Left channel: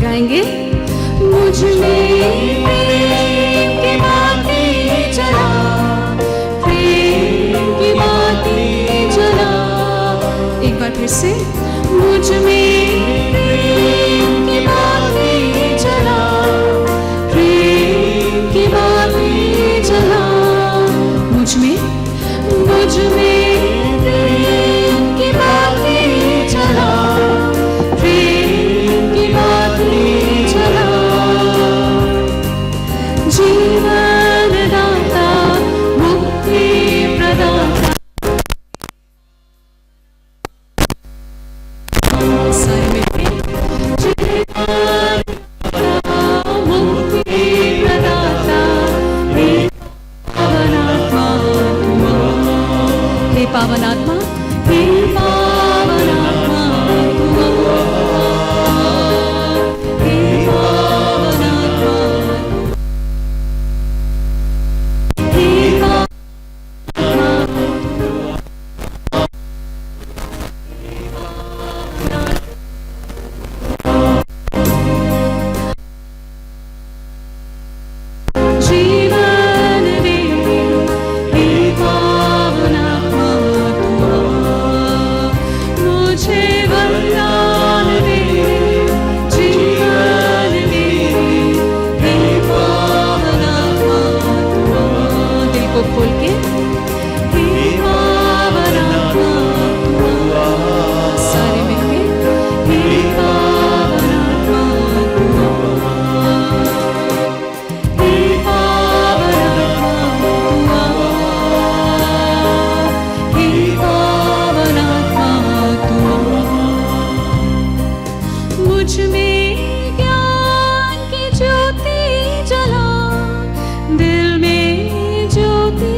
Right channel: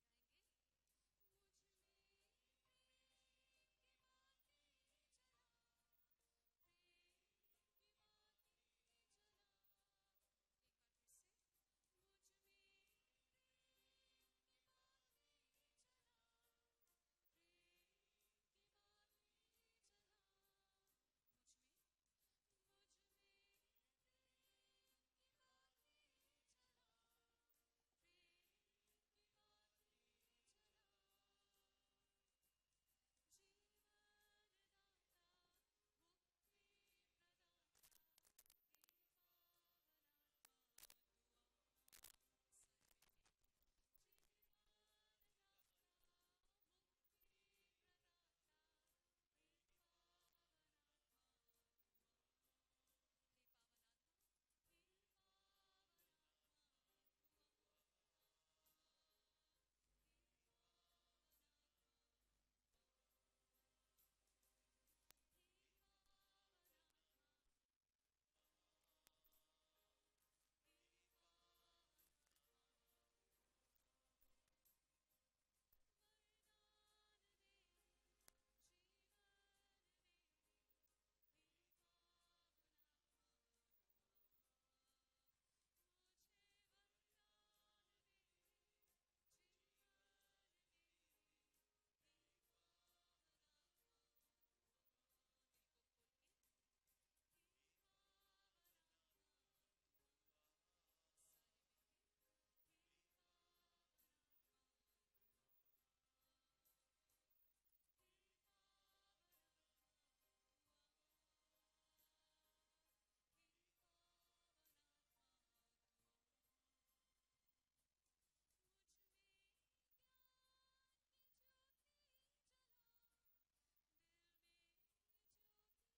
गाएंगे। मुझ में प्रेम की बातें जला, प्रेम की बातें जला। एक बार फिर से, मुझ में प्रेम की बातें जला, प्रेम की बातें जला। मुझ में प्रेम की बातें जला, प्रेम की बातें जला। जीवन दाता, मुक्ति प्रदाता, सारे मिलके जीवन दाता, मुक्ति प्रदाता, हे पावनात्मा, हे पावनात्मा, हे पावनात्मा, हे पावनात्मा, हे जीवन दे, हे पावनात्मा तू मुझे वरदान दे, जीवन दे, हे पावनात्मा तू। दिल को खोल के, हे पावनात्मा तू, सारे मिलके, हे पावनात्मा तू, हे पावनात्मा तू, हे पावनात्मा तू। मुझ में ज्ञान की ज्योति जला, दिल में ज्योति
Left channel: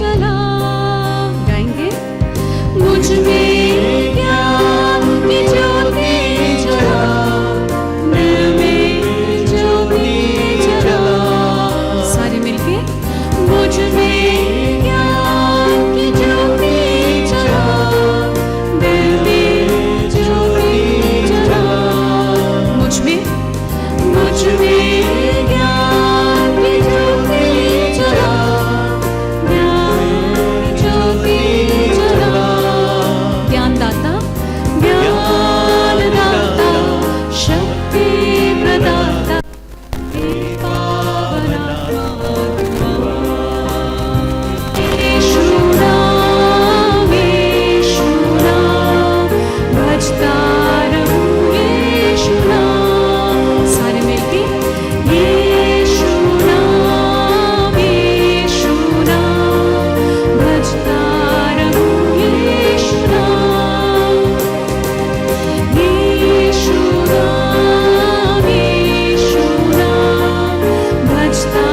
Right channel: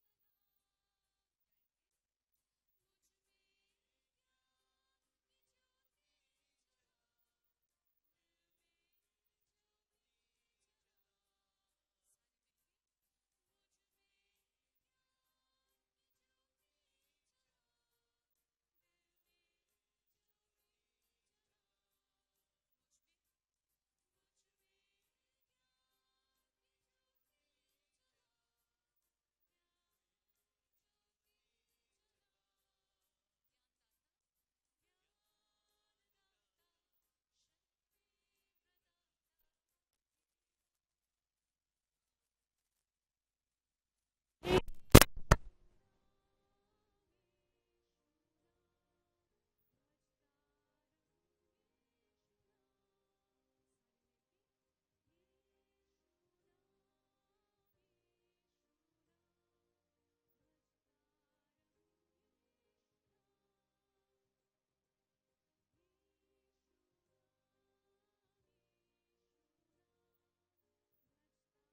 जला। गाएंगे। मुझ में ज्ञान की ज्योति जला, दिल में ज्योति जला। सारे मिलके, मुझ में ज्ञान की ज्योति जला, दिल में ज्योति जला। मुझ में ज्ञान की ज्योति जला, ज्ञान ज्योति जला। ज्ञान दाता, शक्ति प्रदाता, हे पावनात्मा तू। यीशु नाम, यीशु नाम, भजता रहूं यीशु नाम। सारे मिलके, यीशु नाम, यीशु नाम, भजता रहूं यीशु नाम। यीशु नाम, यीशु नाम, भजता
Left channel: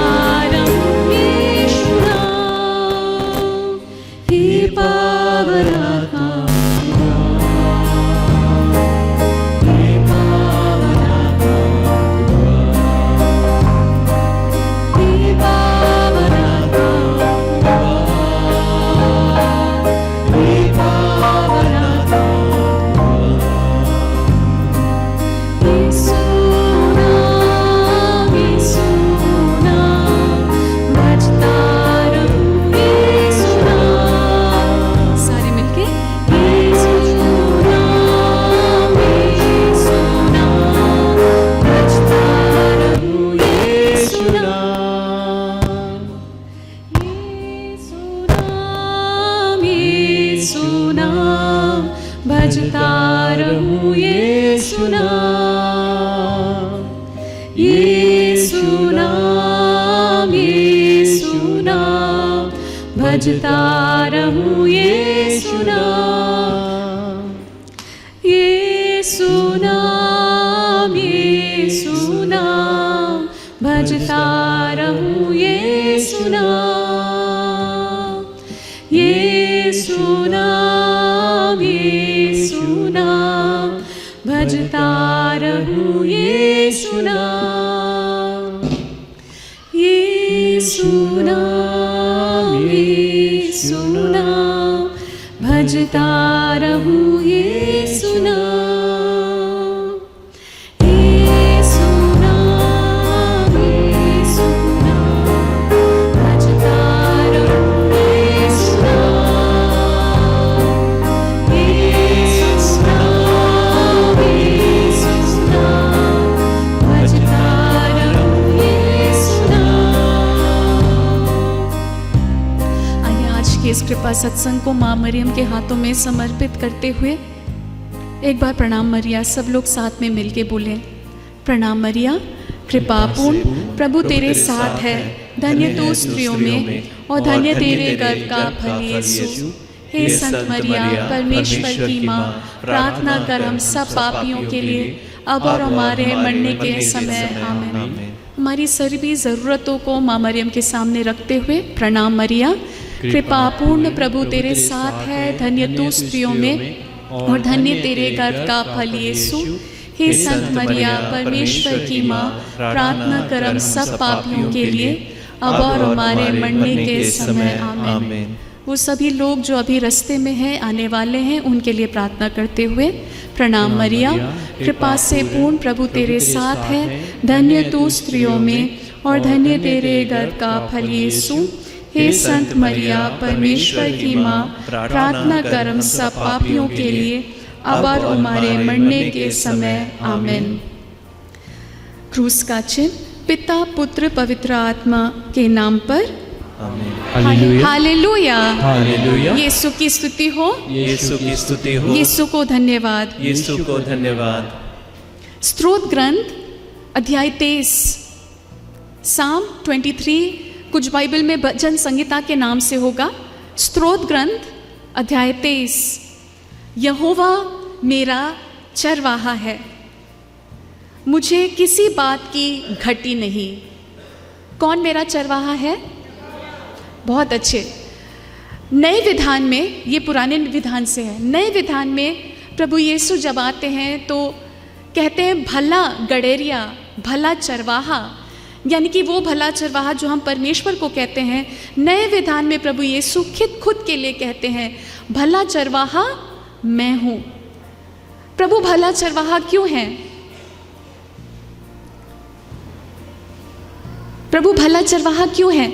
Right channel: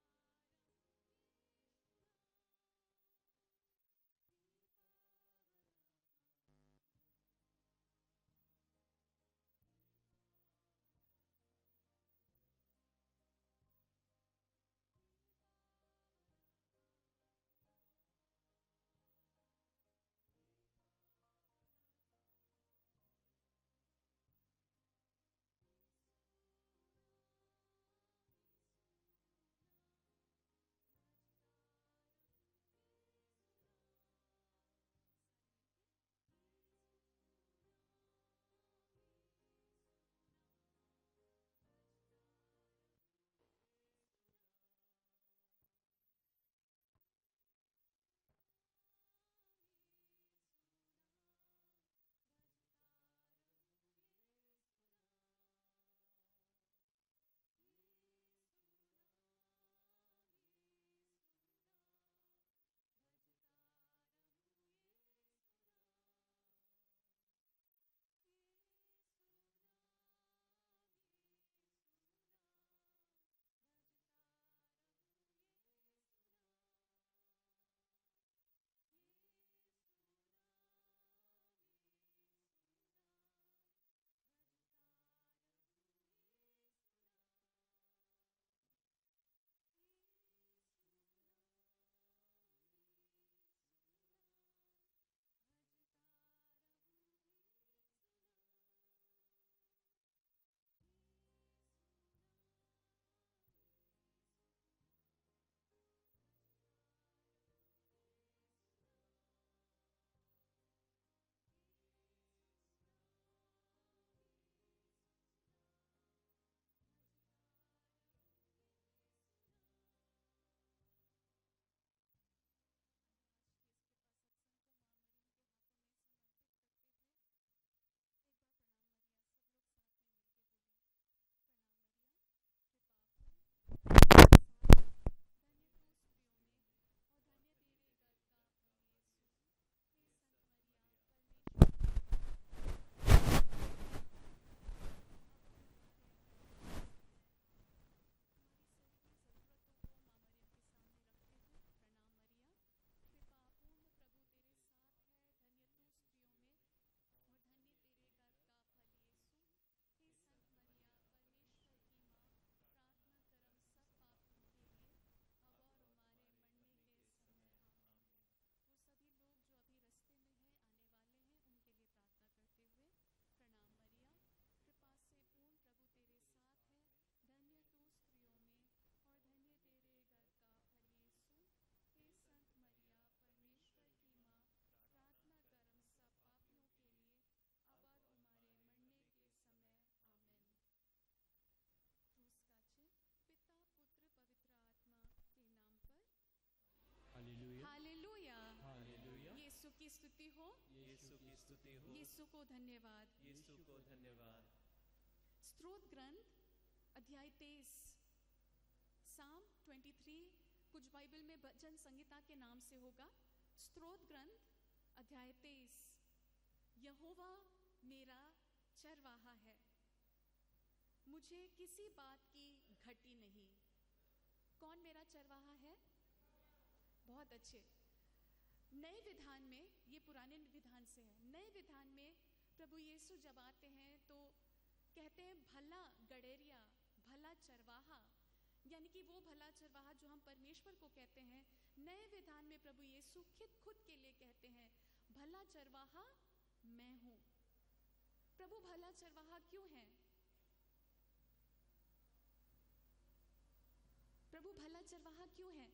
रहूं यीशु नाम। हे पावनात्मा, हे पावनात्मा, हे पावनात्मा, हे पावनात्मा। यीशु नाम, यीशु नाम, भजता रहूं यीशु नाम। सारे मिलके, यीशु नाम, यीशु नाम, भजता रहूं यीशु नाम। यीशु नाम, यीशु नाम, भजता रहूं यीशु नाम। यीशु नाम, यीशु नाम, भजता रहूं यीशु नाम। यीशु नाम, यीशु नाम, भजता रहूं यीशु नाम। यीशु नाम, यीशु नाम, भजता रहूं यीशु नाम। यीशु नाम, यीशु नाम, भजता रहूं यीशु नाम। के इस कृपा सत्संग को माँ मरियम के हाथों में समर्पित करते हुए एक बार प्रणाम मरिया सब लोग साथ में मिलके बोलें। प्रणाम मरिया, कृपा पूर्ण प्रभु तेरे साथ है, धन्य तू स्त्रियों में और धन्य तेरे गर्भ का फल यीशु। हे संत मरिया, परमेश्वर की माँ, प्रार्थना कर हम सब पापियों के लिए अब और हमारे मरने के समय आमीन। हमारी सभी ज़रूरतों को माँ मरियम के सामने रखते हुए प्रणाम मरिया, कृपा पूर्ण प्रभु तेरे साथ है, धन्य तू स्त्रियों में और धन्य तेरे गर्भ का फल यीशु। हे संत मरिया, परमेश्वर की माँ, प्रार्थना कर हम सब पापियों के लिए अब और हमारे मरने के समय आमीन। वो सभी लोग जो अभी रास्ते में हैं, आने वाले हैं, उनके लिए प्रार्थना करते हुए प्रणाम मरिया, कृपा से पूर्ण प्रभु तेरे साथ है, धन्य तू स्त्रियों में और धन्य तेरे गर्भ का फल यीशु। हे संत मरिया, परमेश्वर की माँ, प्रार्थना कर हम सब पापियों के लिए अब और हमारे मरने के समय आमीन। क्रूस का चिन्ह। पिता, पुत्र, पवित्र आत्मा के नाम पर हालेलुया, हालेलुया, हालेलुया। यीशु की स्तुति हो, यीशु की स्तुति हो, यीशु को धन्यवाद। यीशु को धन्यवाद। स्तोत्र ग्रंथ अध्याय 23, साम 23, कुछ बाइबल में भजन संहिता के नाम से होगा। स्तोत्र ग्रंथ अध्याय 23। यहोवा मेरा चरवाहा है, मुझे किसी बात की घटी नहीं। कौन मेरा चरवाहा है? बहुत अच्छे। नए विधान में, ये पुराने विधान से है, नए विधान में प्रभु यीशु जब आते हैं तो कहते हैं भला गड़ेरिया, भला चरवाहा, यानी कि वो भला चरवाहा जो हम परमेश्वर को कहते हैं। नए विधान में प्रभु यीशु खुद के लिए कहते हैं भला चरवाहा मैं हूँ। प्रभु भला चरवाहा क्यों हैं? प्रभु भला चरवाहा क्यों है?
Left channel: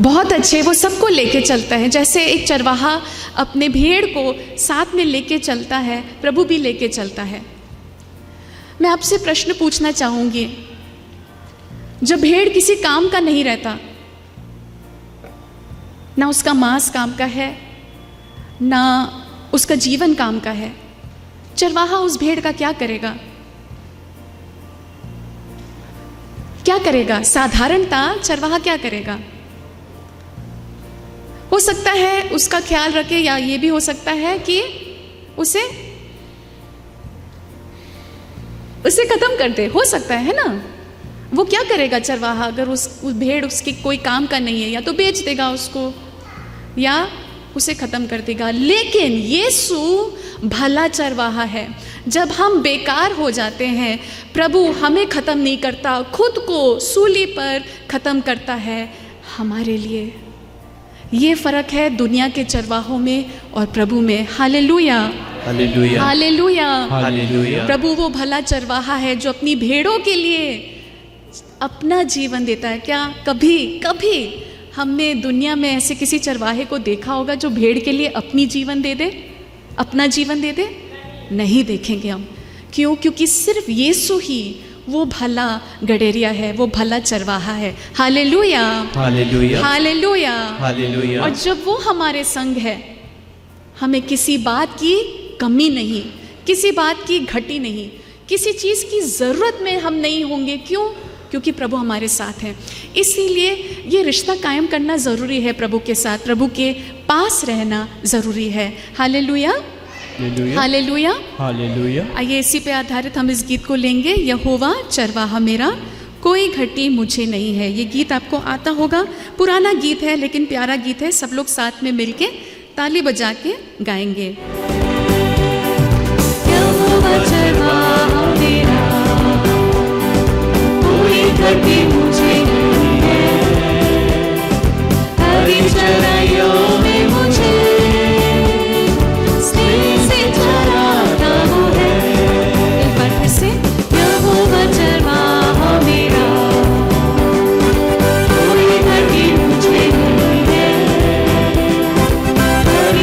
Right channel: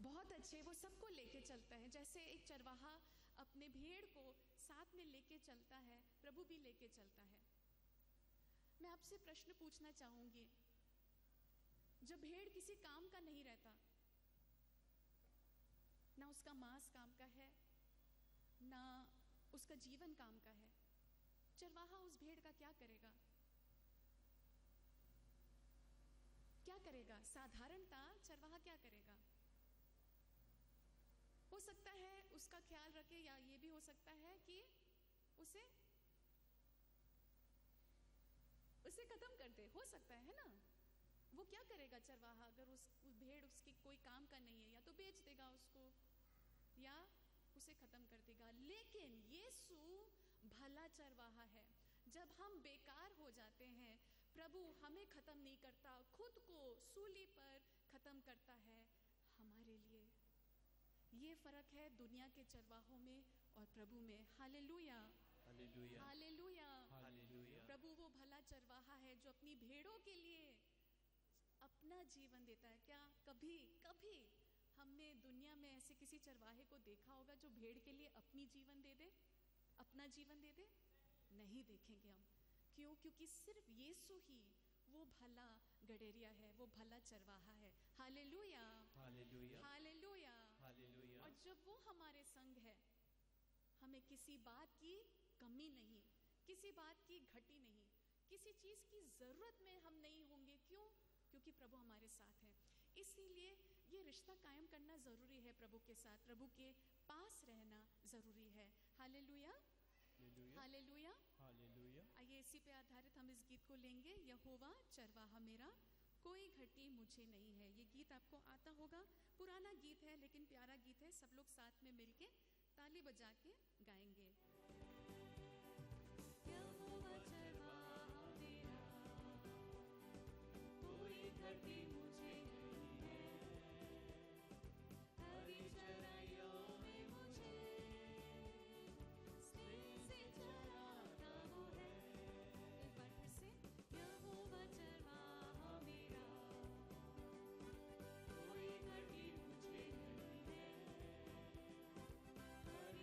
बहुत अच्छे, वो सबको लेके चलता है। जैसे एक चरवाहा अपने भेड़ को साथ में लेके चलता है, प्रभु भी लेके चलता है। मैं आपसे प्रश्न पूछना चाहूँगी, जब भेड़ किसी काम का नहीं रहता, ना उसका मांस काम का है, ना उसका जीवन काम का है, चरवाहा उस भेड़ का क्या करेगा? क्या करेगा? साधारणता चरवाहा क्या करेगा? हो सकता है उसका ख्याल रखे, या ये भी हो सकता है कि उसे खत्म कर दे, हो सकता है ना। वो क्या करेगा चरवाहा? अगर उस भेड़ उसकी कोई काम का नहीं है, या तो बेच देगा उसको या उसे खत्म कर देगा। लेकिन यीशु भला चरवाहा है। जब हम बेकार हो जाते हैं, प्रभु हमें खत्म नहीं करता, खुद को सूली पर खत्म करता है हमारे लिए। ये फर्क है दुनिया के चरवाहों में और प्रभु में। Hallelujah, hallelujah, hallelujah, hallelujah. प्रभु वो भला चरवाहा है जो अपनी भेड़ों के लिए अपना जीवन देता है। क्या कभी हमने दुनिया में ऐसे किसी चरवाहे को देखा होगा जो भेड़ के लिए अपनी जीवन दे दे, अपना जीवन दे दे? नहीं देखेंगे हम। क्यों? क्योंकि सिर्फ यीशु ही वो भला गडेरिया है, वो भला चरवाहा है। Hallelujah, hallelujah, hallelujah, hallelujah. और जब वो हमारे संग है, हमें किसी बात की कमी नहीं, किसी बात की घटी नहीं, किसी चीज़ की ज़रूरत में हम नहीं होंगे। क्यों? क्योंकि प्रभु हमारे साथ हैं। इसीलिए ये रिश्ता कायम करना ज़रूरी है प्रभु के साथ, प्रभु के पास रहना ज़रूरी है। Hallelujah, hallelujah, hallelujah. आइए इसी पे आधारित हम इस गीत को लेंगे। यहोवा चरवाहा मेरा, कोई घटी मुझे नहीं है। ये गीत आपको आता होगा, पुराना गीत है लेकिन प्यारा गीत है। सब लोग साथ में मिलके ताली बजा के गाएंगे। यहोवा चरवाहा मेरा, कोई घटी मुझे नहीं है, हरी चराइयों में मुझे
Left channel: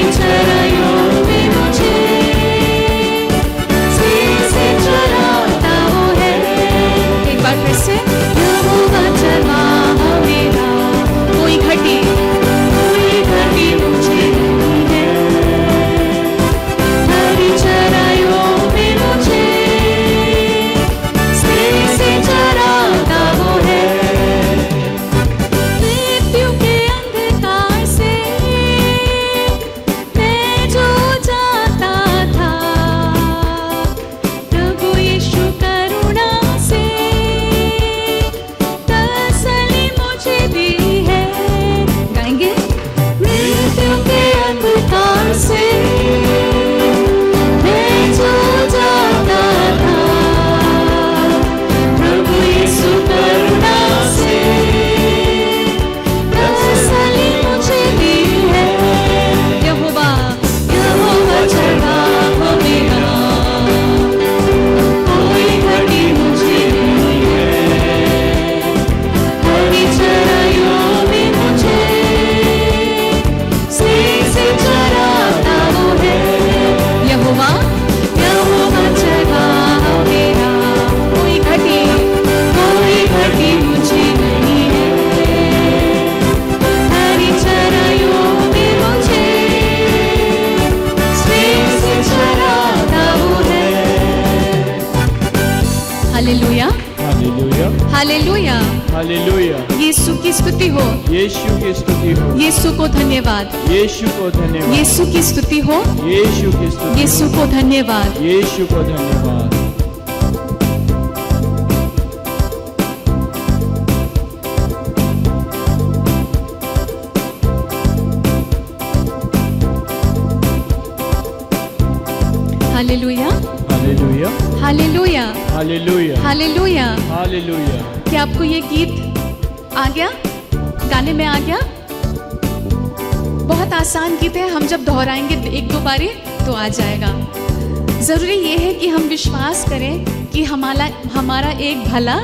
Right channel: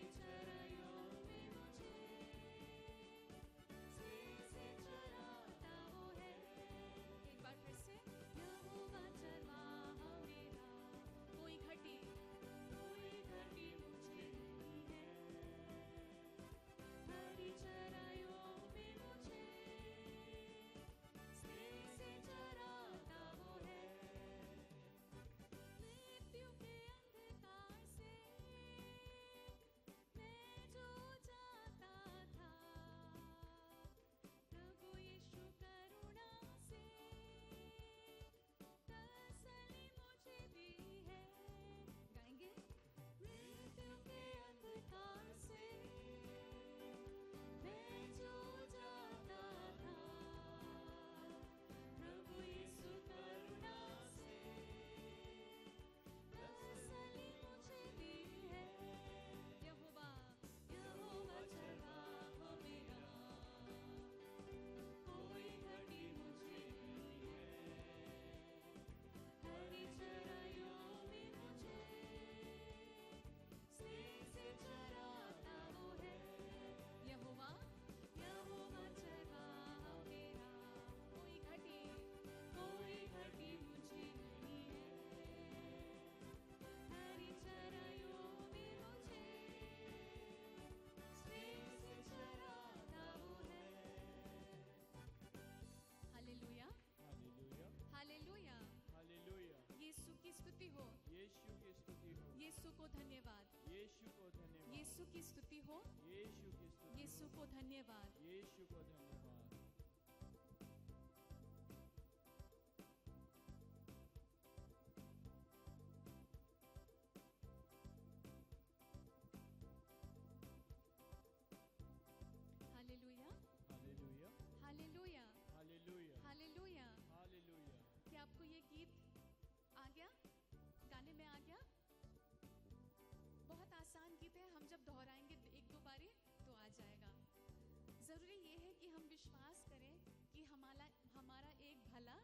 चराइयों में हालेलुया। यीशु की स्तुति हो, यीशु की स्तुति हो, यीशु को धन्यवाद, यीशु को धन्यवाद, यीशु की स्तुति हो, यीशु की स्तुति, यीशु को धन्यवाद। यीशु को धन्यवाद। Hallelujah, hallelujah, hallelujah, hallelujah, hallelujah. Hallelujah. क्या आपको ये गीत आ गया? गाने में आ गया? बहुत आसान गीत है, हम जब दोहराएंगे एक दो बारी तो आ जाएगा। जरूरी ये है कि हम विश्वास करें कि हमारा एक भला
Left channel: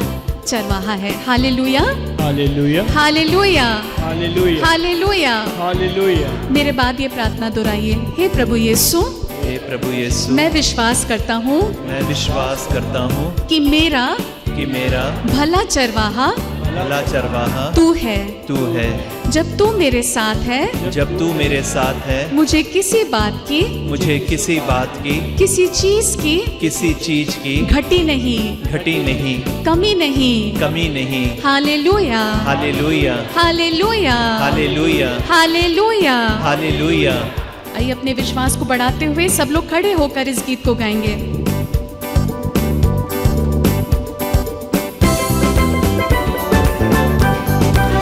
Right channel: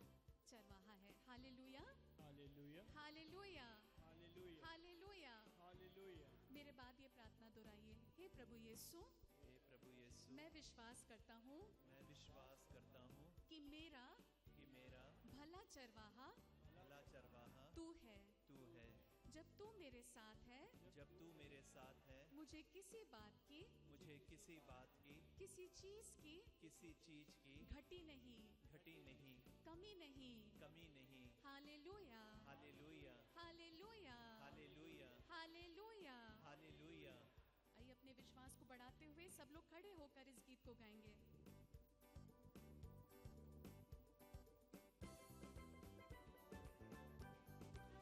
चरवाहा है। Hallelujah, hallelujah, hallelujah, hallelujah, hallelujah. Hallelujah. मेरे बाद ये प्रार्थना दोहराइए। हे प्रभु यीशु, हे प्रभु यीशु, मैं विश्वास करता हूँ मैं विश्वास करता हूँ कि मेरा कि मेरा भला चरवाहा भला चरवाहा तू है। तू है। जब तू मेरे साथ है, जब तू मेरे साथ है, मुझे किसी बात की, मुझे किसी बात की, किसी चीज की किसी चीज की घटी नहीं, घटी नहीं, कमी नहीं। कमी नहीं। Hallelujah, hallelujah, hallelujah, hallelujah, hallelujah. Hallelujah. आइए अपने विश्वास को बढ़ाते हुए सब लोग खड़े होकर इस गीत को गाएंगे।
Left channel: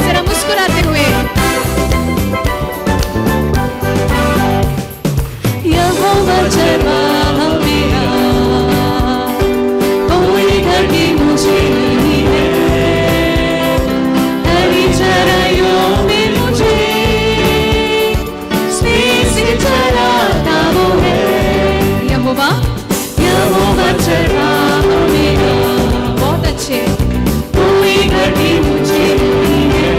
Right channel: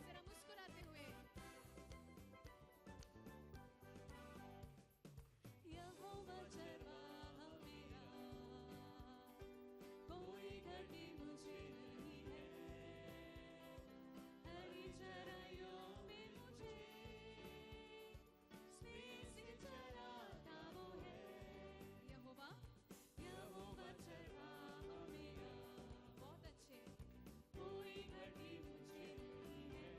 जरा मुस्कुराते हुए। यहोवा चरवाहा मेरा, कोई घटी मुझे नहीं है। हरी चराइयों में मुझे स्नेह से चराता वो है। यहोवा, यहोवा चरवाहा मेरा। बहुत अच्छे। कोई घटी मुझे नहीं है।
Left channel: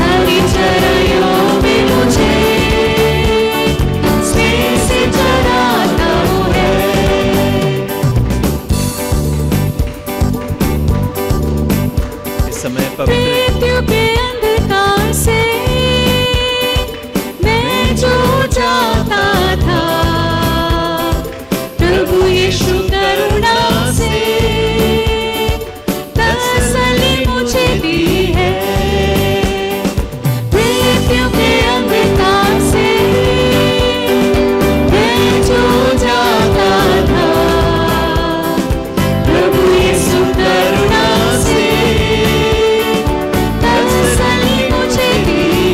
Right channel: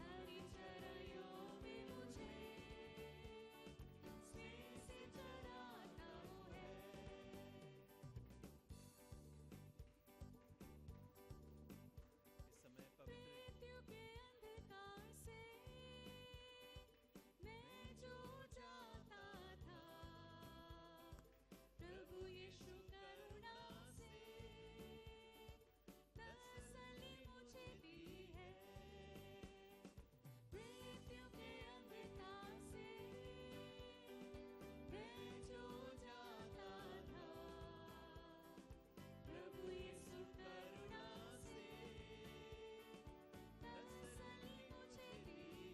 हरी चराइयों में मुझे स्नेह से चराता वो है। इस समय पवित्र मृत्यु के अंधकार से मैं जो जाता था, प्रभु यीशु करुणा से तसल्ली मुझे दी है। मृत्यु के अंधकार से मैं जो जाता था, प्रभु यीशु करुणा से तसल्ली मुझे दी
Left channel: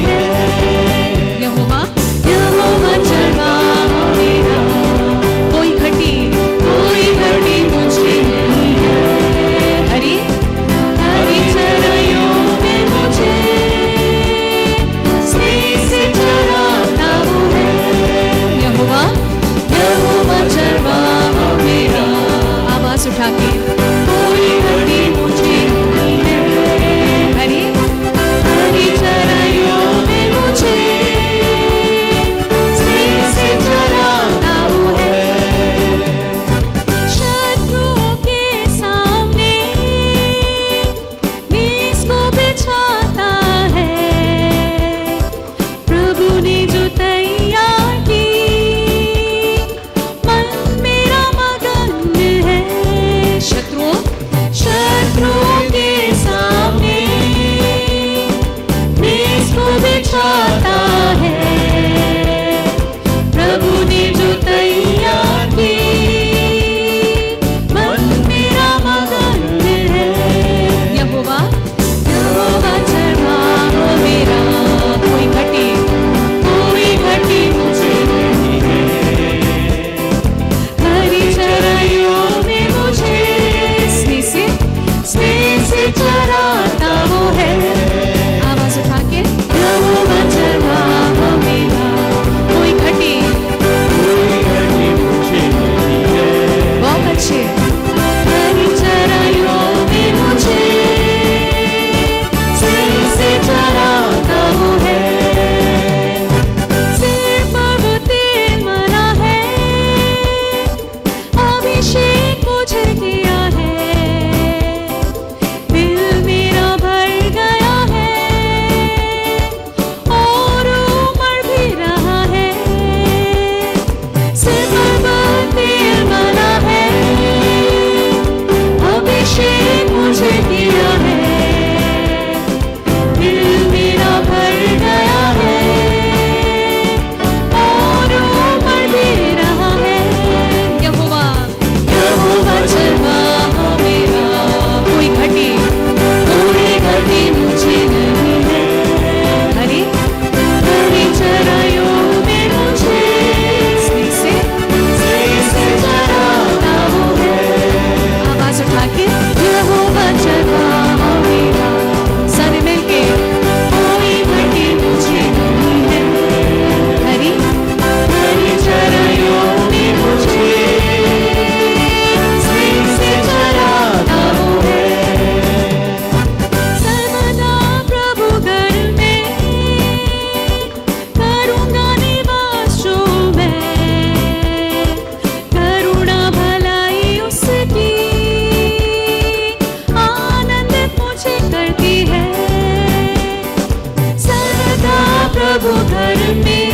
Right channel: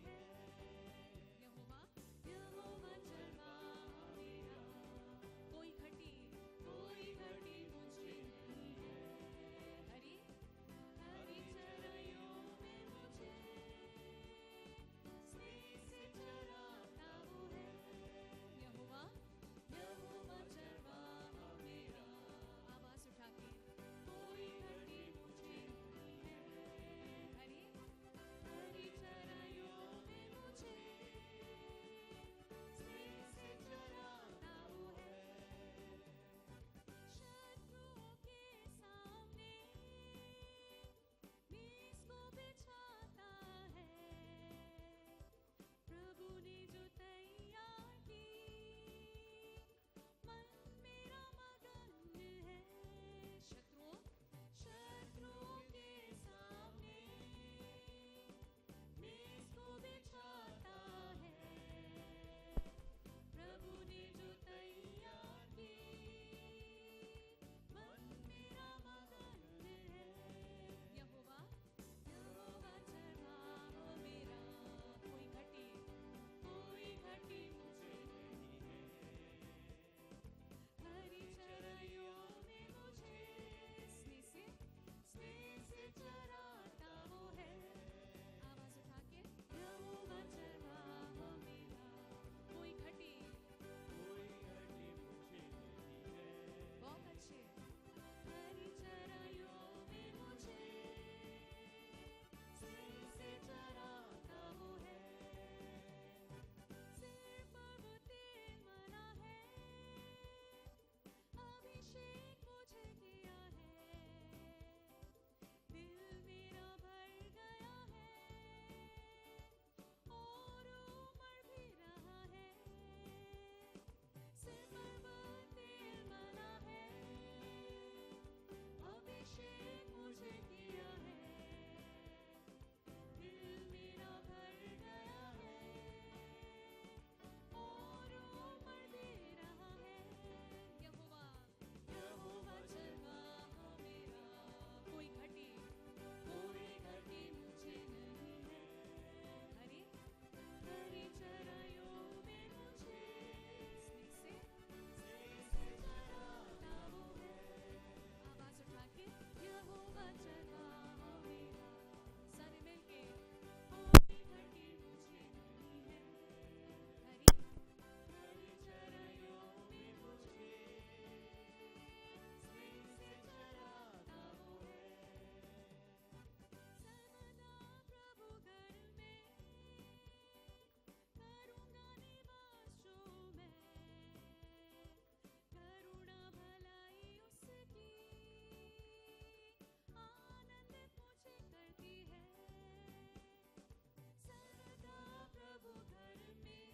प्रभु घर में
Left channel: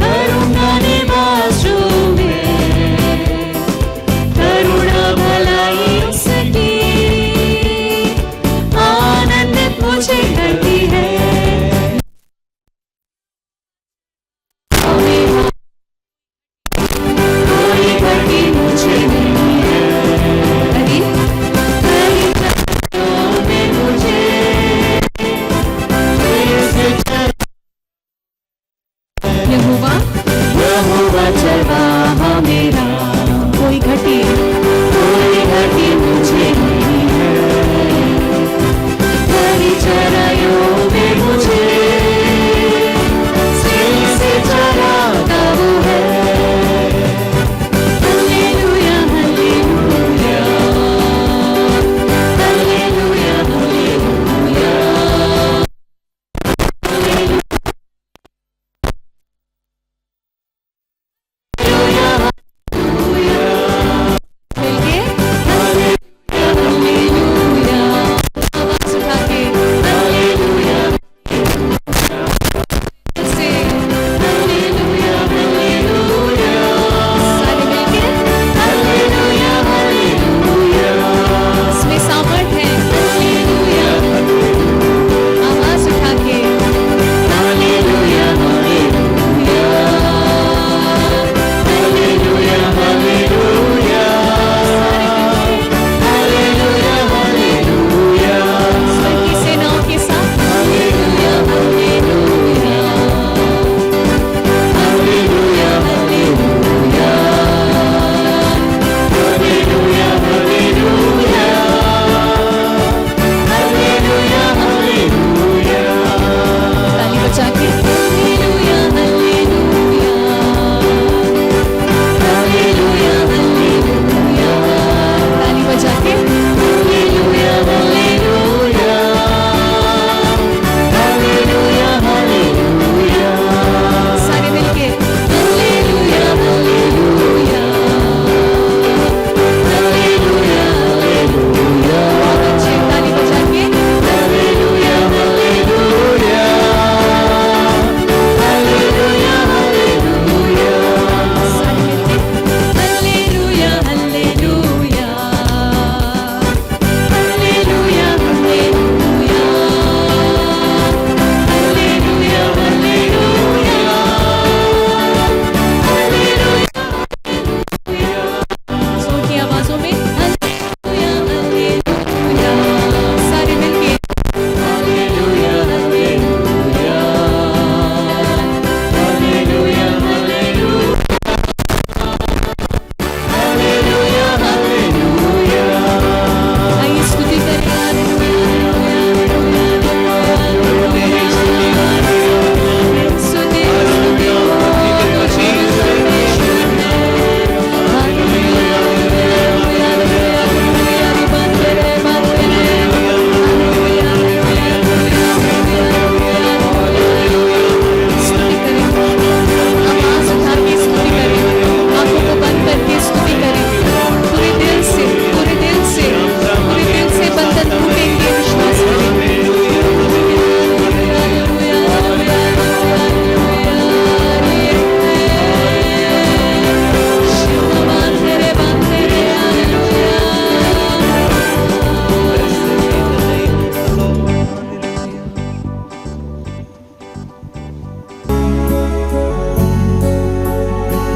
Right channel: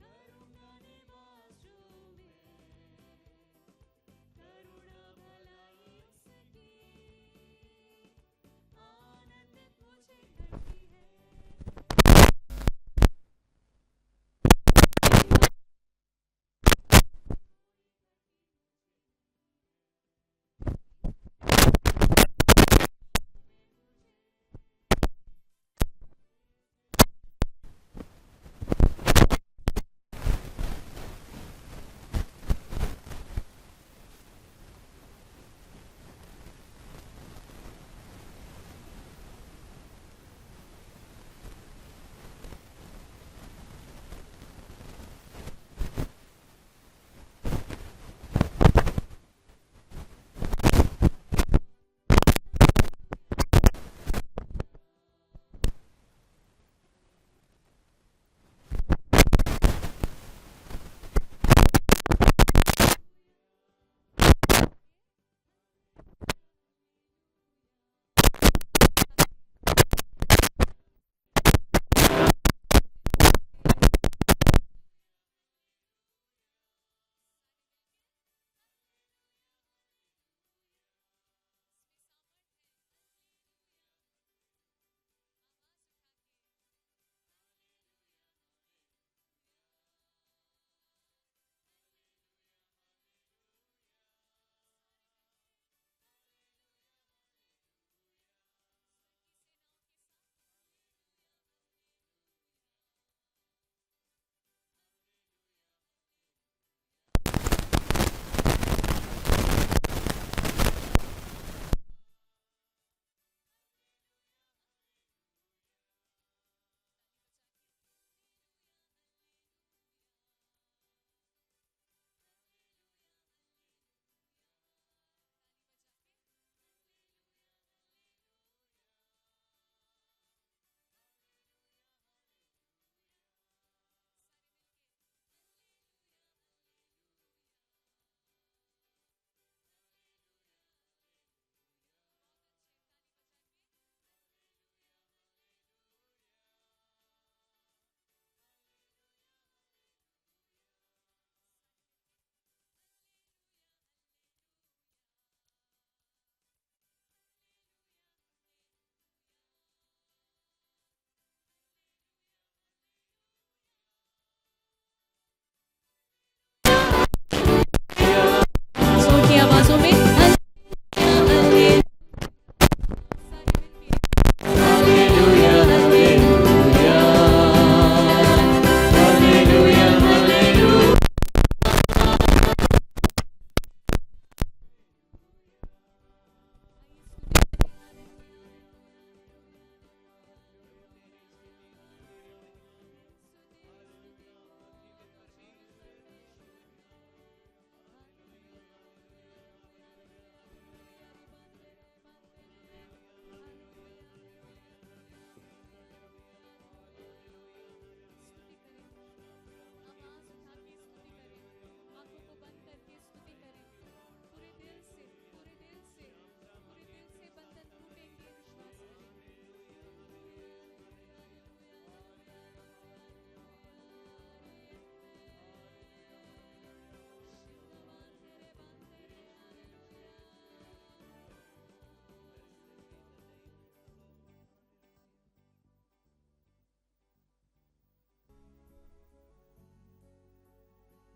करूँगा निवास जो मैं, करुणा भलाई उसकी आनंदित मुझे करती है। कोई घटी मुझे नहीं है, में मुझे यहोवा चरवाहा मेरा, कोई घटी मुझे नहीं है, हरी चराइयों में मुझे स्नेह से चराता वो है। Hallelujah hallelujah hallelujah hallelujah.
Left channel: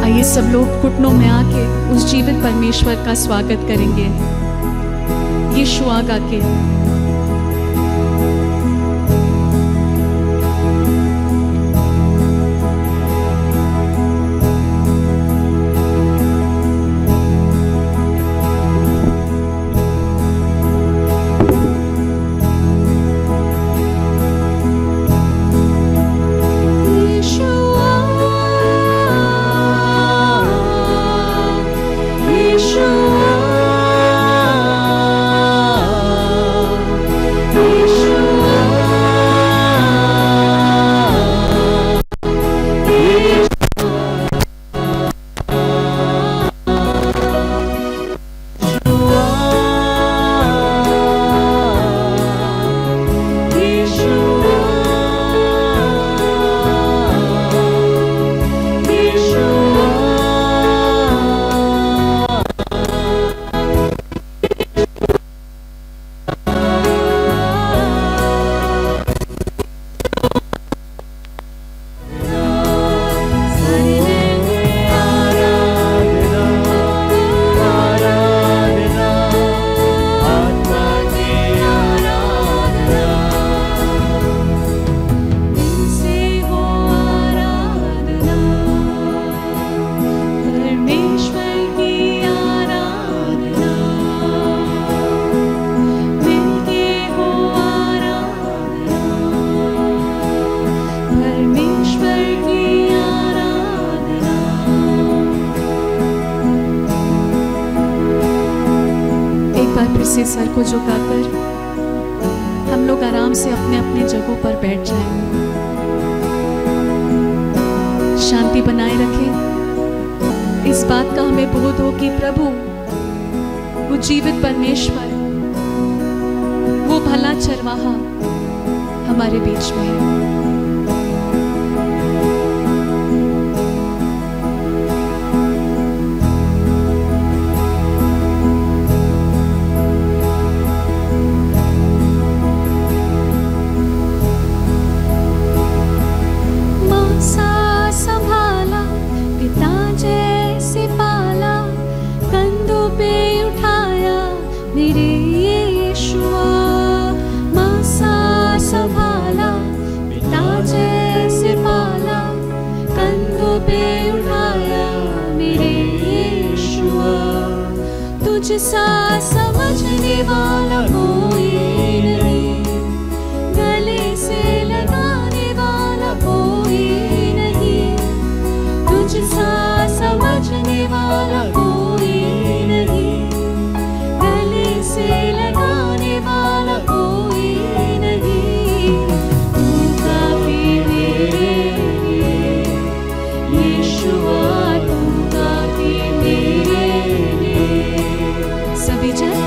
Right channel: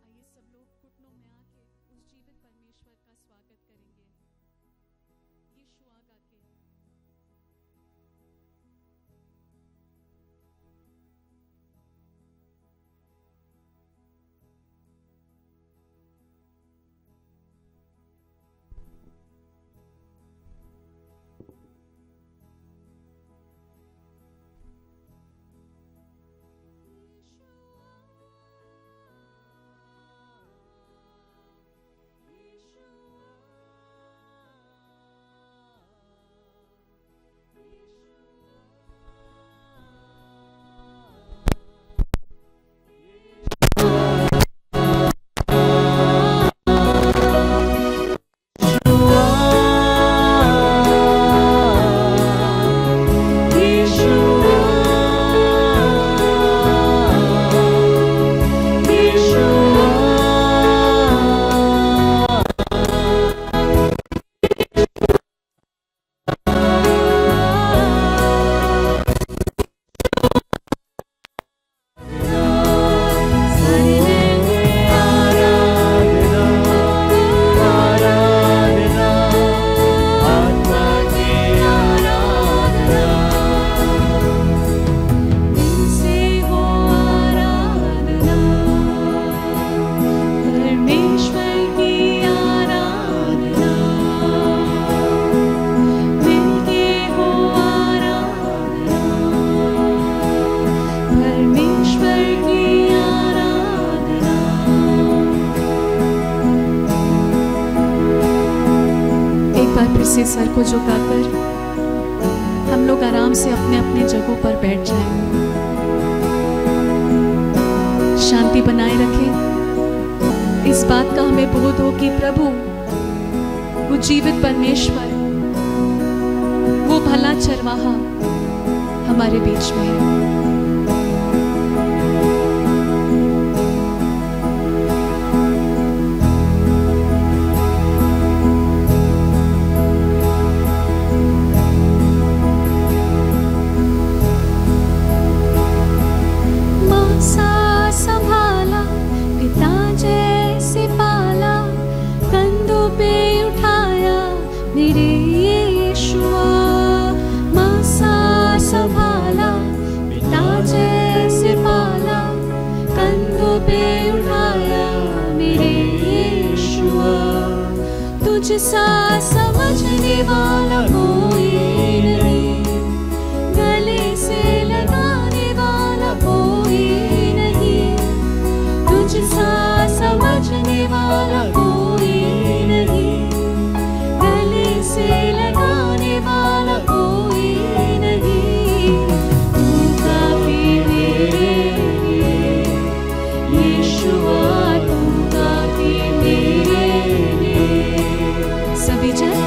आइए सब लोग घुटनों में आके उस जीवित परमेश्वर का स्वागत करेंगे यीशु आगा के। Yeshua, से सर को झुकाकर हम लोग आराम से अपने अपने जगहों पर बैठ जाएं। शांति बनाए रखें। इस बात का हमें बोध हो कि प्रभु, वो जीवित परमेश्वर, वो भला चरवाहा हमारे बीच में है। तुझसा समझने वाला कोई नहीं, गले से लगाने वाला कोई नहीं। तुझसा समझने वाला कोई नहीं, गले से लगाने वाला कोई नहीं। तू काफी मेरे लिए यीशुआ, तू काफी मेरे लिए। सभी जन,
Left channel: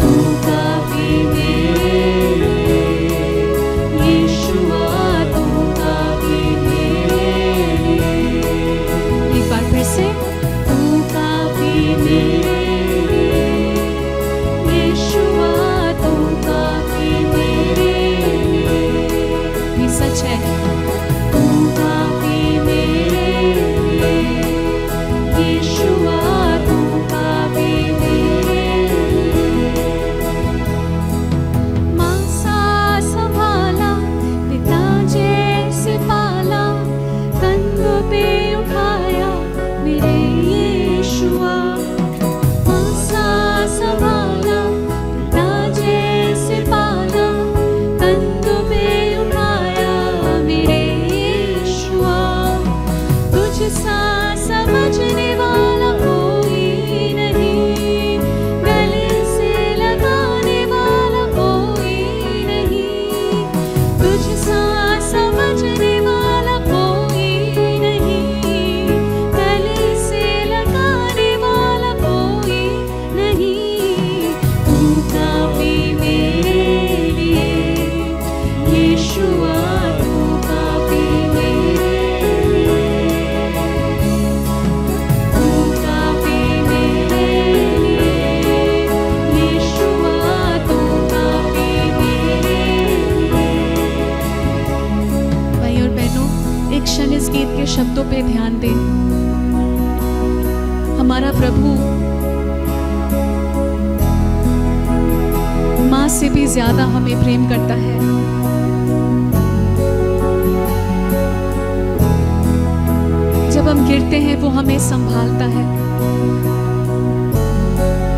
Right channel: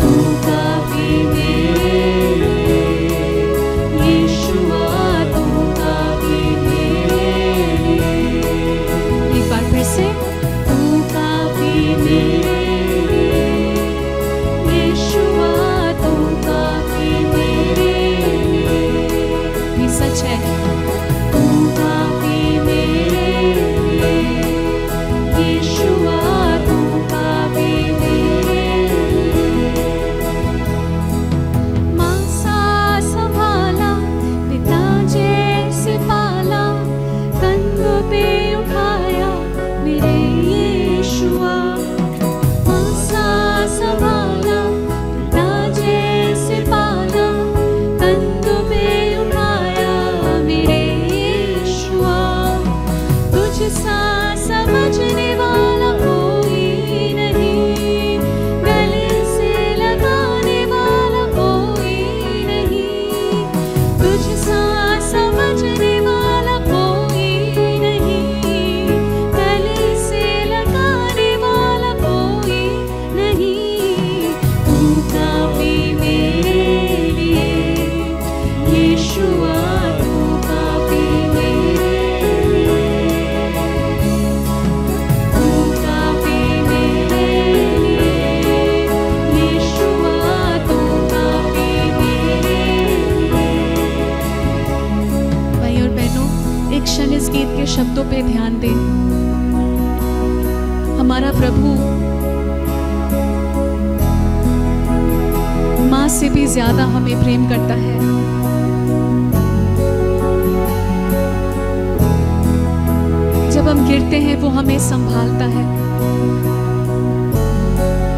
तू काफी मेरे लिए यीशुआ, तू काफी मेरे लिए। एक बार फिर से, तू काफी मेरे लिए यीशुआ, तू काफी मेरे लिए। ये सच है, तू काफी मेरे लिए यीशुआ, तू काफी मेरे लिए। माँ सा संभाला, पिता जैसे पाला, कंधों पे उठाया मेरे यीशुआ। माँ सा संभाला, पिता जैसे पाला, कंधों पे उठाया मेरे यीशुआ। तुझसा समझने वाला कोई नहीं, गले से लगाने वाला कोई नहीं। तुझसा समझने वाला कोई नहीं, गले से लगाने वाला कोई नहीं। तू काफी मेरे लिए यीशुआ, तू काफी मेरे लिए। तू काफी मेरे लिए यीशुआ, तू काफी मेरे लिए। भाई और बहनों, एक क्षण इस गीत के शब्दों पे ध्यान दें। हमारा प्रभु माँ से भी ज्यादा हमें प्रेम करता है। जब हम गिरते हैं वो हमें संभालता है,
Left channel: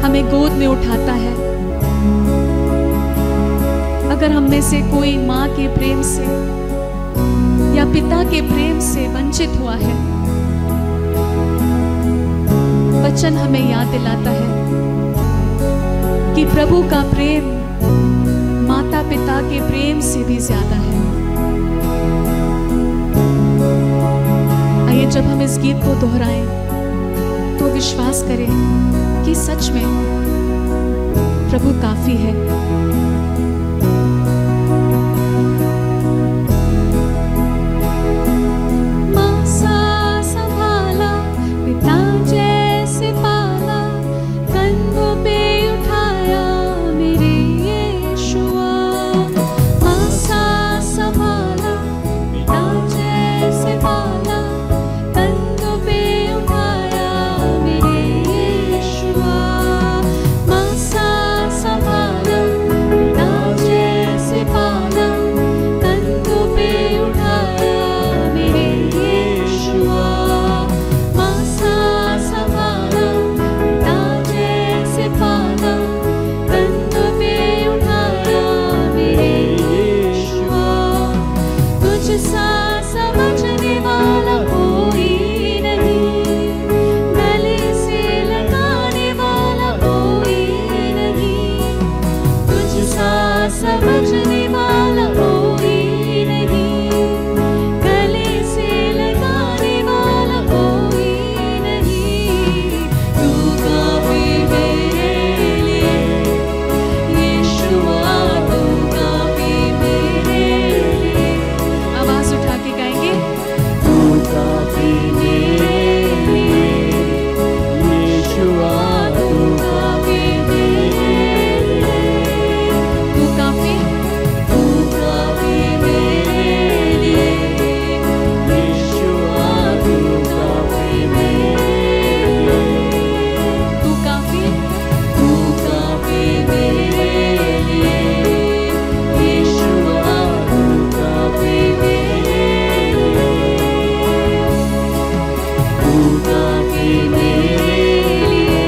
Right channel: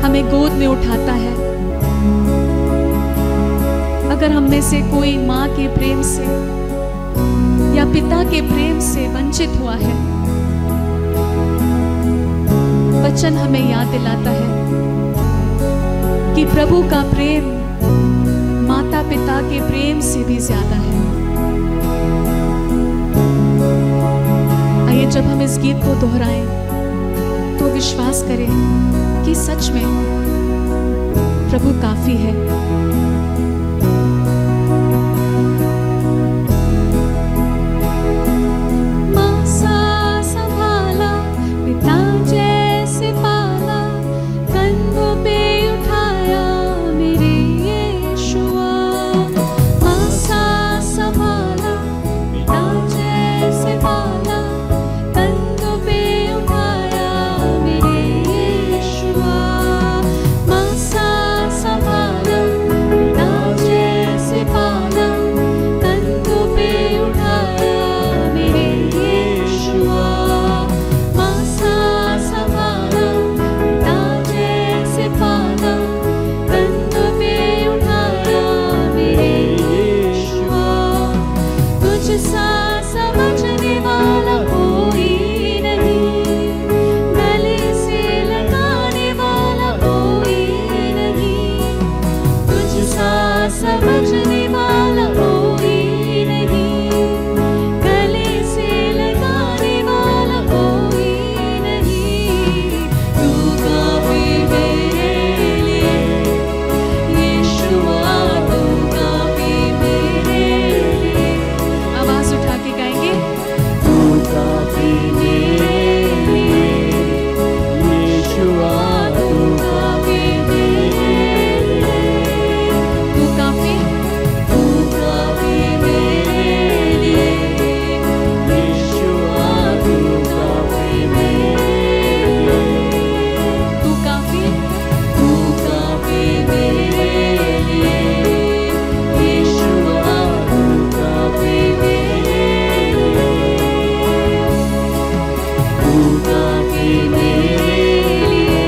हमें गोद में उठाता है। अगर हम में से कोई माँ के प्रेम से या पिता के प्रेम से वंचित हुआ है, वचन हमें याद दिलाता है कि प्रभु का प्रेम माता पिता के प्रेम से भी ज्यादा है। आइए, जब हम इस गीत को दोहराएं तो विश्वास करें कि सच में प्रभु काफी है। माँ सा संभाला, पिता जैसे पाला, कंधों पे उठाया मेरे यीशुआ। माँ सा संभाला, पिता जैसे पाला, कंधों पे उठाया मेरे यीशुआ। माँ सा संभाला, समझने वाला कोई नहीं, गले से लगाने वाला कोई नहीं। तू काफी मेरे लिए यीशुआ, तू काफी मेरे लिए। आवाज उठा के गाएंगे, तू काफी मेरे लिए यीशुआ, तू काफी मेरे लिए। तू काफी मेरे लिए यीशुआ, तू काफी मेरे लिए। तू काफी मेरे लिए यीशुआ, तू काफी मेरे लिए। तू काफी मेरे लिए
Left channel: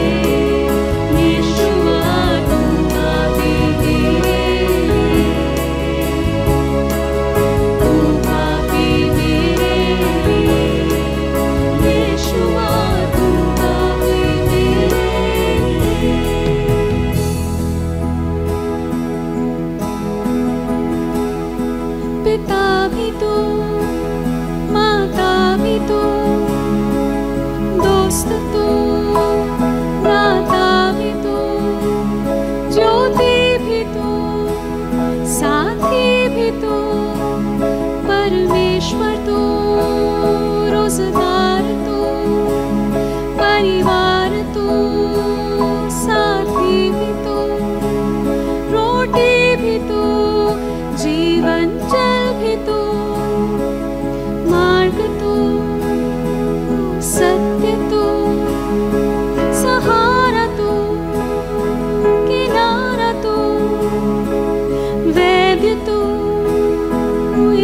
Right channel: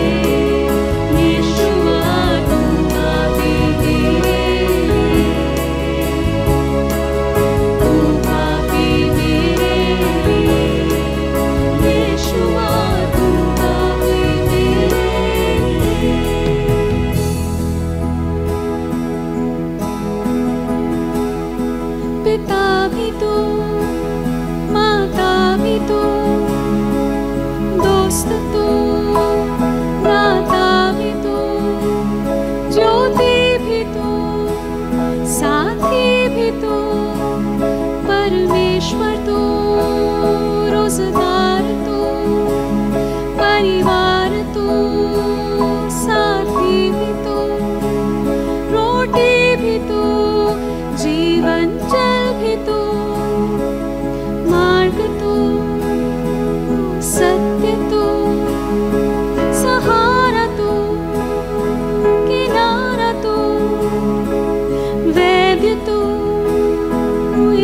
यीशुआ, तू काफी मेरे लिए। तू काफी मेरे लिए यीशुआ, तू काफी मेरे लिए। पिता भी तू, माता भी तू, दोस्त तू, दाता भी तू, ज्योति भी तू, साथी भी तू, परमेश्वर तू, रोजगार तू, परिवार तू, साथी भी तू, रोटी भी तू, जीवन जल भी तू, मार्ग तू, सत्य तू, सहारा तू, किनारा तू, वैद्य तू,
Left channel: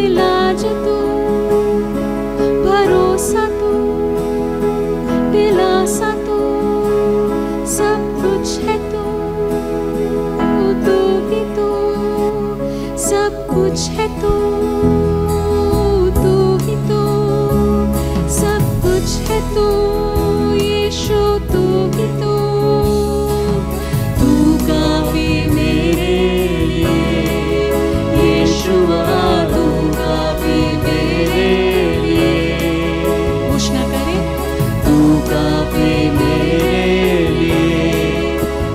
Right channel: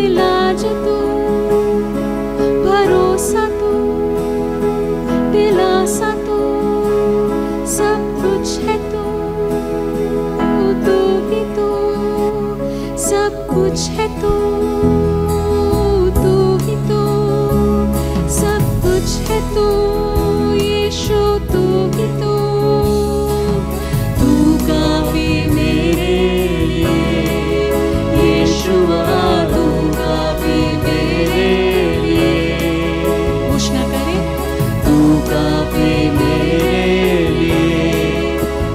इलाज तू, भरोसा तू, दिलासा तू, सब कुछ है तू, तू ही तू, सब कुछ है तू, तू ही तू, सब कुछ है तू, यीशु तू ही तू। तू काफी मेरे लिए यीशुआ, तू काफी मेरे लिए। घोषणा करें, तू काफी मेरे लिए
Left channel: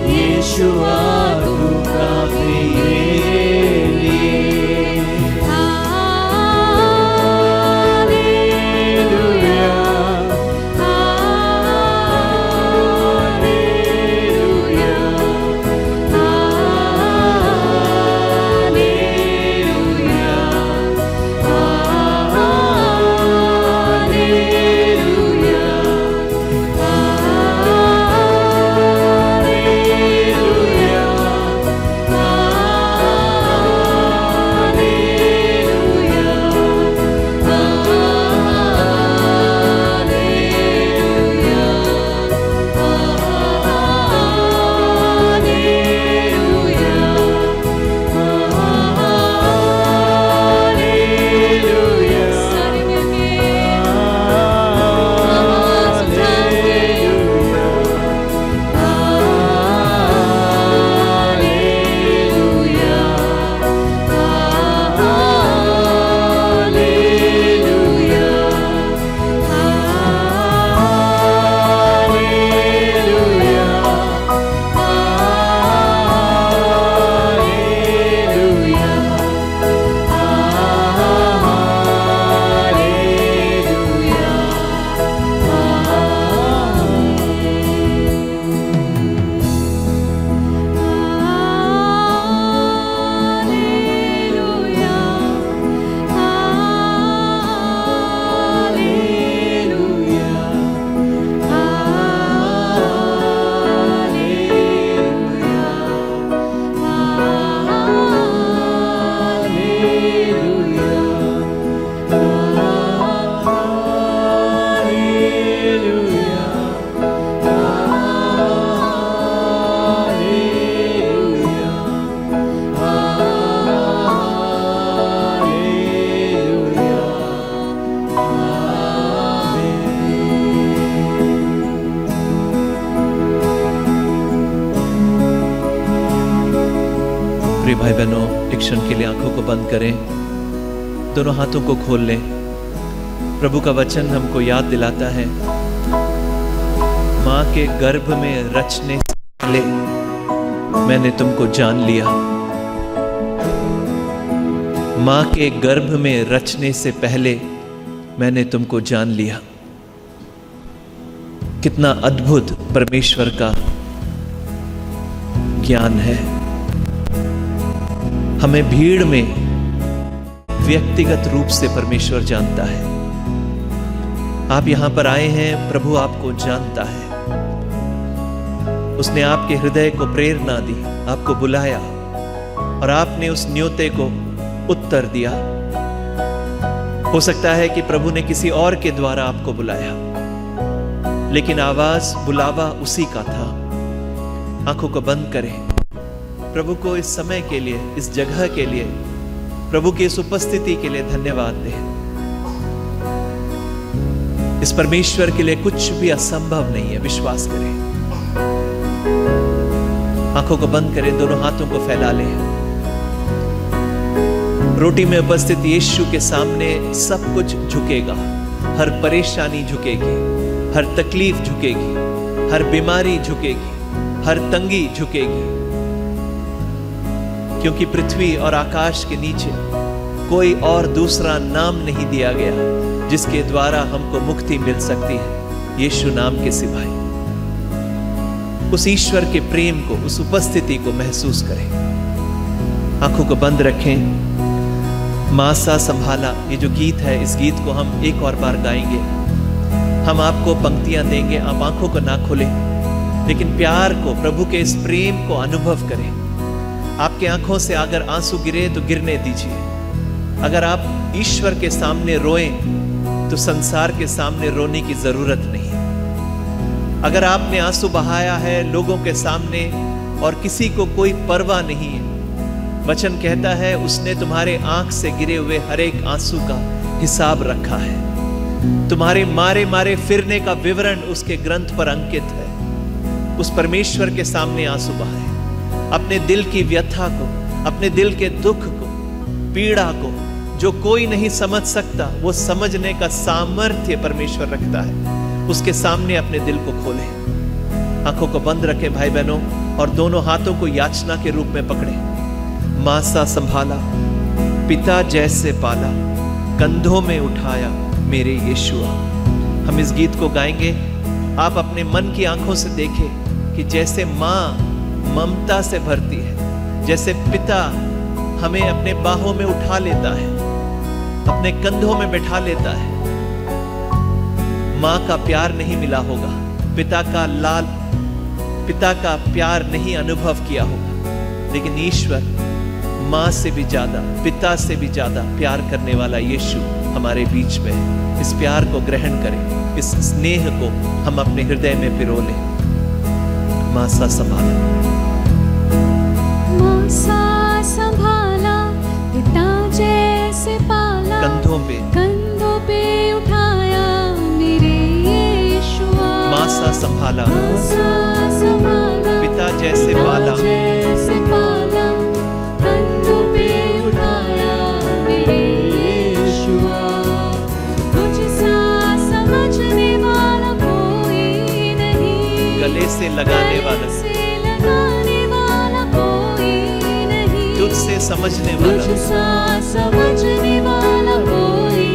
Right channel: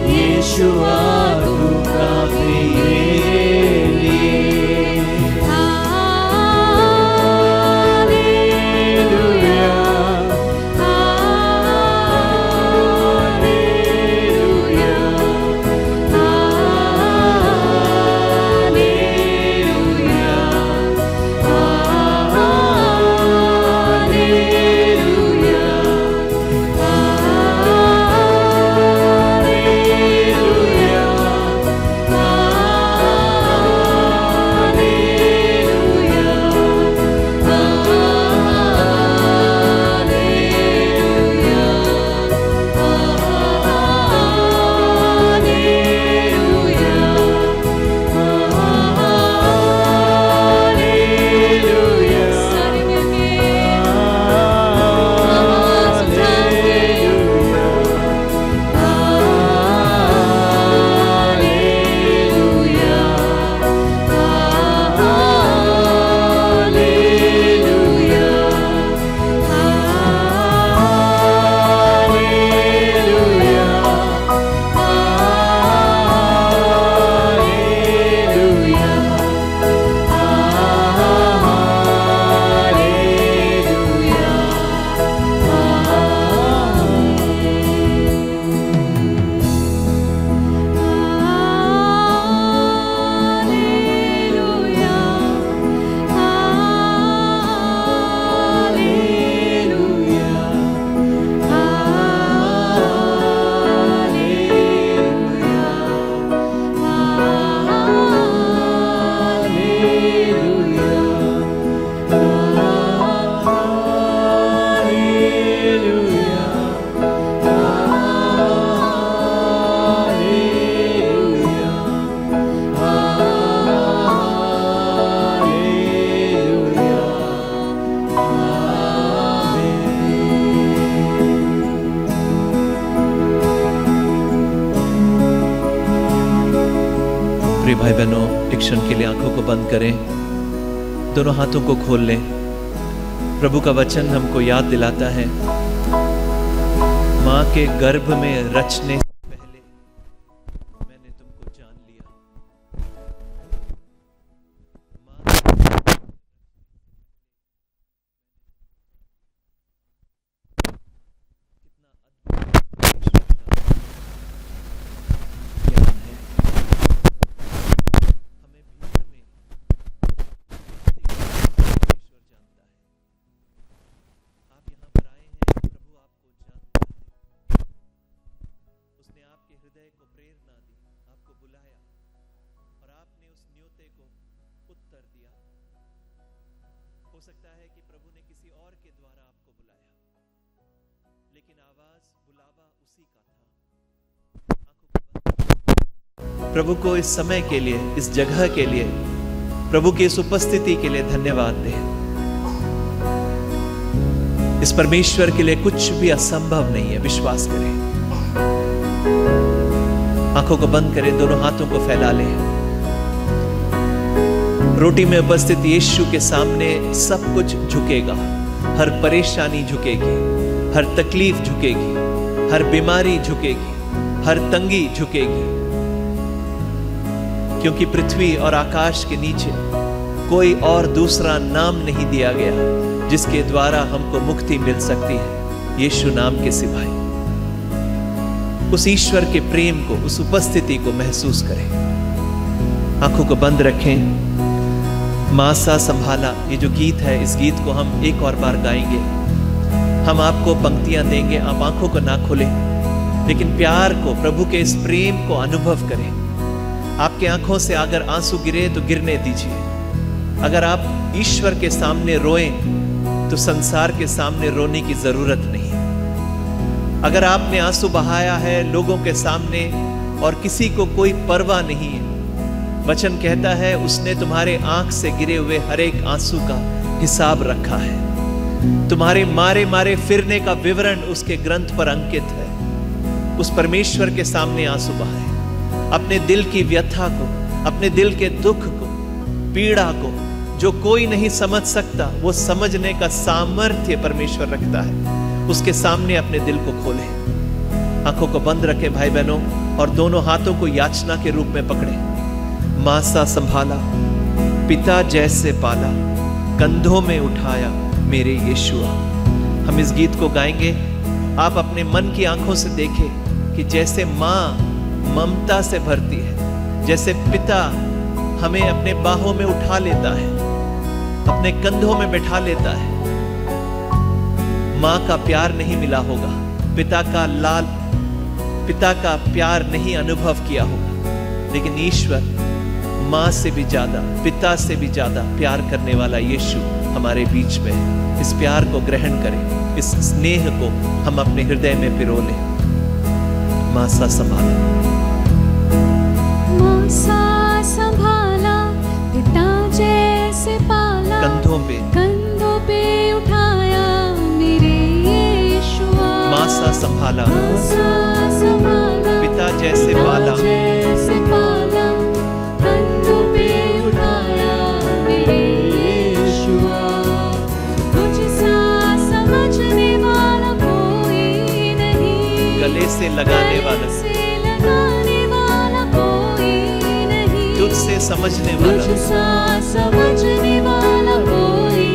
यीशुआ, तू काफी मेरे लिए। हाँ भाई बहनों एक क्षण के लिए आंखों को बंद करें, दोनों हाथों को खोल लें। प्रभु का वचन हमको याद दिलाता है, मां के गर्भ में रचने से पहले मैंने तुमको जान लिया। मां के गर्भ में रचने से पहले मैंने तुमको जान लिया। कितना अद्भुत परमेश्वर का ज्ञान है। हमें भीड़ में व्यक्तिगत रूप से परमेश्वर जानता है। आप यहां पर आए हैं, प्रभु आपको जानता है। उसने आपके हृदय को प्रेरणा दी, आपको बुलाया और आपने उस न्योते को उत्तर दिया। हो सकता है कि प्रभु ने किसी और के द्वारा आपको बुलाया, लेकिन आवाज बुलावा उसी का था। आंखों को बंद करें, प्रभु को इस समय के लिए, इस जगह के लिए, प्रभु की इस उपस्थिति के लिए धन्यवाद दें। इस परमेश्वर के लिए कुछ भी असंभव नहीं है, विश्वास करें। आंखों को बंद करें, दोनों हाथों को फैला लें। रोटी में उपस्थित यीशु के सामने सब कुछ झुकेगा। हर परेशानी झुकेगी, हर तकलीफ झुकेगी, हर बीमारी झुकेगी, हर तंगी झुकेगी, क्योंकि पृथ्वी और आकाश के नीचे कोई और दूसरा नाम नहीं दिया गया जिसके द्वारा हमको मुक्ति मिल सकती है, यीशु नाम के सिवाय। उस ईश्वर के प्रेम को, उस उपस्थिति को महसूस करें। आंखों को बंद रखें। मां सा संभाला, ये जो गीत है, इस गीत को हम एक और बार गाएंगे। हम आपको पंक्तियां देंगे, आप आंखों को ना खोलें, लेकिन प्यार को, प्रभु के इस प्रेम को अनुभव करें। आपके आंखों से अगर आंसू गिरे तो गिरने दीजिए। अगर आप ईश्वर के सामने रोएं तो संसार के सामने रोने की जरूरत नहीं। अगर आपने आंसू बहाया है लोगों के सामने और किसी को कोई परवाह नहीं है, वचन कहता है उसने तुम्हारे आंख से गिरे हुए हर एक आंसू का हिसाब रखा है। तुम्हारे मारे मारे फिरने का विवरण उसके ग्रंथ पर अंकित है। उस परमेश्वर के सामने आंसू बहाए। अपने दिल की व्यथा को, अपने दिल के दुख को, पीड़ा को, जो कोई नहीं समझ सकता, वो समझने का सामर्थ्य परमेश्वर रखता है। उसके सामने अपने दिल को खोलें। आंखों को बंद रखें भाई बहनों, और दोनों हाथों को याचना के रूप में पकड़ें। मां सा संभाला, पिता जैसे पाला, कंधों में उठाया मेरे यीशुआ। हम इस गीत को गाएंगे। आप अपने मन की आंखों से देखें कि जैसे मां ममता से भरती है, जैसे पिता हमें अपने बाहों में उठा लेता है, अपने कंधों में बैठा लेता है। मां का प्यार नहीं मिला होगा, पिता का प्यार नहीं अनुभव किया होगा, लेकिन ईश्वर मां से भी ज्यादा, पिता से भी ज्यादा प्यार करने वाला यीशु हमारे बीच में है। इस प्यार को ग्रहण करें, इस स्नेह को हम अपने हृदय में पिरो लें। मां सा संभाला, मां सा संभाला, पिता जैसे पाला, कंधों पे उठाया मेरे यीशुआ। मां सा संभाला, मां सा संभाला, पिता जैसे पाला, कंधों पे उठाया मेरे यीशुआ। मुझसा समझने वाला कोई नहीं, गले से लगाने वाला कोई नहीं, तुझसे समझने वाला, मुझसा समझने वाला कोई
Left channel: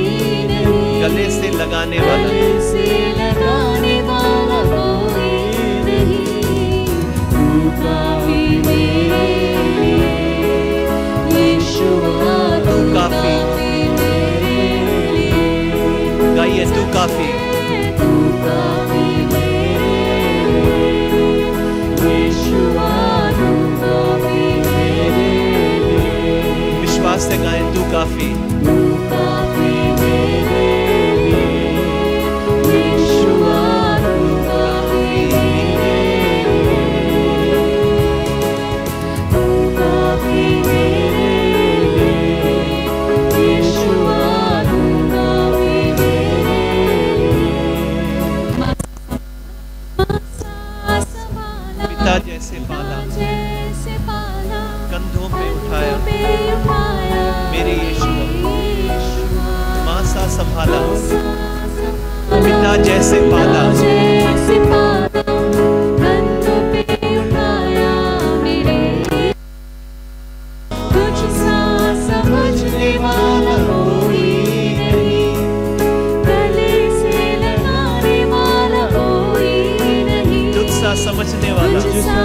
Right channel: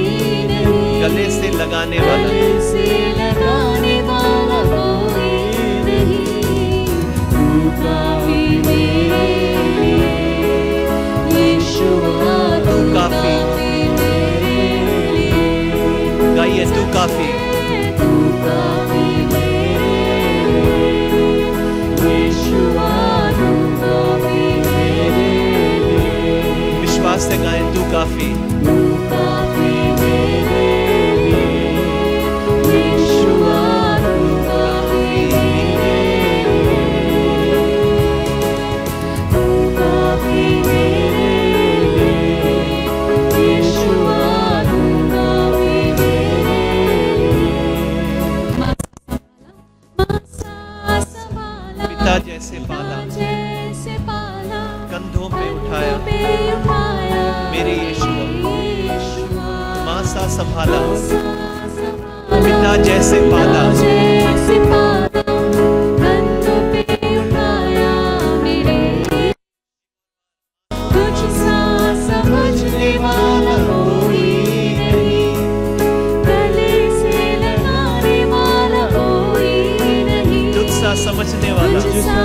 नहीं, गले से लगाने वाला, गले से लगाने वाला कोई नहीं। तू काफी मेरे लिए, यीशुआ तू काफी मेरे लिए। गाइए तू काफी, तू काफी मेरे लिए, यीशुआ तू काफी मेरे लिए। विश्वास से गाएं तू काफी, तू काफी मेरे लिए, यीशुआ तू काफी मेरे लिए। तू काफी मेरे लिए, यीशुआ तू काफी मेरे लिए। मां सा संभाला, पिता जैसे पाला, जैसे पाला, कंधों पे उठाया संभाला, पिता जैसे पाला, जैसे पाला, कंधों पे उठाया मेरे, तुझसा समझने वाला कोई नहीं, गले से लगाने वाला कोई नहीं, तुझसा समझने वाला, तुझसा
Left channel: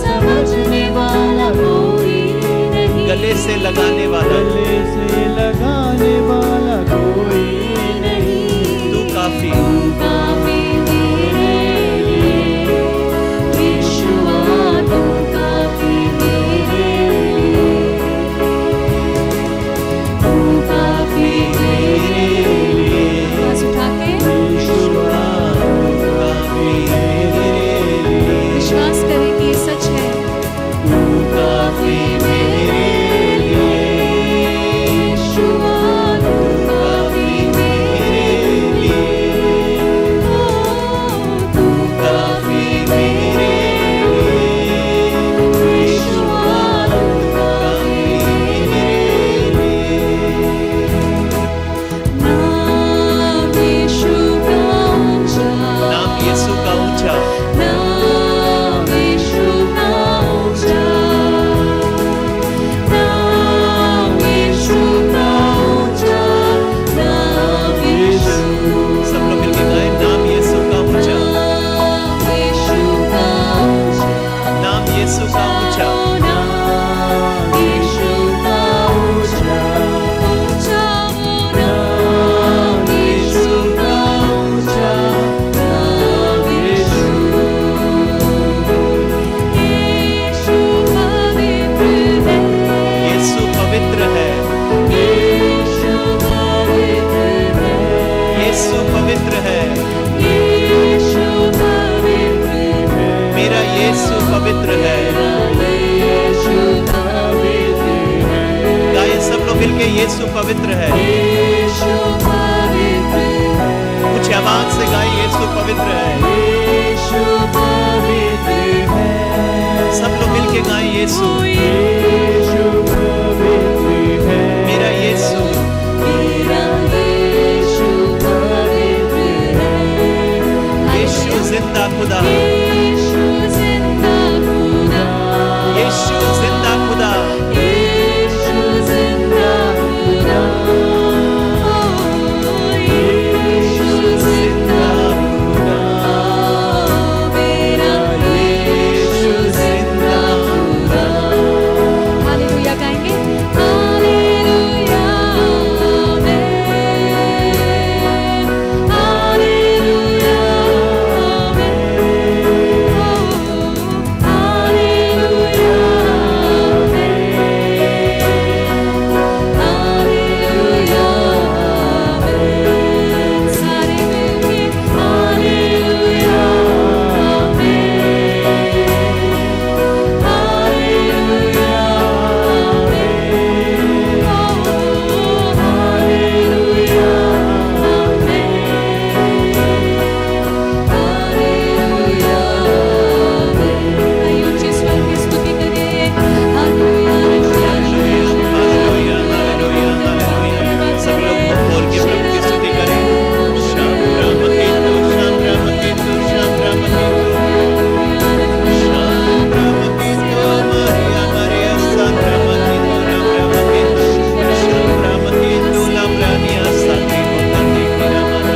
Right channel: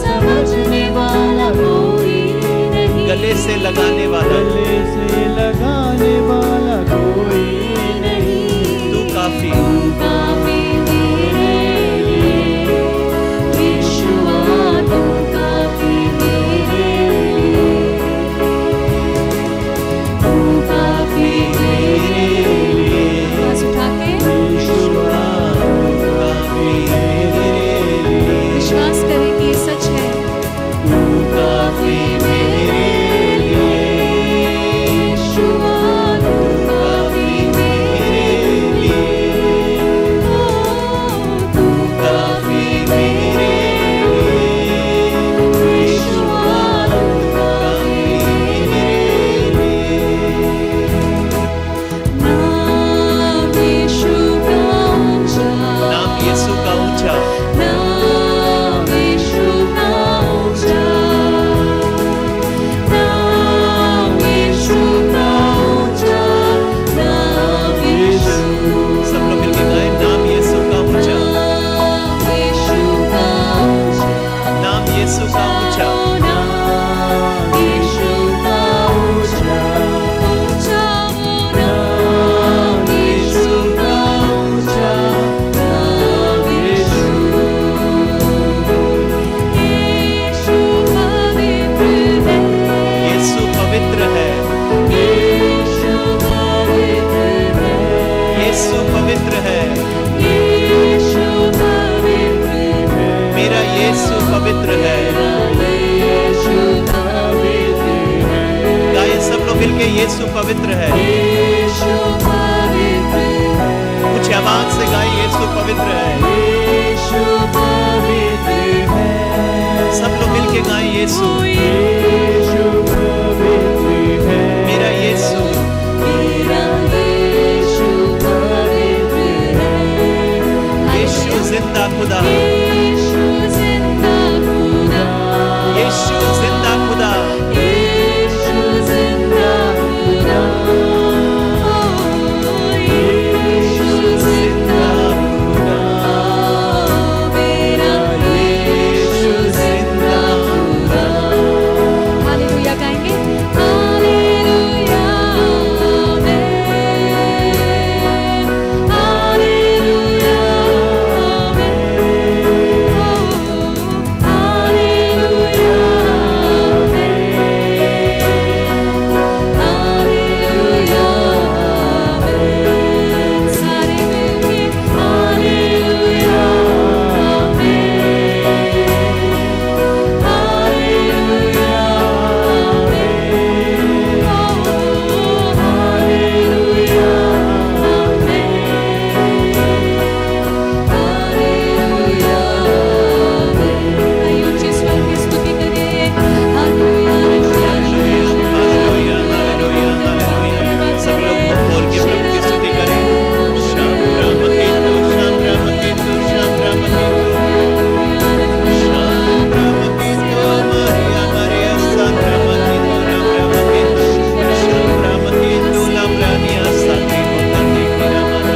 समझने वाला कोई नहीं, गले से लगाने वाला, गले से लगाने वाला कोई नहीं। तू काफी, काफी मेरे लिए, यीशुआ तू काफी मेरे लिए, तू काफी मेरे लिए। आवाज उठा के यीशुआ तू काफी मेरे लिए, विश्वास करें कि ये सच है। तू काफी मेरे लिए, यीशुआ तू काफी मेरे लिए, तू काफी मेरे लिए, यीशुआ तू काफी मेरे लिए। नाम यीशु का ऊंचा, नाम यीशु का ऊंचा, नाम यीशु का ऊंचा, नाम यीशु का ऊंचा, नाम यीशु, सब लोग मिलके गाएं, नाम यीशु का ऊंचा, नाम यीशु का ऊंचा, नाम यीशु का ऊंचा, नाम यीशु का ऊंचा, ऊंचा नाम यीशु का ऊंचा, नाम यीशु, यीशु पवित्र है, यीशु पवित्र है, यीशु पवित्र है, यीशु पवित्र है, यीशु पवित्र है, मेरा यीशु पवित्र है। यीशु पवित्र है, गाएं सब लोग मिलके, यीशु पवित्र है। यीशु पवित्र है, कुछ आवाज से गाएं, यीशु पवित्र है। यीशु पवित्र है, सब लोग मिलके गाएं, यीशु, यीशु पवित्र है, मेरा यीशु, मेरा यीशु पवित्र है, यीशु जिंदा खुदा, यीशु जिंदा खुदा, यीशु जिंदा खुदा, यीशु जिंदा खुदा, यीशु जिंदा खुदा, मेरा यीशु जिंदा खुदा। हालेलुया गाएंगे, hallelujah amen, hallelujah amen, hallelujah amen, hallelujah amen, सारे मिलके hallelujah amen, hallelujah amen, hallelujah hallelujah amen. आइए ऊंचे स्वर में स्तुति करिए, हालेलुया हालेलुया, हालेलुया, हालेलुया। सब लोग मुंह खोल के प्रभु की स्तुति करें। शाम राम केतु, शाम राम केतु, शाम राम केतु, शाम राम केतु, मरिया मरिया सन राम केतु, राम राम केतु, शाम राम केतु, लाम रानिया साथी होतानी की राम राम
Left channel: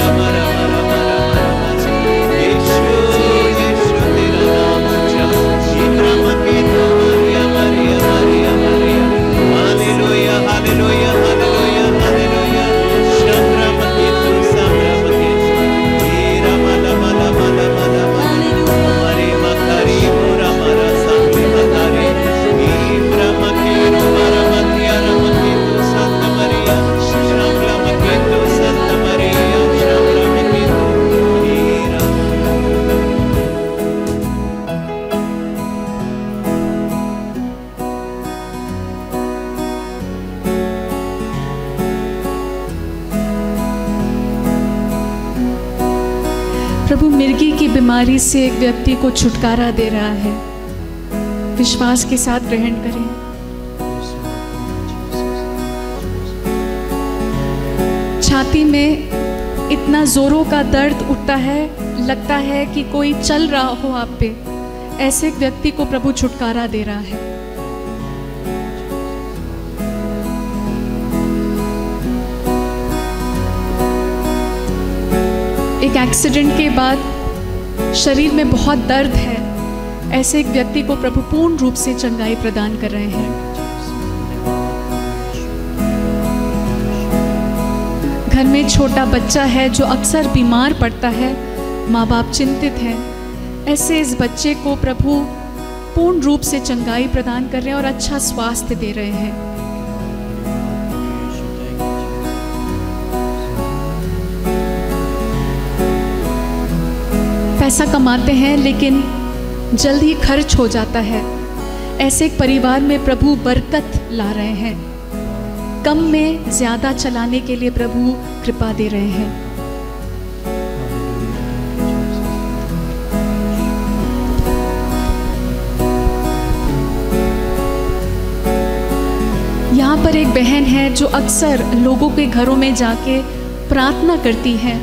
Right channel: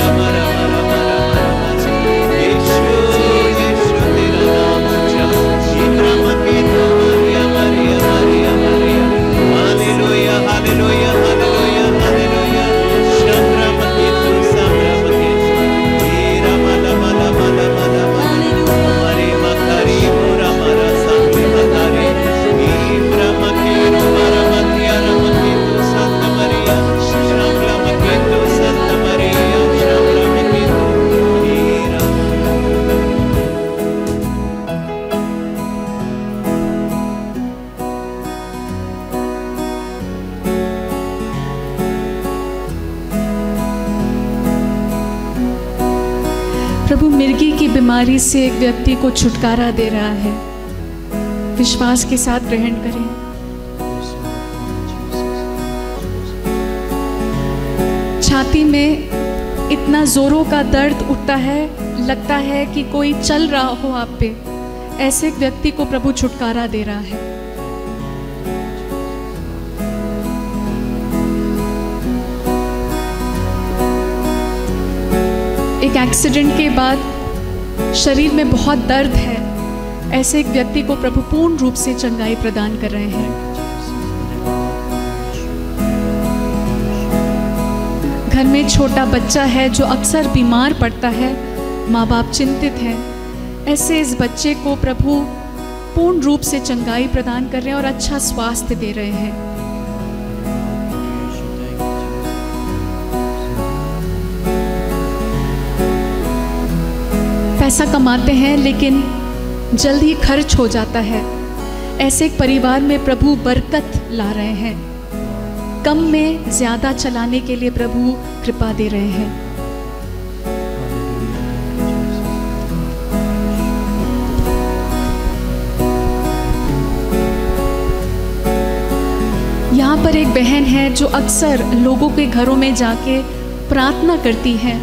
राम राम राम राम राम। यीशु यीशु तेरा नाम ऊंचा, राम केतु, Mariya Mariya Mariya Mariya. Hallelujah, hallelujah, hallelujah, hallelujah. शाम राम केतु, शाम राम केतु, राम राम राम राम राम। हरे मकरी मोरा मरा सामने मकरी, राम केतु मारा मतिया राम केतु संत मरिया, श्याम राम केतु संत मरिया, श्याम राम केतु हीरा। प्रभु मिर्गी की बीमारी से एक व्यक्ति को छुटकारा दे रहा है। विश्वास के साथ ग्रहण करें। छाती में इतना जोरों का दर्द उठता है, लगता है कि कोई चल रहा हो आप पे, ऐसे एक व्यक्ति को प्रभु छुटकारा दे रहा है। एक एक्सीडेंट के बाद शरीर में बहुत दर्द है, ऐसे एक व्यक्ति को प्रभु पूर्ण रूप से चंगाई प्रदान कर रहे हैं। घर में छोटा बच्चा है जो अक्सर बीमार पड़ता है, माँ बाप चिंतित हैं, ऐसे इस बच्चे को प्रभु पूर्ण रूप से चंगाई प्रदान कर रहे हैं और अच्छा स्वास्थ्य दे रहे हैं। पैसा कमाते हैं लेकिन जल्द ही खर्च हो जाता है, ऐसे एक परिवार में प्रभु बरकत ला रहे हैं। कम में ज्यादा चलाने के लिए प्रभु कृपा दे रहे हैं। यहाँ पर एक बहन है जो अक्सर लोगों के घरों में जाके प्रार्थना करती है।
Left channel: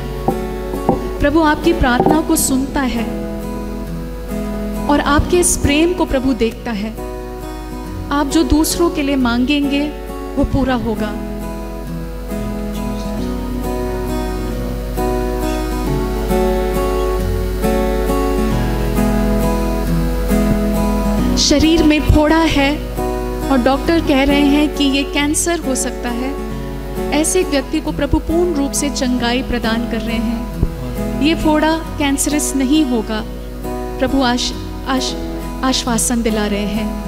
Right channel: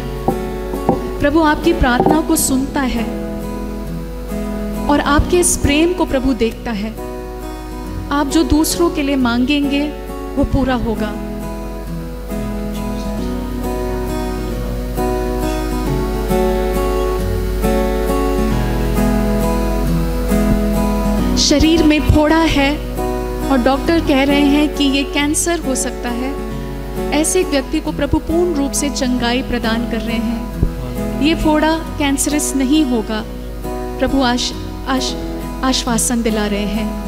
प्रभु आपकी प्रार्थना को सुनता है और आपके इस प्रेम को प्रभु देखता है। आप जो दूसरों के लिए मांगेंगे वो पूरा होगा। शरीर में फोड़ा है और डॉक्टर कह रहे हैं कि ये कैंसर हो सकता है, ऐसे एक व्यक्ति को प्रभु पूर्ण रूप से चंगाई प्रदान कर रहे हैं। ये फोड़ा कैंसरस नहीं होगा, प्रभु आश्वासन दिला रहे हैं।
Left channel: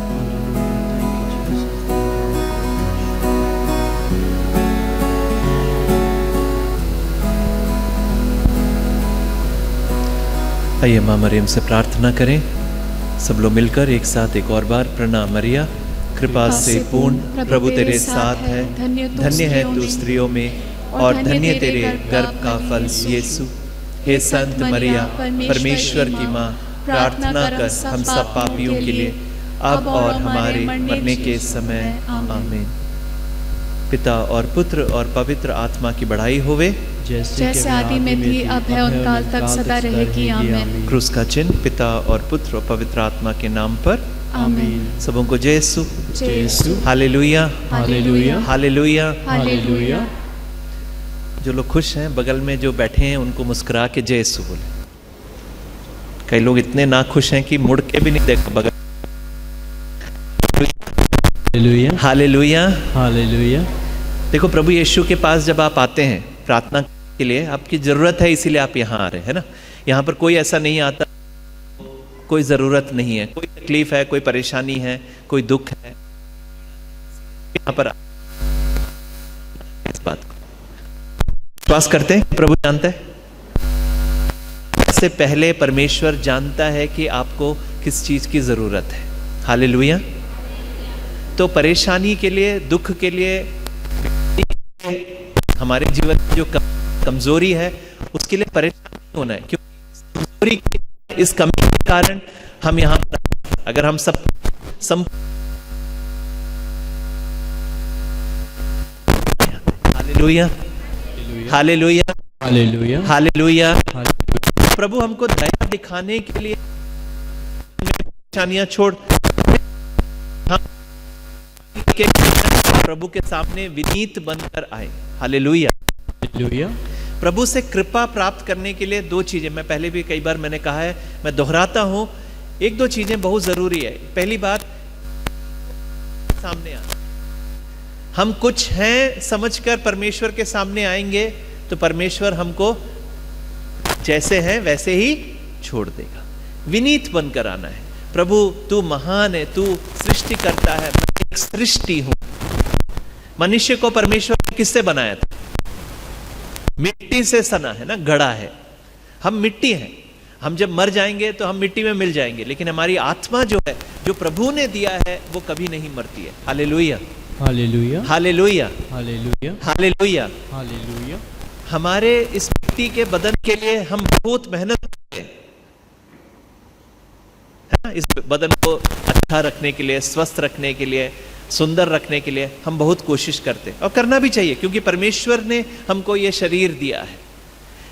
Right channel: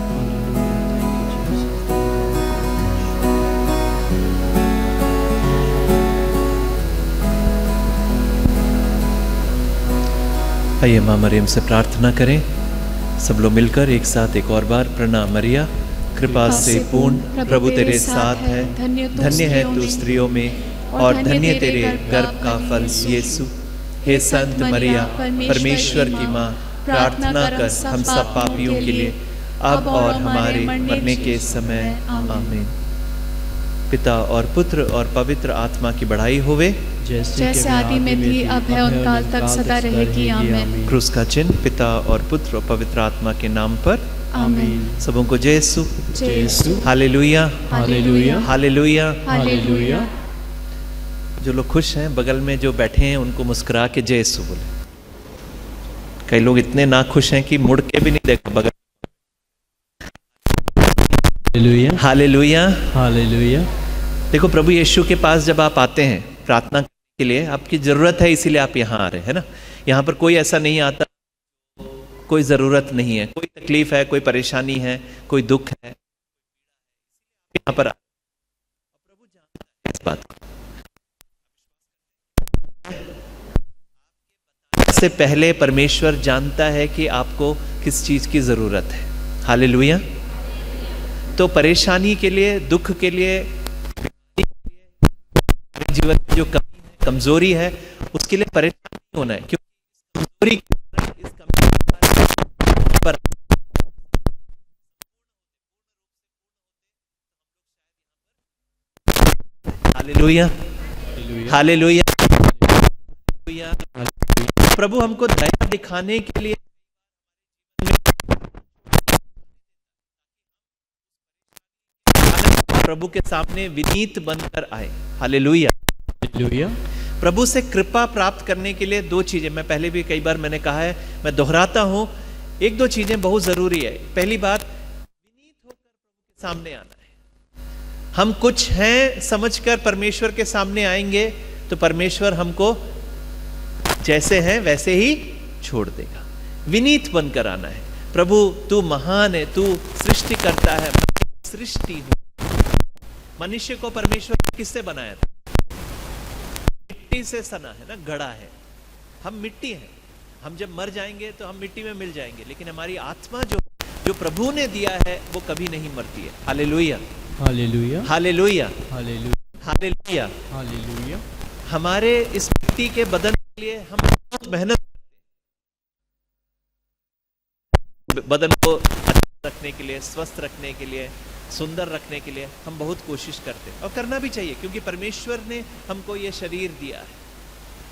आइए माँ मरियम से प्रार्थना करें। सब लोग मिलकर एक साथ एक और बार। प्रणाम मरिया, कृपा से पूर्ण, प्रभु तेरे साथ है, धन्य है तू स्त्रियों में और धन्य तेरे गर्भ का फल यीशु। हे संत मरिया, परमेश्वर की माँ, प्रार्थना कर हम सब पापियों के लिए अब और हमारे मरने के समय। आमीन। पिता और पुत्र और पवित्र आत्मा की बढ़ाई होवे, जैसे आदि में थी, अब है और काल तक सदा रहेगी। आमीन। क्रूस का चिन्ह पिता और पुत्र और पवित्र आत्मा के नाम पर। आमीन। सबों को जय यीशु, जय यीशु, हालेलुया, हालेलुया, हालेलुया, हालेलुया। जो लोग खुश हैं बगल में जो बैठे हैं उनको मुस्कुरा के जय यीशु बोले। कई लोग इतने ना खुश हैं कि मुड़ के भी नहीं देखते बगल। Hallelujah, hallelujah, hallelujah. देखो प्रभु यीशु के पास जब आप आते हैं प्रार्थना के लिए, आपकी जरूरत है इसीलिए आप यहाँ आ रहे हैं ना। यहाँ पर कोई ऐसा नहीं आता, कोई जरूरत नहीं है, कोई तकलीफ है, कोई परेशानी है, कोई दुख है, यहाँ पर इस बात को विश्वास करते हैं। प्रभु जानता है, इससे पहले परमेश्वर जानता है कि आपको किस चीज की जरूरत है। हालेलुया। तो परेशानी के लिए, दुख के लिए, हमारे जीवन में जो कमजोरी है उसके लिए परेशान नहीं होना है, क्योंकि कमजोरी की इस कमी के कारण हम यहाँ पर, अगर हम सब हालेलुया, हालेलुया, हालेलुया, हालेलुया। प्रभु हमको दया दिखाने के लिए परेशानियां छोड़ हम प्रभु के सामने विनीत बनकर आए। Hallelujah, hallelujah. प्रभु से कृपा प्राप्त करने के लिए दो चीजें, मैं पहले भी कई बार मैंने कहा है, मैं दोहराता हूं, एक दो चीजें बहुत जरूरी है। पहली बात, सामने आना। हम कुछ हैं समझकर परमेश्वर के सामने आएंगे तो परमेश्वर हमको जैसे हैं वैसे ही छोड़ देगा। विनीत बनकर आना है। प्रभु तू महान है, तू सृष्टि करता है, मैं एक सृष्टि हूं। मनुष्य को परमेश्वर ने किससे बनाया था? मिट्टी से सना है ना, गढ़ा है। हम मिट्टी हैं, हम जब मर जाएंगे तो हम मिट्टी में मिल जाएंगे, लेकिन हमारी आत्मा जो है, जो प्रभु ने दिया है, वो कभी नहीं मरती है। Hallelujah, hallelujah, hallelujah, hallelujah, hallelujah. Hallelujah. हमारे इस मिट्टी के बदन के लिए हम बहुत मेहनत करते हैं, है ना? इस बदन को अच्छा रखने के लिए, स्वस्थ रखने के लिए सुंदर रखने के लिए हम बहुत कोशिश करते हैं, और करना भी चाहिए क्योंकि परमेश्वर ने हमको ये शरीर दिया है।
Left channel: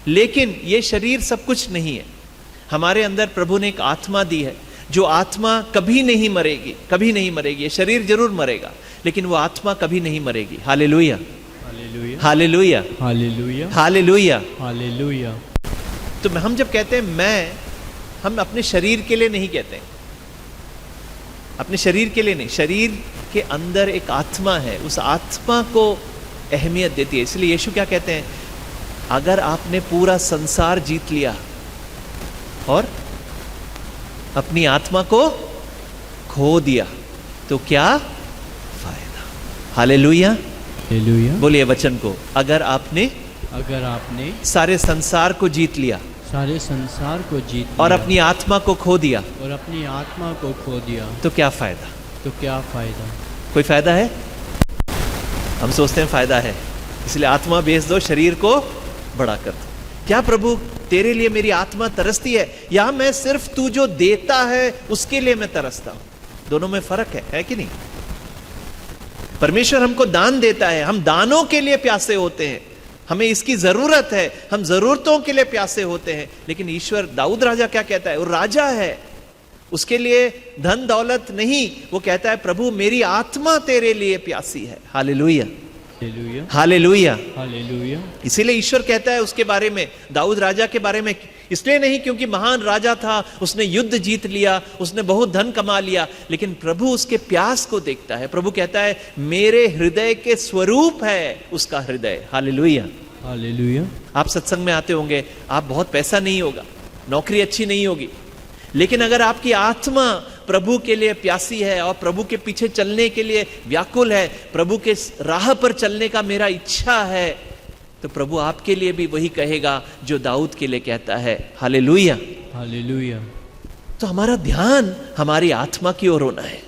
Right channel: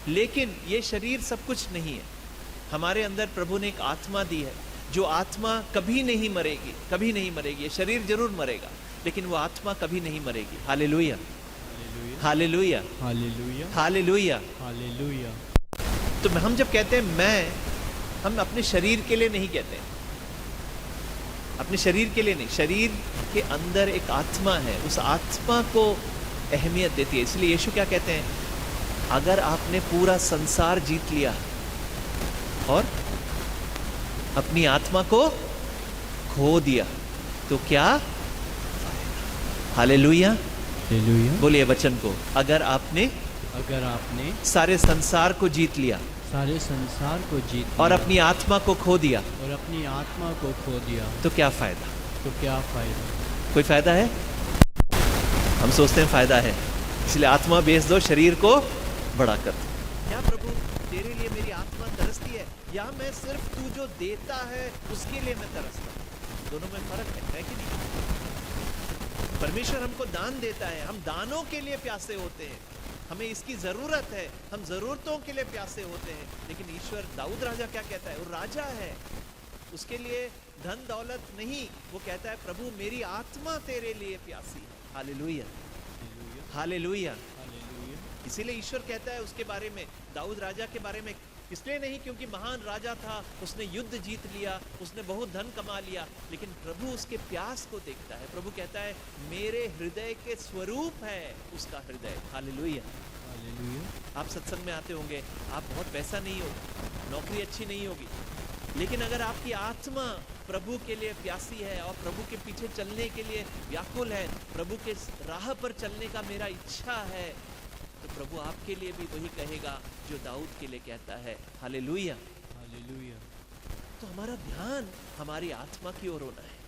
लेकिन ये शरीर सब कुछ नहीं है। हमारे अंदर प्रभु ने एक आत्मा दी है, जो आत्मा कभी नहीं मरेगी, कभी नहीं मरेगी। ये शरीर जरूर मरेगा, लेकिन वो आत्मा कभी नहीं मरेगी। Hallelujah, hallelujah, hallelujah, hallelujah, hallelujah. Hallelujah. तो हम जब कहते हैं मैं, हम अपने शरीर के लिए नहीं कहते हैं, अपने शरीर के लिए नहीं। शरीर के अंदर एक आत्मा है, उस आत्मा को अहमियत देती है। इसलिए यीशु क्या कहते हैं, अगर आपने पूरा संसार जीत लिया और अपनी आत्मा को खो दिया तो क्या फायदा। Hallelujah, hallelujah. बोलिए वचन को, अगर आपने सारे संसार को जीत लिया सारे संसार को जीत और लिया अपनी आत्मा को खो दिया और अपनी आत्मा को खो दिया तो क्या फायदा। तो क्या फायदा। कोई फायदा है? हम सोचते हैं फायदा है, इसलिए आत्मा बेच दो, शरीर को बड़ा कर दो। क्या प्रभु तेरे लिए मेरी आत्मा तरसती है, या मैं सिर्फ तू जो देता है उसके लिए मैं तरसता हूं? दोनों में फर्क है कि नहीं? परमेश्वर हमको दान देता है, हम दानों के लिए प्यासे होते हैं, हमें इसकी जरूरत है, हम जरूरतों के लिए प्यासे होते हैं। लेकिन ईश्वर, दाऊद राजा क्या कहता है, वो राजा है, उसके लिए धन दौलत नहीं, वो कहता है प्रभु मेरी आत्मा तेरे लिए प्यासी है। Hallelujah, hallelujah, hallelujah, hallelujah. इसीलिए ईश्वर कहता है उसके बारे में, दाऊद राजा के बारे में, इसलिए नहीं क्योंकि महान राजा था, उसने युद्ध जीत लिया, उसने बहुत धन कमा लिया, लेकिन प्रभु उसके प्यास को देखता है। प्रभु कहता है मेरे हृदय के स्वरूप है उसका हृदय। Hallelujah, hallelujah. आप सत्संग में आते होंगे, आप बहुत पैसा नहीं होगा, नौकरी अच्छी नहीं होगी, लेकिन अगर आपकी आत्मा प्रभु के लिए प्यासी है और प्रभु के पीछे चलने के लिए व्याकुल है, प्रभु के राह पर चलने का मेरा इच्छा है, तो प्रभु आपके लिए भी वही कहेगा जो दाऊद के लिए कहता है। Hallelujah, hallelujah. तो हमारा ध्यान हमारी आत्मा की ओर होना है।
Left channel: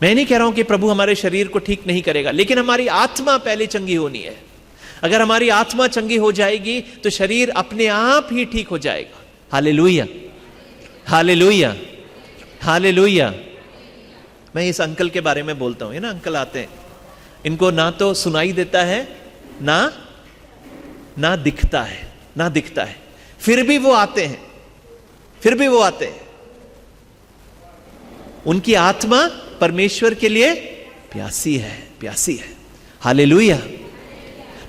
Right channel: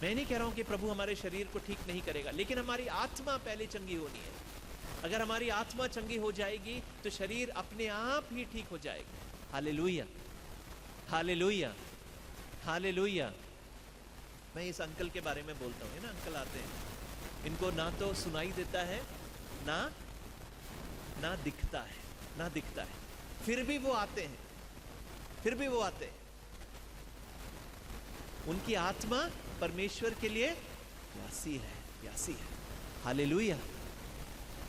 मैं नहीं कह रहा हूं कि प्रभु हमारे शरीर को ठीक नहीं करेगा, लेकिन हमारी आत्मा पहले चंगी होनी है। अगर हमारी आत्मा चंगी हो जाएगी तो शरीर अपने आप ही ठीक हो जाएगा। Hallelujah, hallelujah, hallelujah. मैं इस अंकल के बारे में बोलता हूं, ये ना अंकल आते हैं, इनको ना तो सुनाई देता है, ना दिखता है, ना दिखता है, फिर भी वो आते हैं, फिर भी वो आते हैं। उनकी आत्मा परमेश्वर के लिए प्यासी है, प्यासी है। हालेलुया।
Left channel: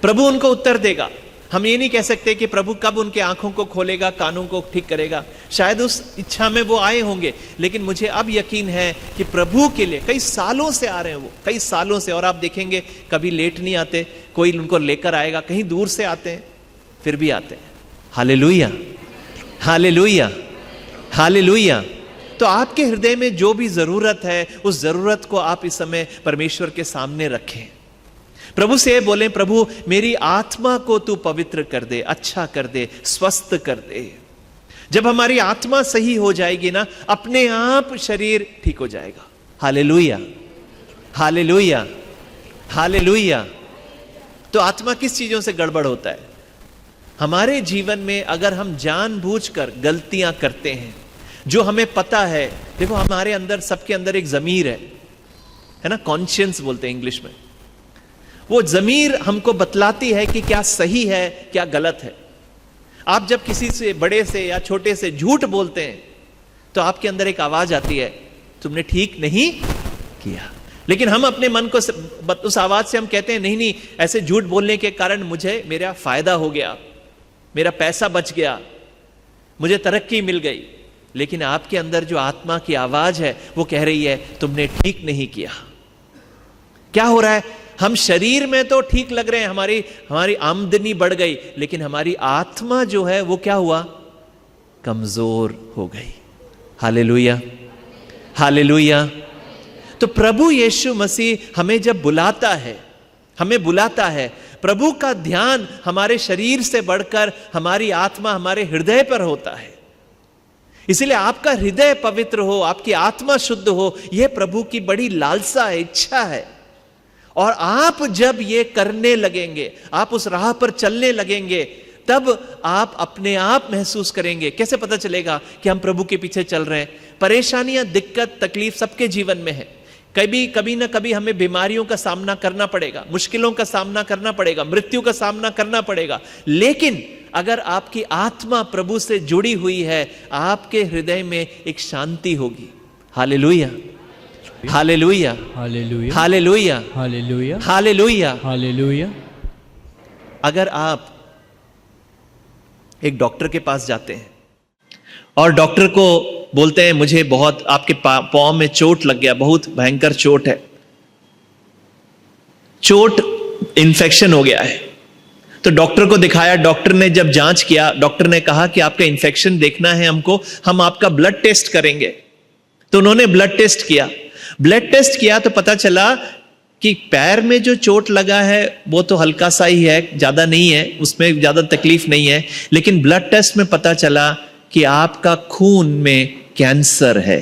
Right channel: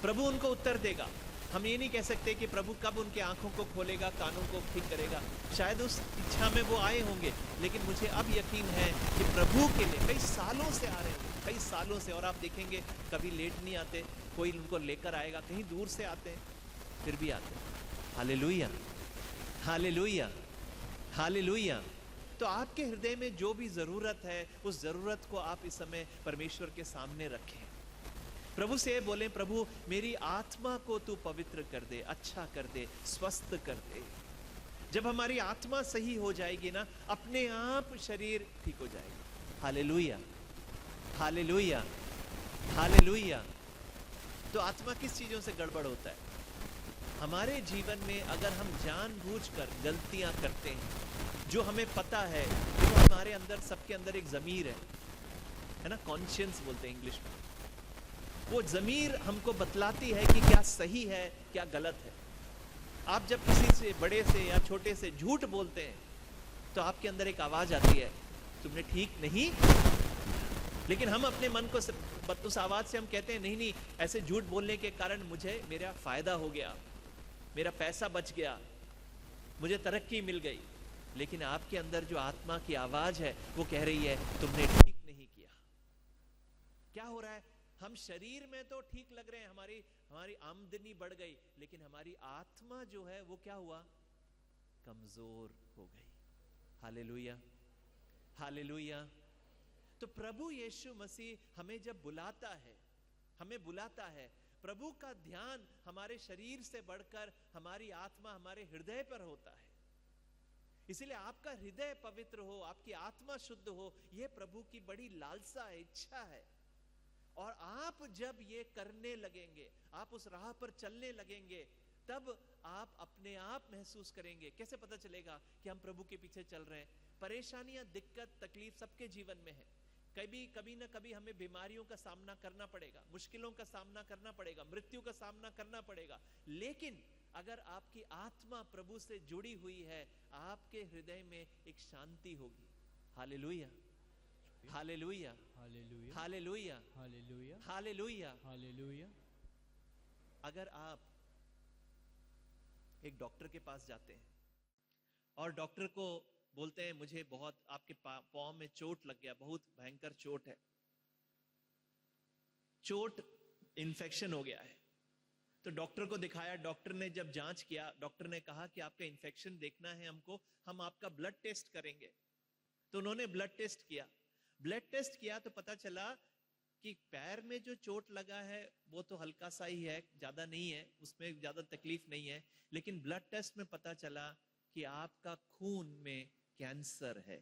प्रभु उनको उत्तर देगा। हम ये नहीं कह सकते कि प्रभु कब उनके आंखों को खोलेगा, कानों को ठीक करेगा। शायद उस इच्छा में वो आए होंगे, लेकिन मुझे अब यकीन है कि प्रभु के लिए कई सालों से आ रहे हैं वो, कई सालों से। और आप देखेंगे कभी लेट नहीं आते, कोई उनको लेकर आएगा, कहीं दूर से आते हैं, फिर भी आते हैं। Hallelujah, hallelujah, hallelujah. तो आपके हृदय में जो भी जरूरत है, उस जरूरत को आप इस समय परमेश्वर के सामने रखें। प्रभु से बोलें, प्रभु मेरी आत्मा को तू पवित्र कर दे, अच्छा कर दे, स्वस्थ कर दे। जब हमारी आत्मा सही हो जाएगी ना, अपने आप शरीर ठीक हो जाएगा। Hallelujah, hallelujah, hallelujah. तो आत्मा किस चीजों से गड़बड़ होता है? हमारे जीवन में अगर हम जानबूझकर गलतियां करते हैं, जो हमें पता है। देखो हमारे अंदर, सबके अंदर एक जमीर है ना, कॉन्शियंस बोलते हैं इंग्लिश में। वो जमीर हमको बतलाती है कि क्या सही है, क्या गलत है। आप जब किसी से, बड़े से या छोटे से झूठ बोलते हैं, तो आपके अंदर एक आवाज आती है, तुमने ठीक नहीं किया। लेकिन हम अपने मन को, उस आवाज से हम कहते हैं, नहीं नहीं, ऐसे झूठ बोलने के कारण मुझे मेरा फायदा हो गया, मेरा पैसा बच गया, मुझे तरक्की मिल गई। लेकिन आपके अंदर जो आत्मा की आवाज है, वो कह रही है तुमने ठीक नहीं किया। क्या हो रहा है? हम शरीर में तो ठीक लग रहे हैं, हमारी आमदनी बढ़ गई, लेकिन हमारी आत्मा जो है वो क्या हुआ? कमजोर हो गई। Hallelujah, hallelujah. तो प्रभु यीशु मसीह हमें जब बुलाता है, हमें बुलाता है, प्रभु का ध्यान हमारे शरीर से बढ़कर हमारी आत्मा, हमारे हृदय पर होता है। इसलिए आपका हृदय पवित्र हो, आपकी आत्मा शुद्ध हो, यह प्रभु की बड़ी लालसा है, इच्छा है। और आप जब ये करने लगेंगे, आप उस राह पर चलने लगेंगे, तब आप अपने आप महसूस करेंगे। कैसे पता चलेगा कि हम प्रभु के पीछे चल रहे हैं? परेशानियां, दिक्कत, तकलीफ सबके जीवन में है। कभी ना कभी हमें बीमारियों का सामना करना पड़ेगा, मुश्किलों का सामना करना पड़ेगा, मृत्यु का सामना करना पड़ेगा। लेकिन अगर आपकी आत्मा प्रभु से जुड़ी हुई है, आपके हृदय में एक शांति होगी। Hallelujah, hallelujah, hallelujah, hallelujah, hallelujah, hallelujah. Hallelujah. अगर आप एक डॉक्टर के पास जाते हैं और डॉक्टर को बोलते हैं मुझे बहुत आपके पांव में चोट लग गया, बहुत भयंकर चोट है, चोट इन्फेक्शन हो गया है, तो डॉक्टर को दिखाया, डॉक्टर ने जब जांच किया, डॉक्टर ने कहा कि आपका इन्फेक्शन देखना है हमको, हम आपका ब्लड टेस्ट करेंगे। तो उन्होंने ब्लड टेस्ट किया, ब्लड टेस्ट किया तो पता चला कि पैर में जो चोट लगा है वो तो हल्का सा ही है, ज्यादा नहीं है, उसमें ज्यादा तकलीफ नहीं है। लेकिन ब्लड टेस्ट में पता चला कि आपका खून में कैंसर है।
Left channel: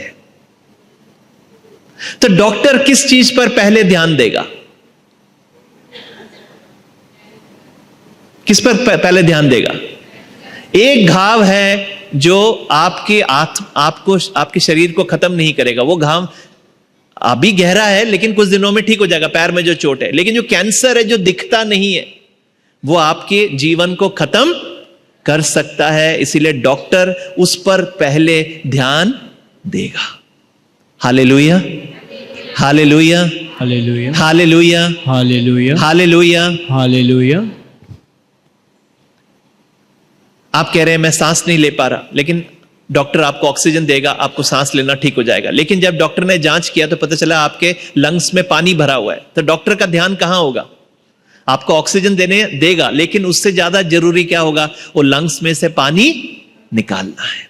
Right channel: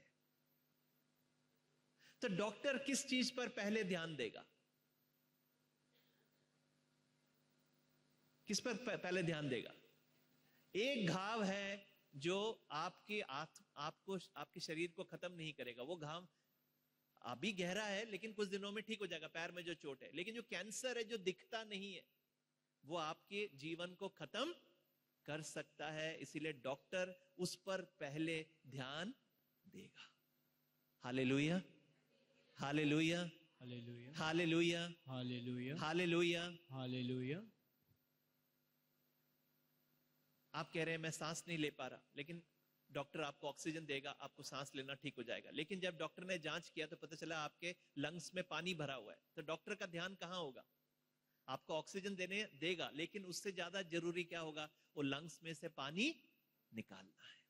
तो डॉक्टर किस चीज पर पहले ध्यान देगा? किस पर पहले ध्यान देगा? एक घाव है जो आपके शरीर को खत्म नहीं करेगा, वो घाव अभी गहरा है लेकिन कुछ दिनों में ठीक हो जाएगा, पैर में जो चोट है। लेकिन जो कैंसर है, जो दिखता नहीं है, वो आपके जीवन को खत्म कर सकता है। इसीलिए डॉक्टर उस पर पहले ध्यान देगा। Hallelujah, hallelujah, hallelujah, hallelujah, hallelujah, hallelujah. Hallelujah. आप कह रहे हैं मैं सांस नहीं ले पा रहा, लेकिन डॉक्टर आपको ऑक्सीजन देगा, आपको सांस लेना ठीक हो जाएगा। लेकिन जब डॉक्टर ने जांच किया तो पता चला आपके लंग्स में पानी भरा हुआ है, तो डॉक्टर का ध्यान कहां होगा? आपको ऑक्सीजन देगा, लेकिन उससे ज्यादा जरूरी क्या होगा? वो लंग्स में से पानी निकालना है।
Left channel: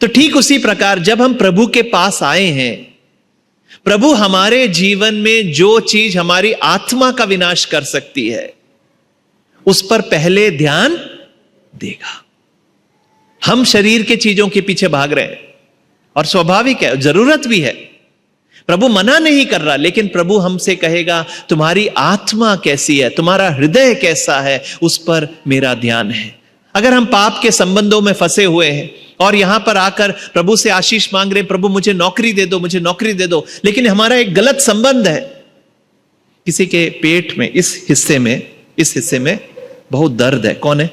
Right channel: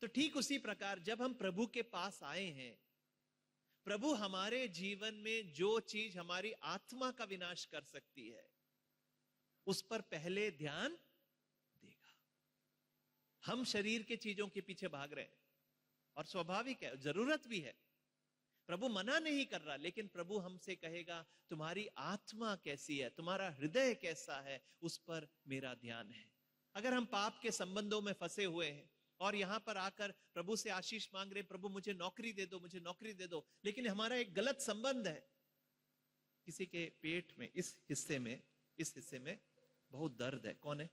तो ठीक उसी प्रकार जब हम प्रभु के पास आए हैं, प्रभु हमारे जीवन में जो चीज हमारी आत्मा का विनाश कर सकती है, उस पर पहले ध्यान देगा। हम शरीर के चीजों के पीछे भाग रहे हैं और स्वाभाविक है, जरूरत भी है, प्रभु मना नहीं कर रहा, लेकिन प्रभु हमसे कहेगा तुम्हारी आत्मा कैसी है, तुम्हारा हृदय कैसा है, उस पर मेरा ध्यान है। अगर हम पाप के संबंधों में फंसे हुए हैं और यहां पर आकर प्रभु से आशीष मांग रहे, प्रभु मुझे नौकरी दे दो, मुझे नौकरी दे दो, लेकिन हमारा एक गलत संबंध है, किसी के पेट में इस हिस्से में बहुत दर्द है, कौन है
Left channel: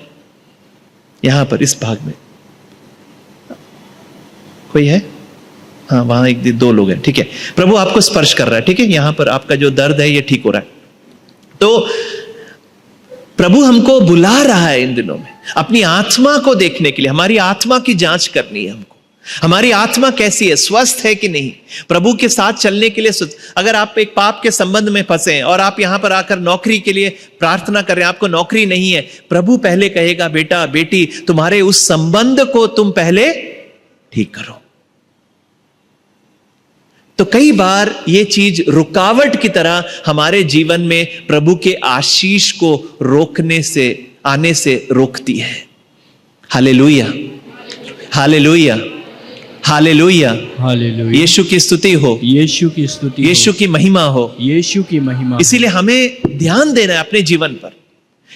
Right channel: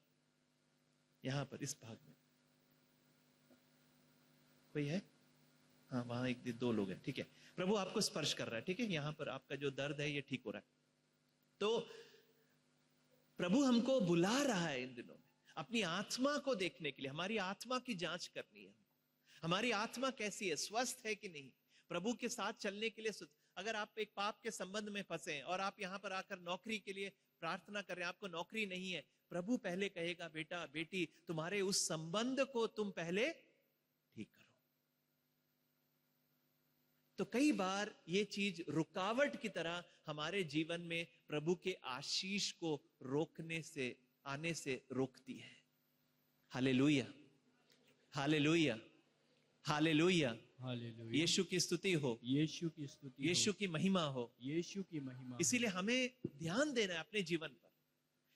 यहां पर इस भाग में? कोई है? हाँ, वहां एक दो लोग हैं, ठीक है। प्रभु आपको स्पर्श कर रहा है, ठीक है, यहां पर आपका जो दर्द है ये ठीक हो रहा है। तो प्रभु हमको बुला रहा है इन दिनों में अपनी आत्मा को देखने के लिए। हमारी आत्मा की जांच करनी है हमको, हमारी आत्मा कैसी है, स्वस्थ है कि नहीं, प्रभु के साथ चलने के लिए। अगर आप एक पाप के संबंध में फंसे हैं और आप यहां पर आकर नौकरी के लिए प्रार्थना कर रहे हैं, आपको नौकरी नहीं है, प्रभु पहले कहेगा बेटा बेटी तुम्हारे उस संबंध को तुम पहले ठीक करो। तो कई बार ये चीज रुकावट की तरह हमारे जीवन में प्रभु के आशीष को आने से रोकती है। Hallelujah, hallelujah, hallelujah, hallelujah. Yeshu की स्तुति हो, यीशु की स्तुति हो, यीशु की महिमा हो, यीशु की महिमा। इसीलिए हमें ध्यान देना है अपने जीवन पर।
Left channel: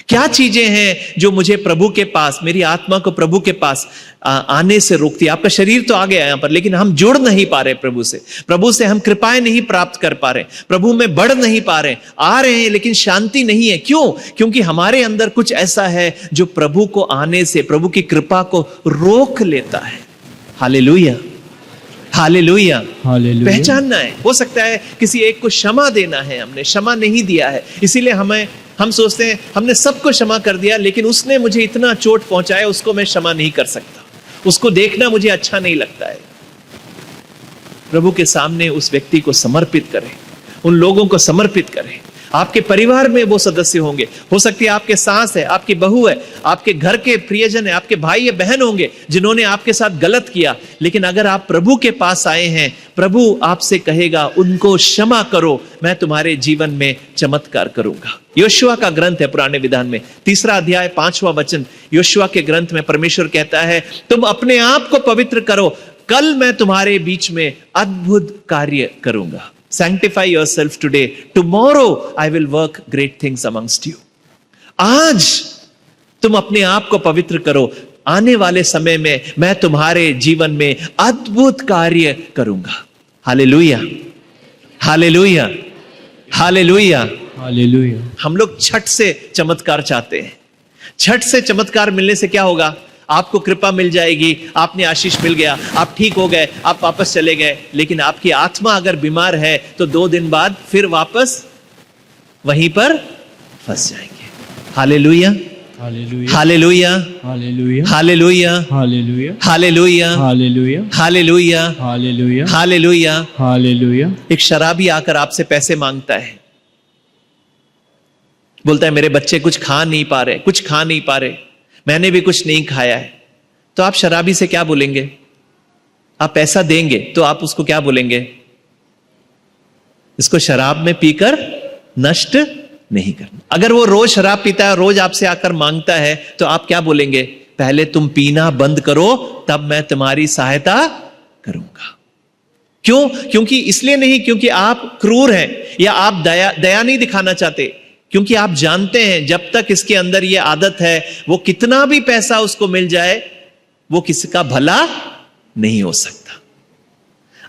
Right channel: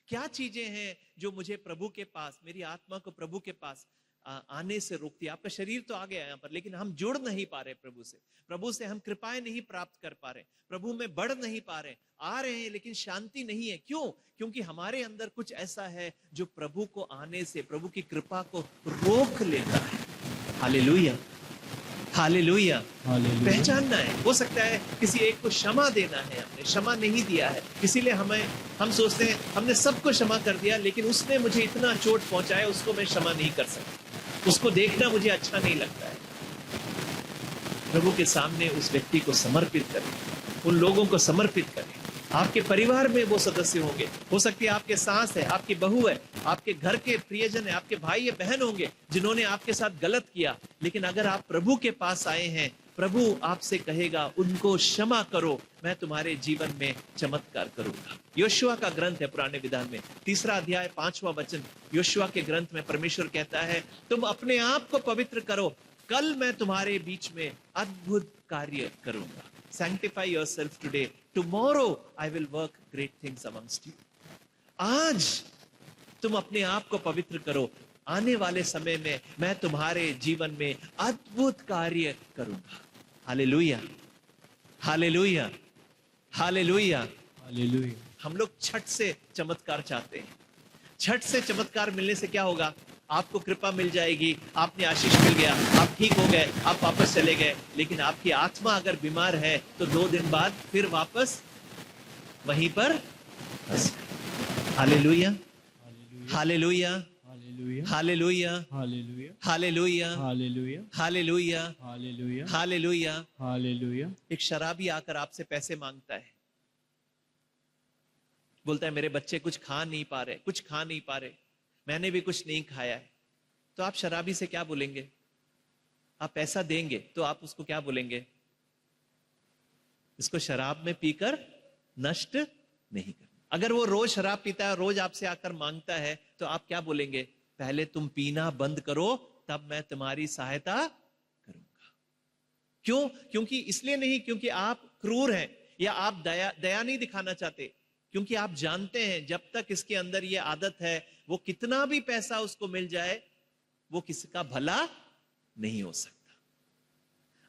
क्या चीजें हैं जो मुझे प्रभु के पास, मेरी आत्मा को प्रभु के पास आने से रोकती है? आपका शरीर तो आ गया यहां पर, लेकिन हम जुड़ नहीं पा रहे प्रभु से हम कृपाएं नहीं प्राप्त कर पा रहे, प्रभु में बढ़ नहीं पा रहे, आ रहे हैं लेकिन शांति नहीं है। क्यों? क्योंकि हमारे अंदर कुछ ऐसा है जो प्रभु को आने से, प्रभु की कृपा को रोक लेता है। Hallelujah, hallelujah, hallelujah. पहचानना है। हो सकता है किसी एक को क्षमा देना है, हमने क्षमा नहीं दिया है, इसीलिए हम सोचते हैं हमने सबको क्षमा कर दिया, लेकिन उसने मुझे इतना चोट पहुंचाया, उसको मैं क्षमा नहीं कर सकता, उसको देखना मुझे अच्छा नहीं लगता है। प्रभु के सामने उस व्यक्ति को समर्पित करें, उन लोगों को समर्पित करें। आपके परिवार में वो सदस्य होंगे, हो सकती है आपके सास है, आपकी बहू है, आपके घर के प्रियजन है, आपके भाई या बहन होंगे जिन्होंने आपके साथ गलत किया। लेकिन अगर आप प्रभु के पास आए हैं, प्रभु आपसे कहेगा उनको क्षमा करो, मैं तुम्हारे जीवन में चमत्कार करूंगा। योशुआ का ग्रंथ है पुराने विधान में 3 अध्याय 5वां वचन। योशुआ के ग्रंथ में परमेश्वर कहता है तुम अपने आप को पवित्र करो, कल मैं तुम्हारे बीच में अद्भुत कार्य करूंगा। Sanctify yourself today. Tomorrow I will work great things amongst you. आज तुम अपने आप को पवित्र करो, आने वाले समय में मैं तुम्हारे जीवन में अद्भुत कार्य करूंगा। Hallelujah, hallelujah, hallelujah. हालेलुया। हम लोग छठ से चमत्कार चाहते हैं। छठ से चमत्कार मिलने से क्या होगा? आपको कृपा मिल जाएगी, आपने आशीष मिल गया, आप ठीक हो गए, आप वापस चले गए। लेकिन आपकी आत्मा अगर बीमार है तो 2 दिन बाद फिर वापस वहीं पर फंस जाएंगे। Hallelujah, hallelujah. Hallelujah, hallelujah. Hallelujah, hallelujah. Hallelujah, hallelujah. Hallelujah, hallelujah. Hallelujah. Hallelujah. एक शराबी आकर आपसे पैसे मांगता है, बोलता है मेरे बच्चे कुछ खा नहीं पा रहे, कुछ खा नहीं पा रहे, मैंने भी कुछ नहीं खाया है। तो आप शराबी से क्या बोलेंगे? आप पैसा देंगे तो आप उसको क्या बोलेंगे? इसको शराब में पीकर नष्ट नहीं करना। अगर वो रोज शराब पीता है, रोज आपसे आकर मांगता है, तो आप क्या बोलेंगे? पहले तुम पीना बंद करो, तब मैं तुम्हारी सहायता करूंगा। क्यों? क्योंकि इसलिए नहीं क्योंकि आप क्रूर हैं या आप दया नहीं दिखाना चाहते, क्योंकि आप जानते हैं जब तक इसके अंदर ये आदत है, वो कितना भी पैसा उसको मिल जाए, वो किसी का भला नहीं हो सकता।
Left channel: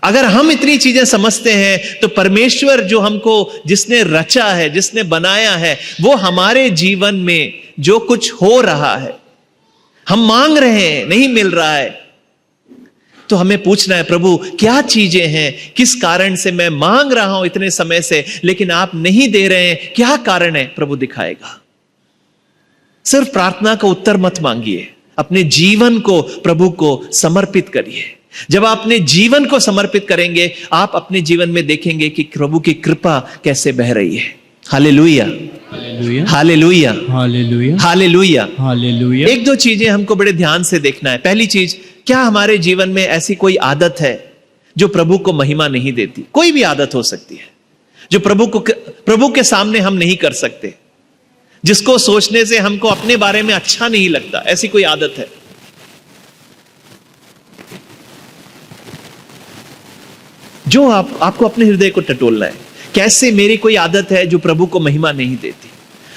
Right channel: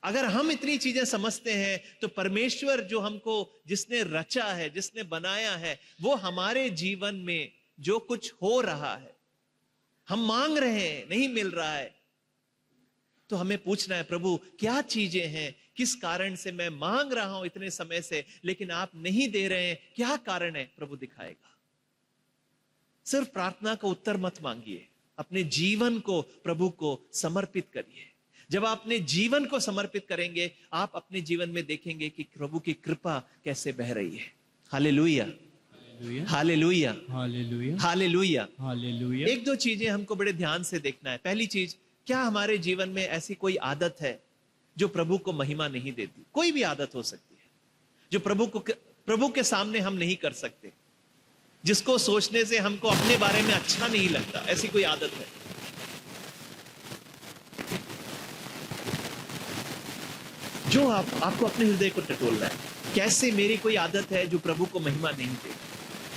अगर हम इतनी चीजें समझते हैं तो परमेश्वर जो हमको, जिसने रचा है, जिसने बनाया है, वो हमारे जीवन में जो कुछ हो रहा है, हम मांग रहे हैं, नहीं मिल रहा है, तो हमें पूछना है, प्रभु क्या चीजें हैं, किस कारण से मैं मांग रहा हूं इतने समय से लेकिन आप नहीं दे रहे हैं, क्या कारण है? प्रभु दिखाएगा। सिर्फ प्रार्थना का उत्तर मत मांगिए, अपने जीवन को प्रभु को समर्पित करिए। जब आप अपने जीवन को समर्पित करेंगे, आप अपने जीवन में देखेंगे कि प्रभु की कृपा कैसे बह रही है। Hallelujah, hallelujah. Hallelujah, hallelujah. Hallelujah. Hallelujah. 1-2 चीजें हमको बड़े ध्यान से देखना है। पहली चीज, क्या हमारे जीवन में ऐसी कोई आदत है जो प्रभु को महिमा नहीं देती? कोई भी आदत हो सकती है जो प्रभु के सामने हम नहीं कर सकते, जिसको सोचने से हमको अपने बारे में अच्छा नहीं लगता। ऐसी कोई आदत है? जो आपको अपने हृदय को टटोलना है, कैसे मेरी कोई आदत है जो प्रभु को महिमा नहीं देती।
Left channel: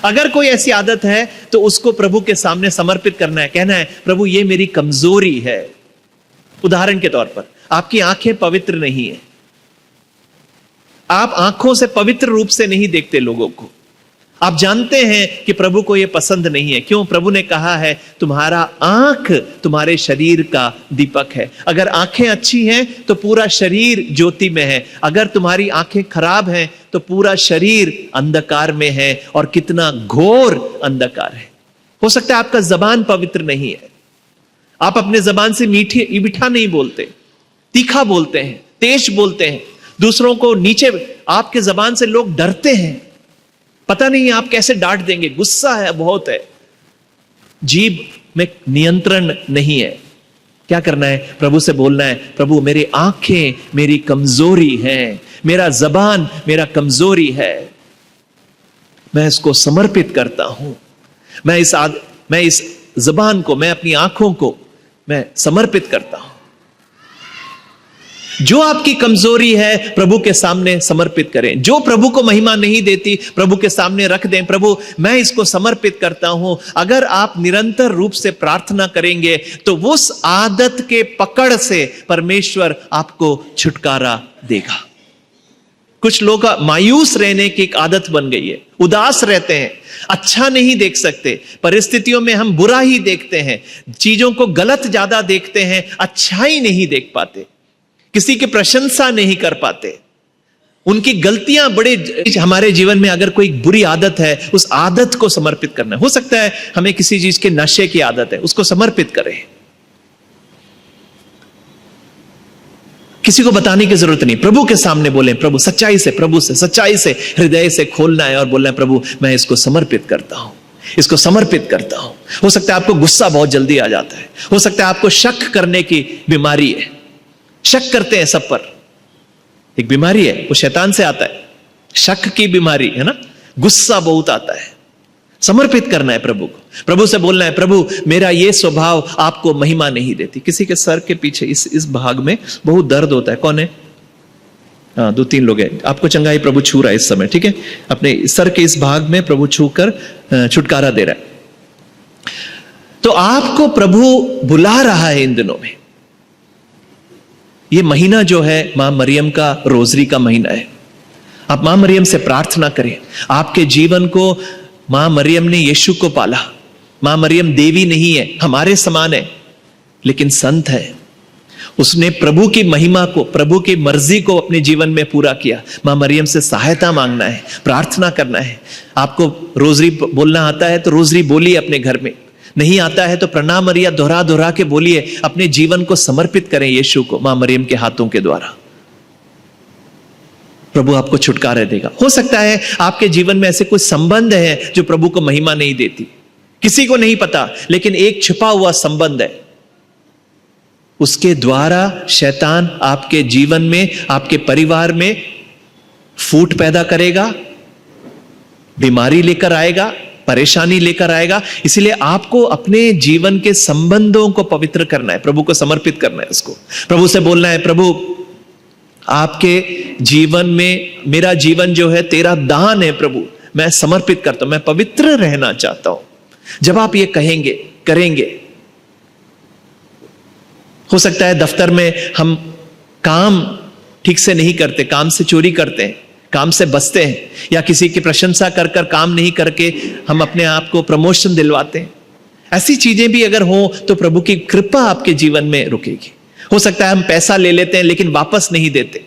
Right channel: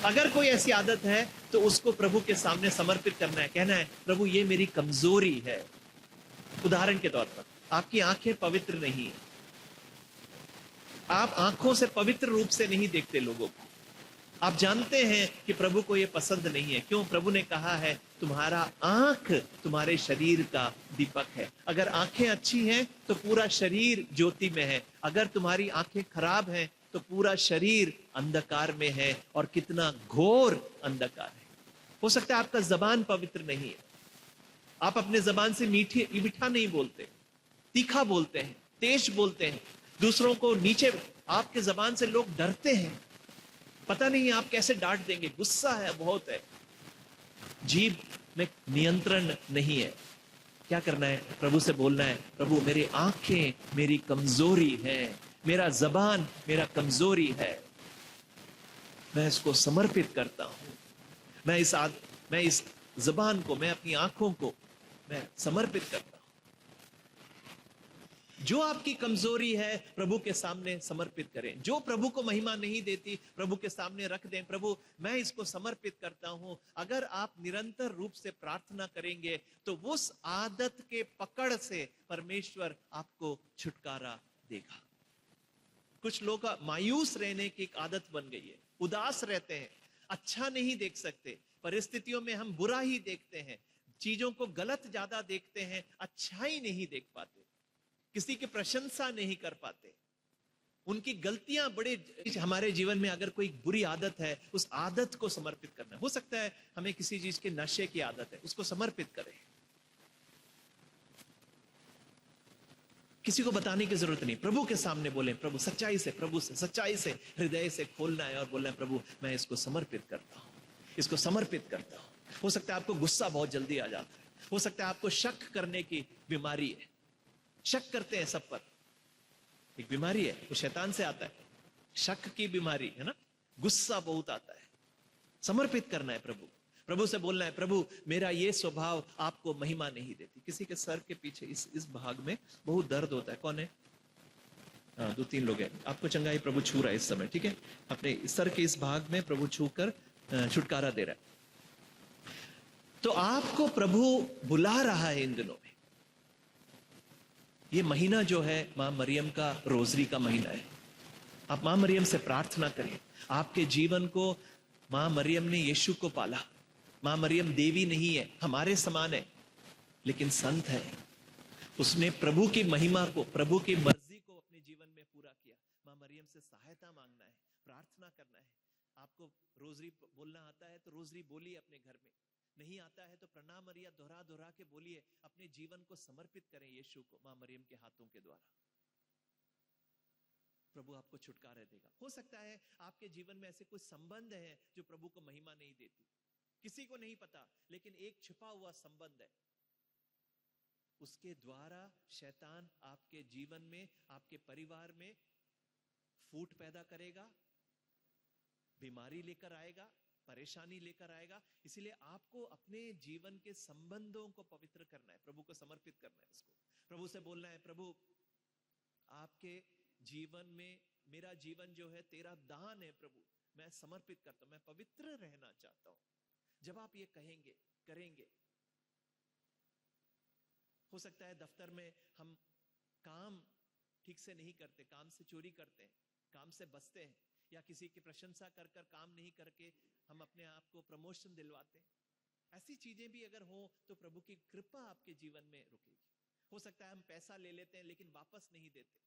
अगर कोई ऐसी आदत है तो उसको प्रभु के सामने समर्पित करना है, कहना है प्रभु ये मेरी कमजोरी है। उदाहरण के तौर पर, आपकी आंखें पवित्र नहीं है, आप आंखों से पवित्र रूप से नहीं देखते लोगों को, आप जानते हैं कि प्रभु को यह पसंद नहीं है। क्यों? प्रभु ने कहा है तुम्हारा आंख तुम्हारे शरीर का दीपक है। अगर आंखें अच्छी हैं तो पूरा शरीर ज्योति में है, अगर तुम्हारी आंखें खराब हैं तो पूरा शरीर अंधकार में है, और कितना घोर अंधकार है। हो सकता है आपका जबान पवित्र नहीं है, आप अपने जबान से मीठा नहीं बोलते, तीखा बोलते हैं, तेज बोलते हैं, दूसरों को नीचे, आपके जबान से लोग डरते हैं, पता नहीं आप कैसे डांट देंगे, गुस्सा है बहुत है, जीभ में नियंत्रण नहीं है। क्या करना है? प्रभु से बोलना है, प्रभु मेरी आंखें मेरी कमजोरी है, मेरा जबान मेरा कमजोरी है, मैं इसको समर्पित करता हूं। मैं इस जबान को, मैं अपनी आंखों को मैं समर्पित करता हूं। जो आपकी कमजोरी है प्रभु के सामने समर्पित करें। जो प्रभु को महिमा नहीं देती प्रभु के सामने रख दें, प्रभु मैं इसको समर्पित करता हूं। अगर आप निरंतर रूप से प्रार्थना करेंगे तो उस आदत के पकड़ से परमेश्वर आपको छुटकारा देगा। कुछ लोग का मायूस रहने की एक आदत बन गई है, उदास रहते हैं, अच्छा नहीं देख सकते, परिस्थितियों में हम बुरा ही देखते हैं, चीजों को गलत ज्यादा देखते हैं, अच्छाई नहीं देख पाते, किसी की प्रशंसा नहीं कर पाते, उनकी गलतियां बड़े। हमारे जीवन में अगर कोई बुरी आदत है, उस आदत को समर्पित करना। हो सकता है हमें किसी चीज के नशे की आदत है, उसको समर्पित करें। किसी को बताने की जरूरत नहीं, प्रभु के सामने बोलें, प्रभु सच्चाई से, प्रभु से सच्चाई से हृदय से खोलना है और बोलना है, प्रभु मैं इसको समर्पित करता हूं, इसको समर्पित करता हूं। हो सकता है आपको गुस्सा बहुत जल्दी आ जाता है, हो सकता है आपको शक करने की बीमारी है, शक करते हैं सब पर, एक बीमारी है, वो शैतान से आता है, शक की बीमारी है ना, गुस्सा बहुत आता है। समर्पित करना है प्रभु को, प्रभु से बोलना है, प्रभु मेरा ये स्वभाव आपको महिमा नहीं देती। किसी के सर के पीछे इस भाग में बहुत दर्द होता है, कौन है? हाँ 2-3 लोग हैं, आपको चंगाई प्रभु छू रहा है इस समय, ठीक है? अपने सर के इस भाग में प्रभु छू कर छुटकारा दे रहा है। तो आपको प्रभु बुला रहा है इन दिनों में। ये महीना जो है मां मरियम का रोजरी का महीना है, आप मां मरियम से प्रार्थना करें। आपके जीवन को मां मरियम ने यीशु को पाला। मां मरियम देवी नहीं है, हमारे समान है, लेकिन संत है। उसने प्रभु की महिमा को, प्रभु की मर्जी को अपने जीवन में पूरा किया। मां मरियम से सहायता मांगना है, प्रार्थना करना है। आपको रोजरी बोलना आता है तो रोजरी बोलिए अपने घर में, नहीं आता है तो प्रणाम मरिया दोहरा दोहरा के बोलिए। अपने जीवन को समर्पित करें यीशु को मां मरियम के हाथों के द्वारा। प्रभु आपको छुटकारा देगा। हो सकता है आपके जीवन में ऐसे कुछ संबंध है जो प्रभु को महिमा नहीं देती, किसी को नहीं पता, लेकिन एक छिपा हुआ संबंध है। उसके द्वारा शैतान आपके जीवन में, आपके परिवार में फूट पैदा करेगा, बीमारी लेकर आएगा, परेशानी लेकर आएगा। इसलिए आपको अपने जीवन के संबंधों को पवित्र करना है, प्रभु को समर्पित करना है। उसको प्रभु से बोलना है, प्रभु आपके जीवन में मेरा जीवन जो है तेरा दान है, प्रभु मैं समर्पित करता हूं, मैं पवित्र रहना चाहता हूं। जब आप ये कहेंगे, करेंगे, हो सकता है दफ्तर में हम काम ठीक से नहीं करते, काम से चोरी करते हैं, काम से बचते हैं, या किसी की प्रशंसा कर कर काम नहीं करके हम अपने आप को प्रमोशन दिलवाते हैं। ऐसी चीजें भी अगर हो तो प्रभु की कृपा आपके जीवन में रुकेगी। हो सकता है हम पैसा ले लेते हैं लेकिन वापस नहीं देते,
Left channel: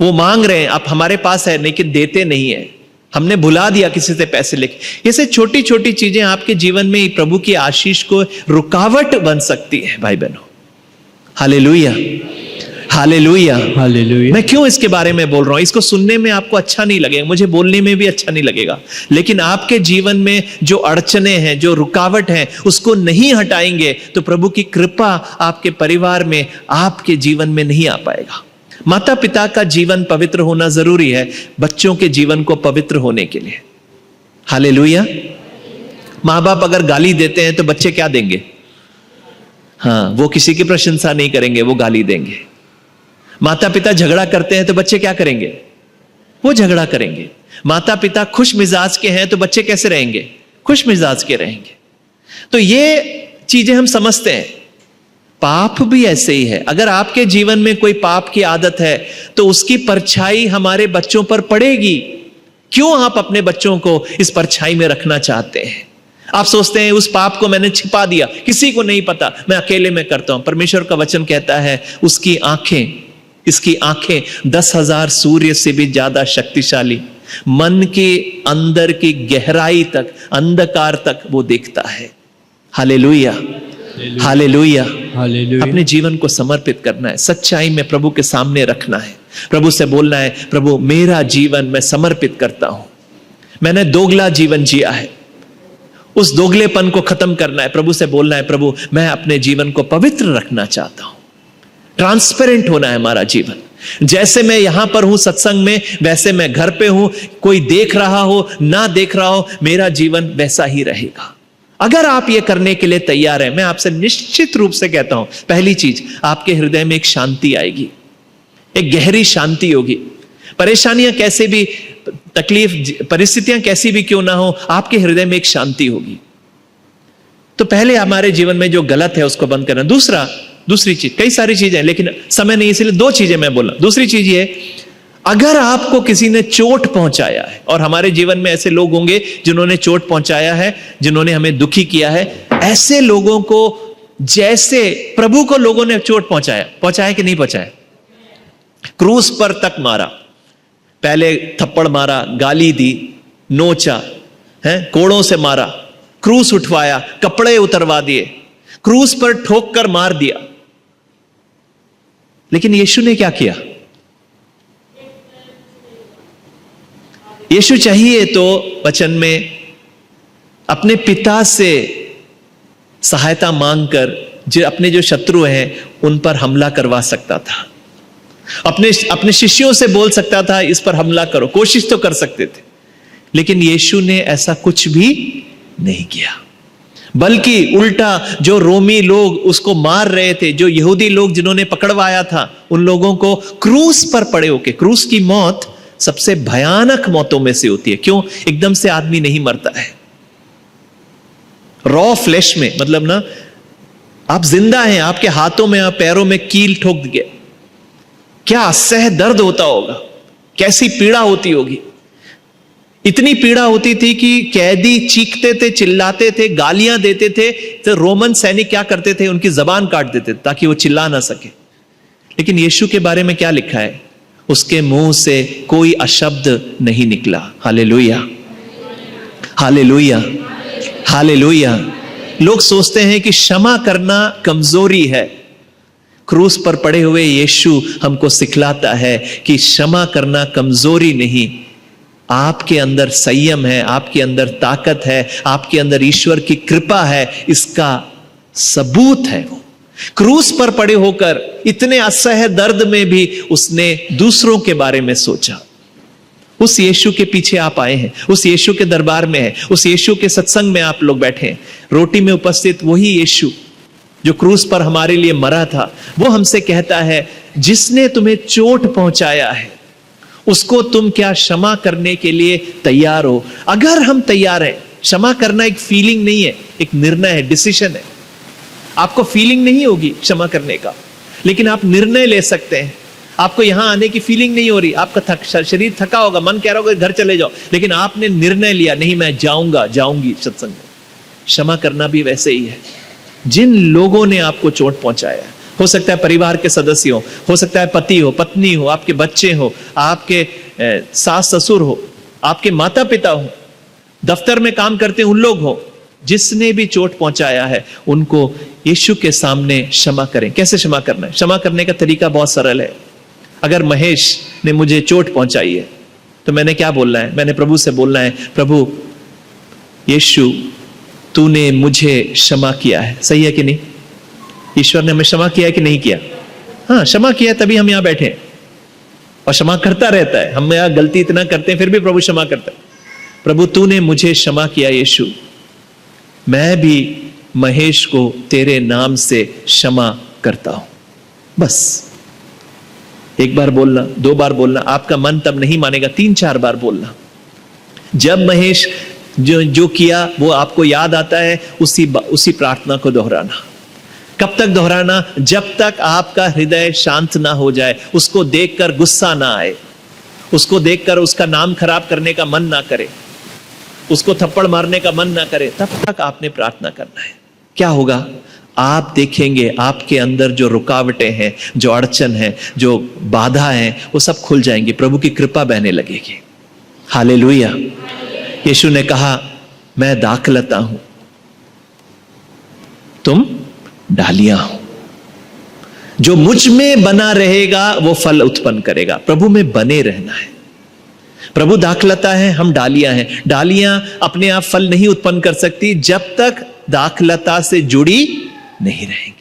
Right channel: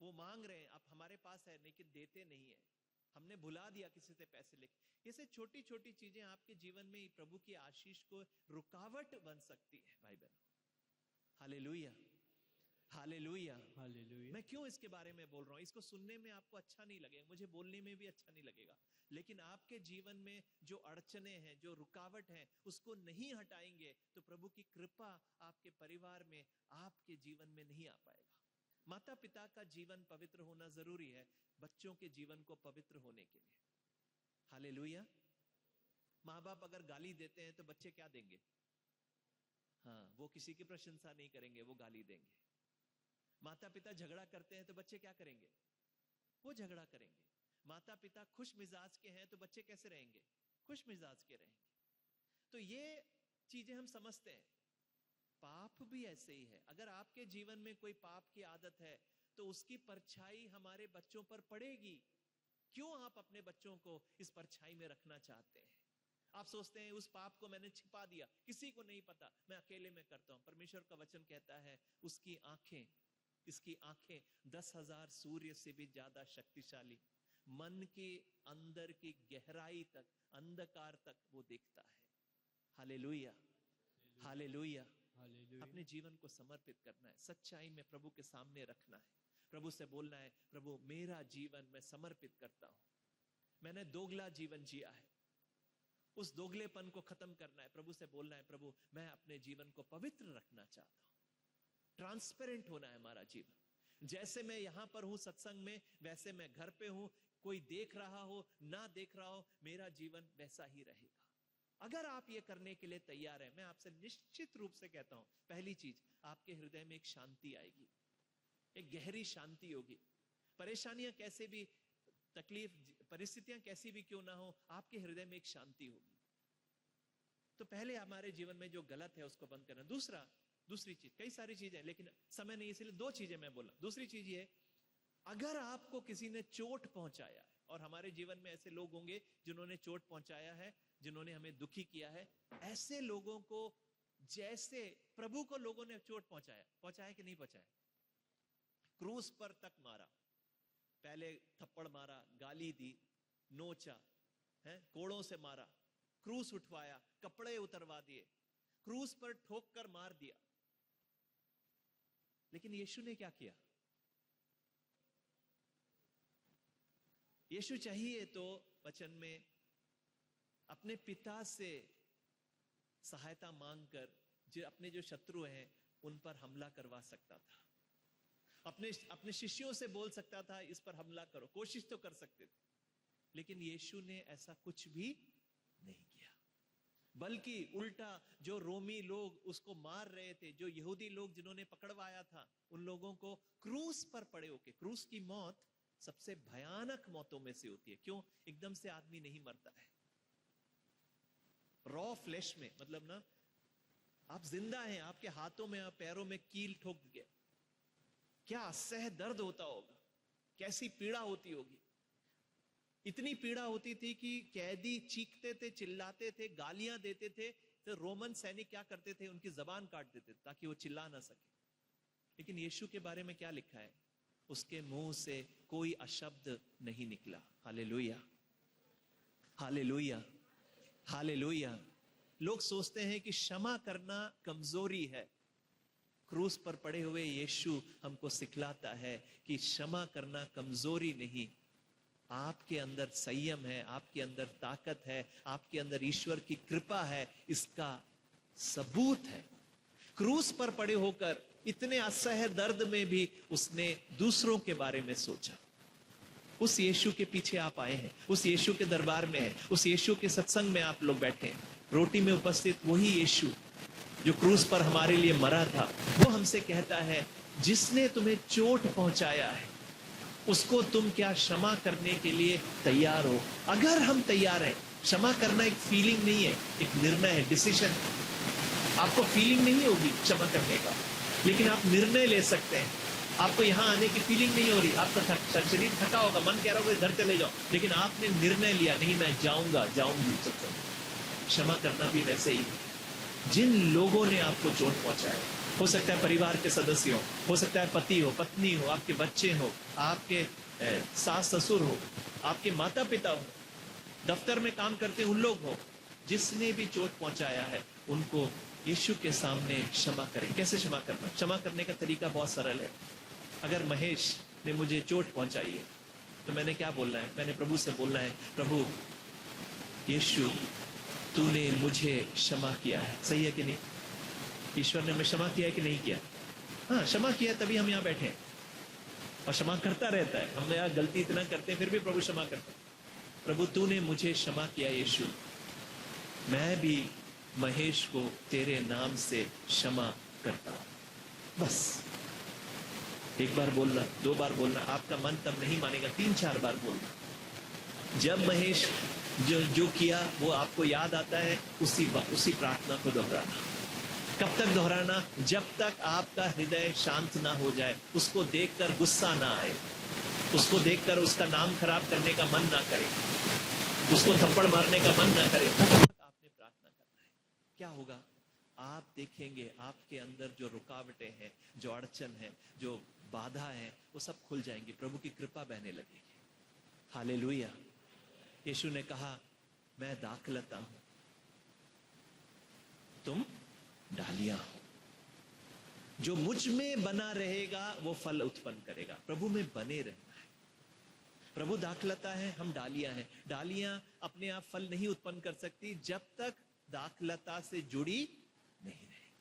वो मांग रहे हैं, आप हमारे पास है लेकिन देते नहीं है, हमने भुला दिया किसी से पैसे लेके। ऐसे छोटी छोटी चीजें आपके जीवन में प्रभु की आशीष को रुकावट बन सकती है भाई बहनों। Hallelujah, hallelujah, hallelujah. मैं क्यों इसके बारे में बोल रहा हूं? इसको सुनने में आपको अच्छा नहीं लगेगा, मुझे बोलने में भी अच्छा नहीं लगेगा, लेकिन आपके जीवन में जो अड़चने हैं, जो रुकावट है, उसको नहीं हटाएंगे तो प्रभु की कृपा आपके परिवार में, आपके जीवन में नहीं आ पाएगा। माता पिता का जीवन पवित्र होना जरूरी है बच्चों के जीवन को पवित्र होने के लिए। हालेलुया। माँ बाप अगर गाली देते हैं तो बच्चे क्या देंगे? हाँ, वो किसी की प्रशंसा नहीं करेंगे, वो गाली देंगे। माता पिता झगड़ा करते हैं तो बच्चे क्या करेंगे? वो झगड़ा करेंगे। माता पिता खुश मिजाज के हैं तो बच्चे कैसे रहेंगे? खुश मिजाज के रहेंगे। तो ये चीजें हम समझते हैं। पाप भी ऐसे ही है। अगर आपके जीवन में कोई पाप की आदत है तो उसकी परछाई हमारे बच्चों पर पड़ेगी। क्यों आप अपने बच्चों को इस परछाई में रखना चाहते हैं? आप सोचते हैं उस पाप को मैंने छिपा दिया, किसी को नहीं पता, मैं अकेले में करता हूं। परमेश्वर का वचन कहता है उसकी आंखें, इसकी आंखें 10,000 सूर्य से भी ज्यादा शक्तिशाली, मन के अंदर की गहराई तक, अंधकार तक वो देखता है। Hallelujah, hallelujah, hallelujah. अपने जीवन को समर्पित करना है, सच्चाई में प्रभु के सामने रखना है, प्रभु से बोलना है, प्रभु मेरा जीवन मैं समर्पित करता हूं। मैंने दोगला जीवन जिया है, उस दोगलेपन को खत्म करना है। प्रभु से बोलना है, प्रभु मैं अपने जीवन को पवित्र रखना चाहता हूं। ट्रांसपेरेंट होना है हमारा जीवन। जैसे मैं यहां पर हूं सत्संग में, वैसे मैं घर पे हूं, कोई देख रहा हो ना देख रहा हो, मेरा जीवन वैसा ही रहेगा। अगर आप ये करने के लिए तैयार हैं, मैं आपसे निश्चित रूप से कहता हूं, पहली चीज आपके हृदय में एक शांति आएगी, एक गहरी शांति होगी। परेशानियां कैसे भी, तकलीफ, परिस्थितियां कैसी भी क्यों ना हो, आपके हृदय में एक शांति होगी। तो पहले हमारे जीवन में जो गलत है उसको बंद करना। दूसरी चीज, कई सारी चीजें लेकिन समय नहीं, इसलिए 2 चीजें मैं बोला। दूसरी चीज ये, अगर आपको किसी ने चोट पहुंचाया है, और हमारे जीवन में ऐसे लोग होंगे जिन्होंने चोट पहुंचाया है, जिन्होंने हमें दुखी किया है, ऐसे लोगों को, जैसे प्रभु को लोगों ने चोट पहुंचाया कि नहीं पहुंचाया? क्रूस पर तक मारा, पहले थप्पड़ मारा, गाली दी, नोचा है, कोड़ों से मारा, क्रूस उठवाया, कपड़े उतरवा दिए, क्रूस पर ठोक कर मार दिया। लेकिन यीशु ने क्या किया? यीशु चाहिए तो वचन में अपने पिता से सहायता मांगकर अपने जो शत्रु हैं उन पर हमला करवा सकता था। अपने शिष्यों से बोल सकता था इस पर हमला करो, कोशिश तो कर सकते थे। लेकिन यीशु ने ऐसा कुछ भी नहीं किया, बल्कि उल्टा जो रोमी लोग उसको मार रहे थे, जो यहूदी लोग जिन्होंने पकड़वाया था, उन लोगों को क्रूस पर पड़े होके, क्रूस की मौत सबसे भयानक मौतों में से होती है। क्यों? एकदम से आदमी नहीं मरता है। रॉ फ्लैश में, मतलब ना आप जिंदा हैं, आपके हाथों में, आप पैरों में कील ठोक गए, क्या असह्य दर्द होता होगा। कैसी पीड़ा होती होगी। इतनी पीड़ा होती थी कि कैदी चीखते थे, चिल्लाते थे, गालियां देते थे, तो रोमन सैनिक क्या करते थे, उनकी जबान काट देते थे ताकि वो चिल्ला ना सके। लेकिन यीशु के बारे में क्या लिखा है, उसके मुंह से कोई अशब्द नहीं निकला। Hallelujah, hallelujah, hallelujah. लोग सोचते हैं कि क्षमा करना कमजोरी है। क्रूस पर पड़े हुए यीशु हमको सिखलाता है कि क्षमा करना कमजोरी नहीं, आपके अंदर संयम है, आपके अंदर ताकत है, आपके अंदर ईश्वर की कृपा है, इसका सबूत है। वो क्रूस पर पड़े होकर इतने असह्य दर्द में भी उसने दूसरों के बारे में सोचा। उस यीशु के पीछे आप आए हैं, उस यीशु के दरबार में है, उस यीशु के सत्संग में आप लोग बैठे हैं। रोटी में उपस्थित वही यीशु जो क्रूस पर हमारे लिए मरा था, वो हमसे कहता है, जिसने तुम्हें चोट पहुंचाया है उसको तुम क्या क्षमा करने के लिए तैयार हो? अगर हम तैयार हैं, क्षमा करना एक फीलिंग नहीं है, एक निर्णय है, डिसीजन है। आपको फीलिंग नहीं होगी क्षमा करने का, लेकिन आप निर्णय ले सकते हैं। आपको यहां आने की फीलिंग नहीं हो रही, आपका शरीर थका होगा, मन कह रहा होगा घर चले जाओ, लेकिन आपने निर्णय लिया, नहीं मैं जाऊंगा, जाऊंगी सत्संग में। क्षमा करना भी वैसे ही है। जिन लोगों ने आपको चोट पहुंचाया, हो सकता है परिवार के सदस्य हो सकता है पति हो, पत्नी हो, आपके बच्चे हो, आपके सास ससुर हो, आपके माता पिता हो, दफ्तर में काम करते उन लोग हो, जिसने भी चोट पहुंचाया है उनको यीशु के सामने क्षमा करें। कैसे क्षमा करना है? क्षमा करने का तरीका बहुत सरल है। अगर महेश ने मुझे चोट पहुंचाई है तो मैंने क्या बोलना है? मैंने प्रभु से बोलना है, प्रभु यीशु तूने मुझे क्षमा किया है। सही है कि नहीं? ईश्वर ने हमें क्षमा किया है कि नहीं किया? हाँ, क्षमा किया, तभी हम यहां बैठे हैं। और क्षमा करता रहता है। हम यहां गलती इतना करते हैं फिर भी प्रभु क्षमा करता है। प्रभु तूने मुझे क्षमा किया यीशु, मैं भी महेश को तेरे नाम से क्षमा करता हूं। बस एक बार बोलना, दो बार बोलना, आपका मन तब नहीं मानेगा, 3-4 बार बोलना। जब महेश जो किया वो आपको याद आता है, उसी प्रार्थना को दोहराना। कब तक दोहराना? जब तक आपका हृदय शांत ना हो जाए, उसको देखकर गुस्सा ना आए, उसको देखकर उसका नाम खराब करने का मन ना करे, उसको थप्पड़ मारने का मन ना करे, तब तक आपने प्रार्थना करना है। क्या होगा? आप देखेंगे आपके अंदर जो रुकावटें हैं, जो अड़चन है, जो बाधा है, वो सब खुल जाएंगी, प्रभु की कृपा बहने लगेगी। हालेलुया। यीशु ने कहा, मैं दाखलता हूं, तुम डालियां हो। जो मुझ में बना रहेगा वो फल उत्पन्न करेगा। प्रभु में बने रहना है। प्रभु दाखलता है, हम डालियां हैं। डालियां अपने आप फल नहीं उत्पन्न कर सकती जब तक दाखलता से जुड़ी नहीं रहेंगी।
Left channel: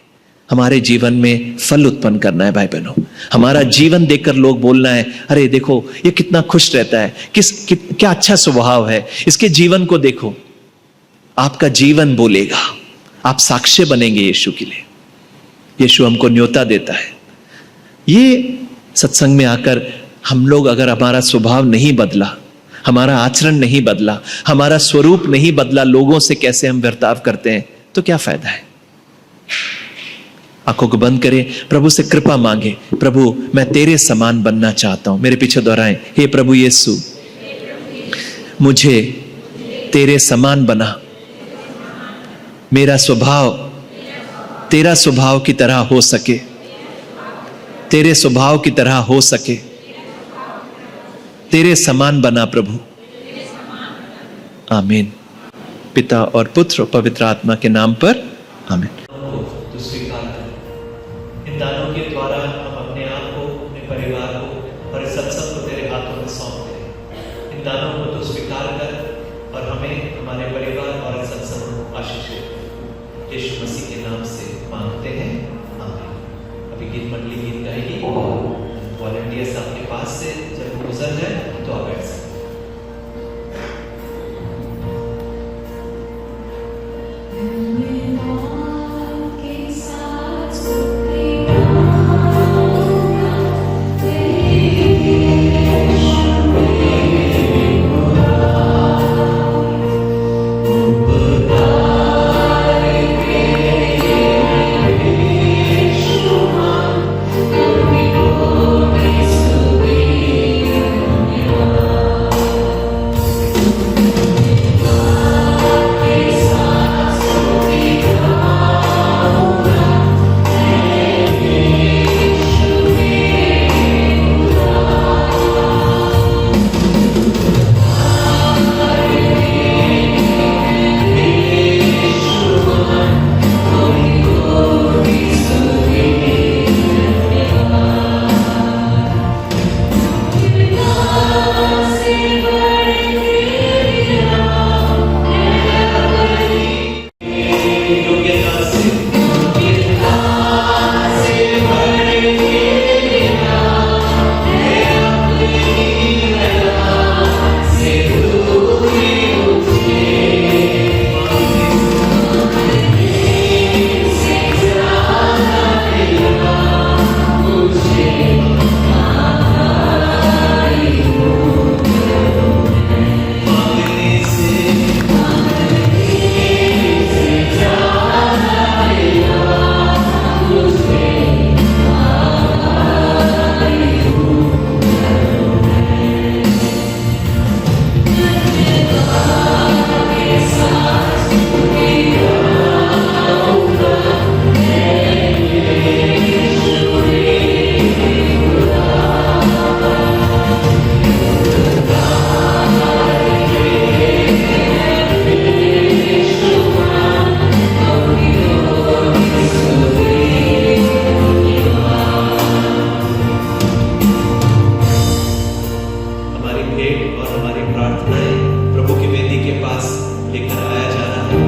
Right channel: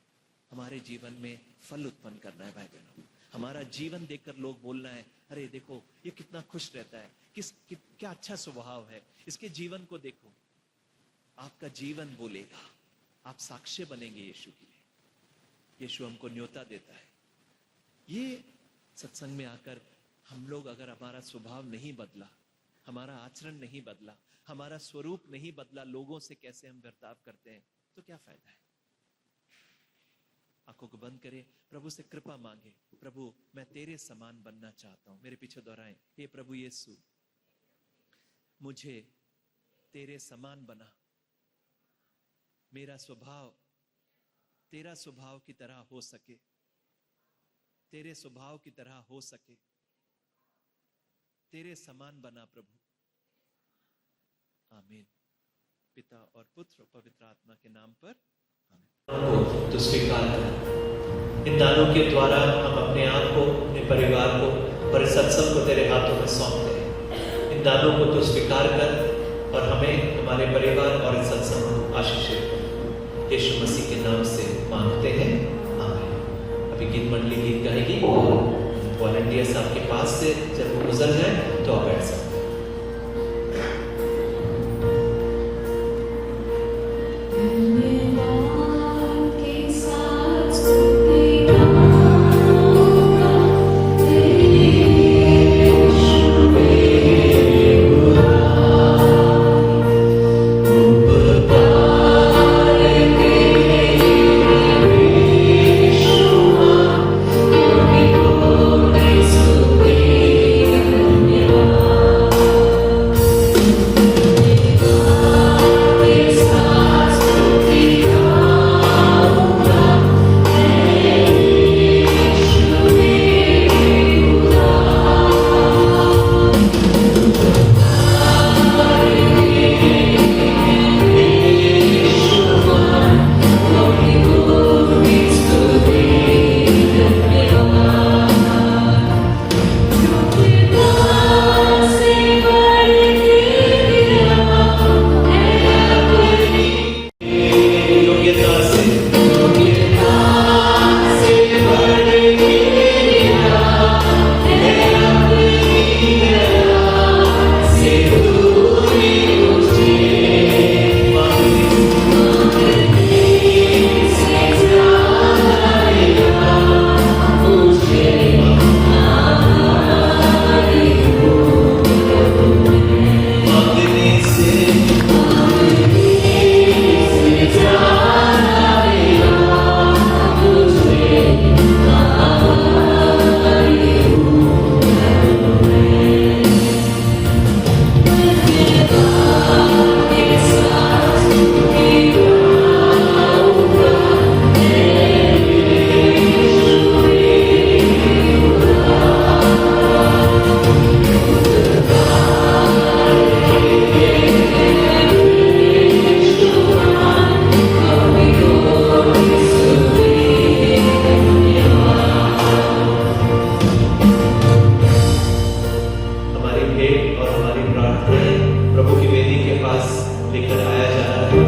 हमारे जीवन में फल उत्पन्न करना है भाई बहनों। हमारा जीवन देखकर लोग बोलना है, अरे देखो ये कितना खुश रहता है, क्या अच्छा स्वभाव है, इसके जीवन को देखो। आपका जीवन बोलेगा, आप साक्ष्य बनेंगे यीशु के लिए। यीशु हमको न्योता देता है। ये सत्संग में आकर हम लोग अगर हमारा स्वभाव नहीं बदला, हमारा आचरण नहीं बदला, हमारा स्वरूप नहीं बदला, लोगों से कैसे हम बर्ताव करते हैं, तो क्या फायदा है? आंखों को बंद करें, प्रभु से कृपा मांगे, प्रभु मैं तेरे समान बनना चाहता हूं। मेरे पीछे दोहराएं, हे प्रभु यीशु मुझे तेरे समान बना, मेरा स्वभाव तेरा स्वभाव की तरह हो सके, तेरे स्वभाव की तरह हो सके, तेरे समान बना प्रभु। आमीन। पिता और पुत्र और पवित्र आत्मा के नाम पर आमीन। तो स्वीकार कर, इन दानों के द्वारा हम अपने आप को, अपने परिवार को और इस सत्संग को तेरे हाथों में सौंप दें। इन दानों को तो स्वीकार कर और हमें, हमारे परिवार और इस सत्संग को आशीष दे। यीशु मसीह के नाम से मांगते हैं, आमीन। अभी गीत मंडली गीत गाएगी। वॉलंटियर्स आपके पास से जब वो गुजर जाए तो आप बैठ सकते हैं। Thank you. भेंट और हमारी प्रार्थनाएं प्रभु की वेदी के पास लेकर आया जा रहा है।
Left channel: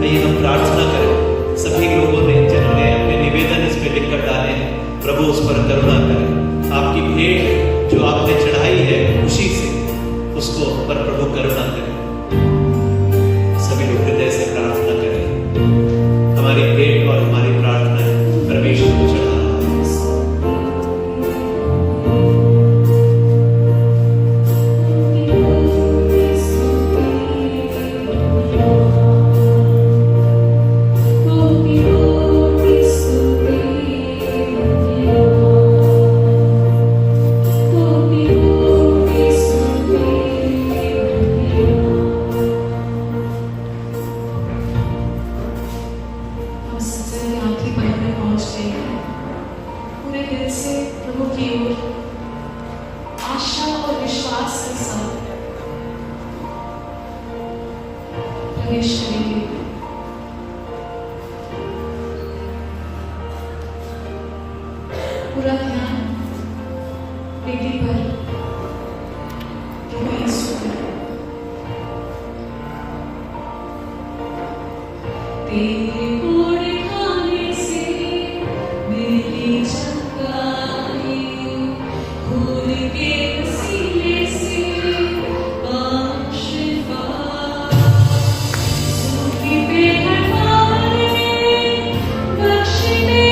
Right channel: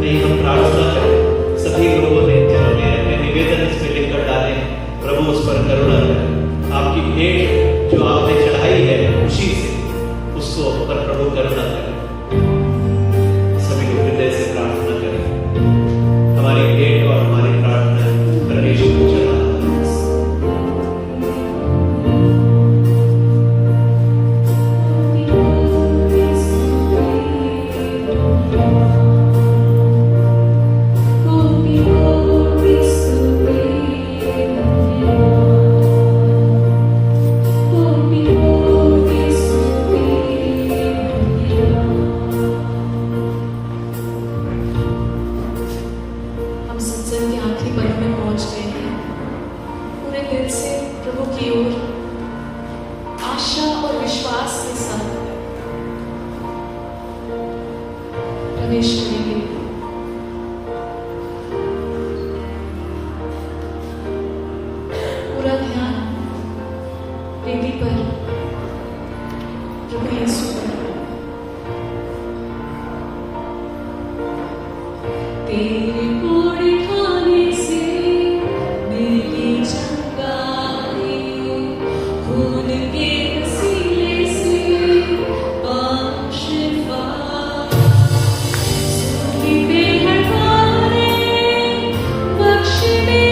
आइए हम प्रार्थना करें। सभी लोगों ने जिन्होंने अपने निवेदन इसमें लिखकर डाले हैं, प्रभु उस पर करुणा करें। आपकी भेंट जो आपने चढ़ाई है खुशी से, उसको पर प्रभु करुणा करें। सभी लोग हृदय से प्रार्थना करें। हमारी भेंट और हमारी प्रार्थना परमेश्वर को चढ़ा रहा है। पूरा ध्यान बेटी पर प्रभु यीशु पर। तेरे कोड़े खाने से मेरी चंगाई, खून के वसीले से पाप शिफा, सूखी पे हटाने बख्शने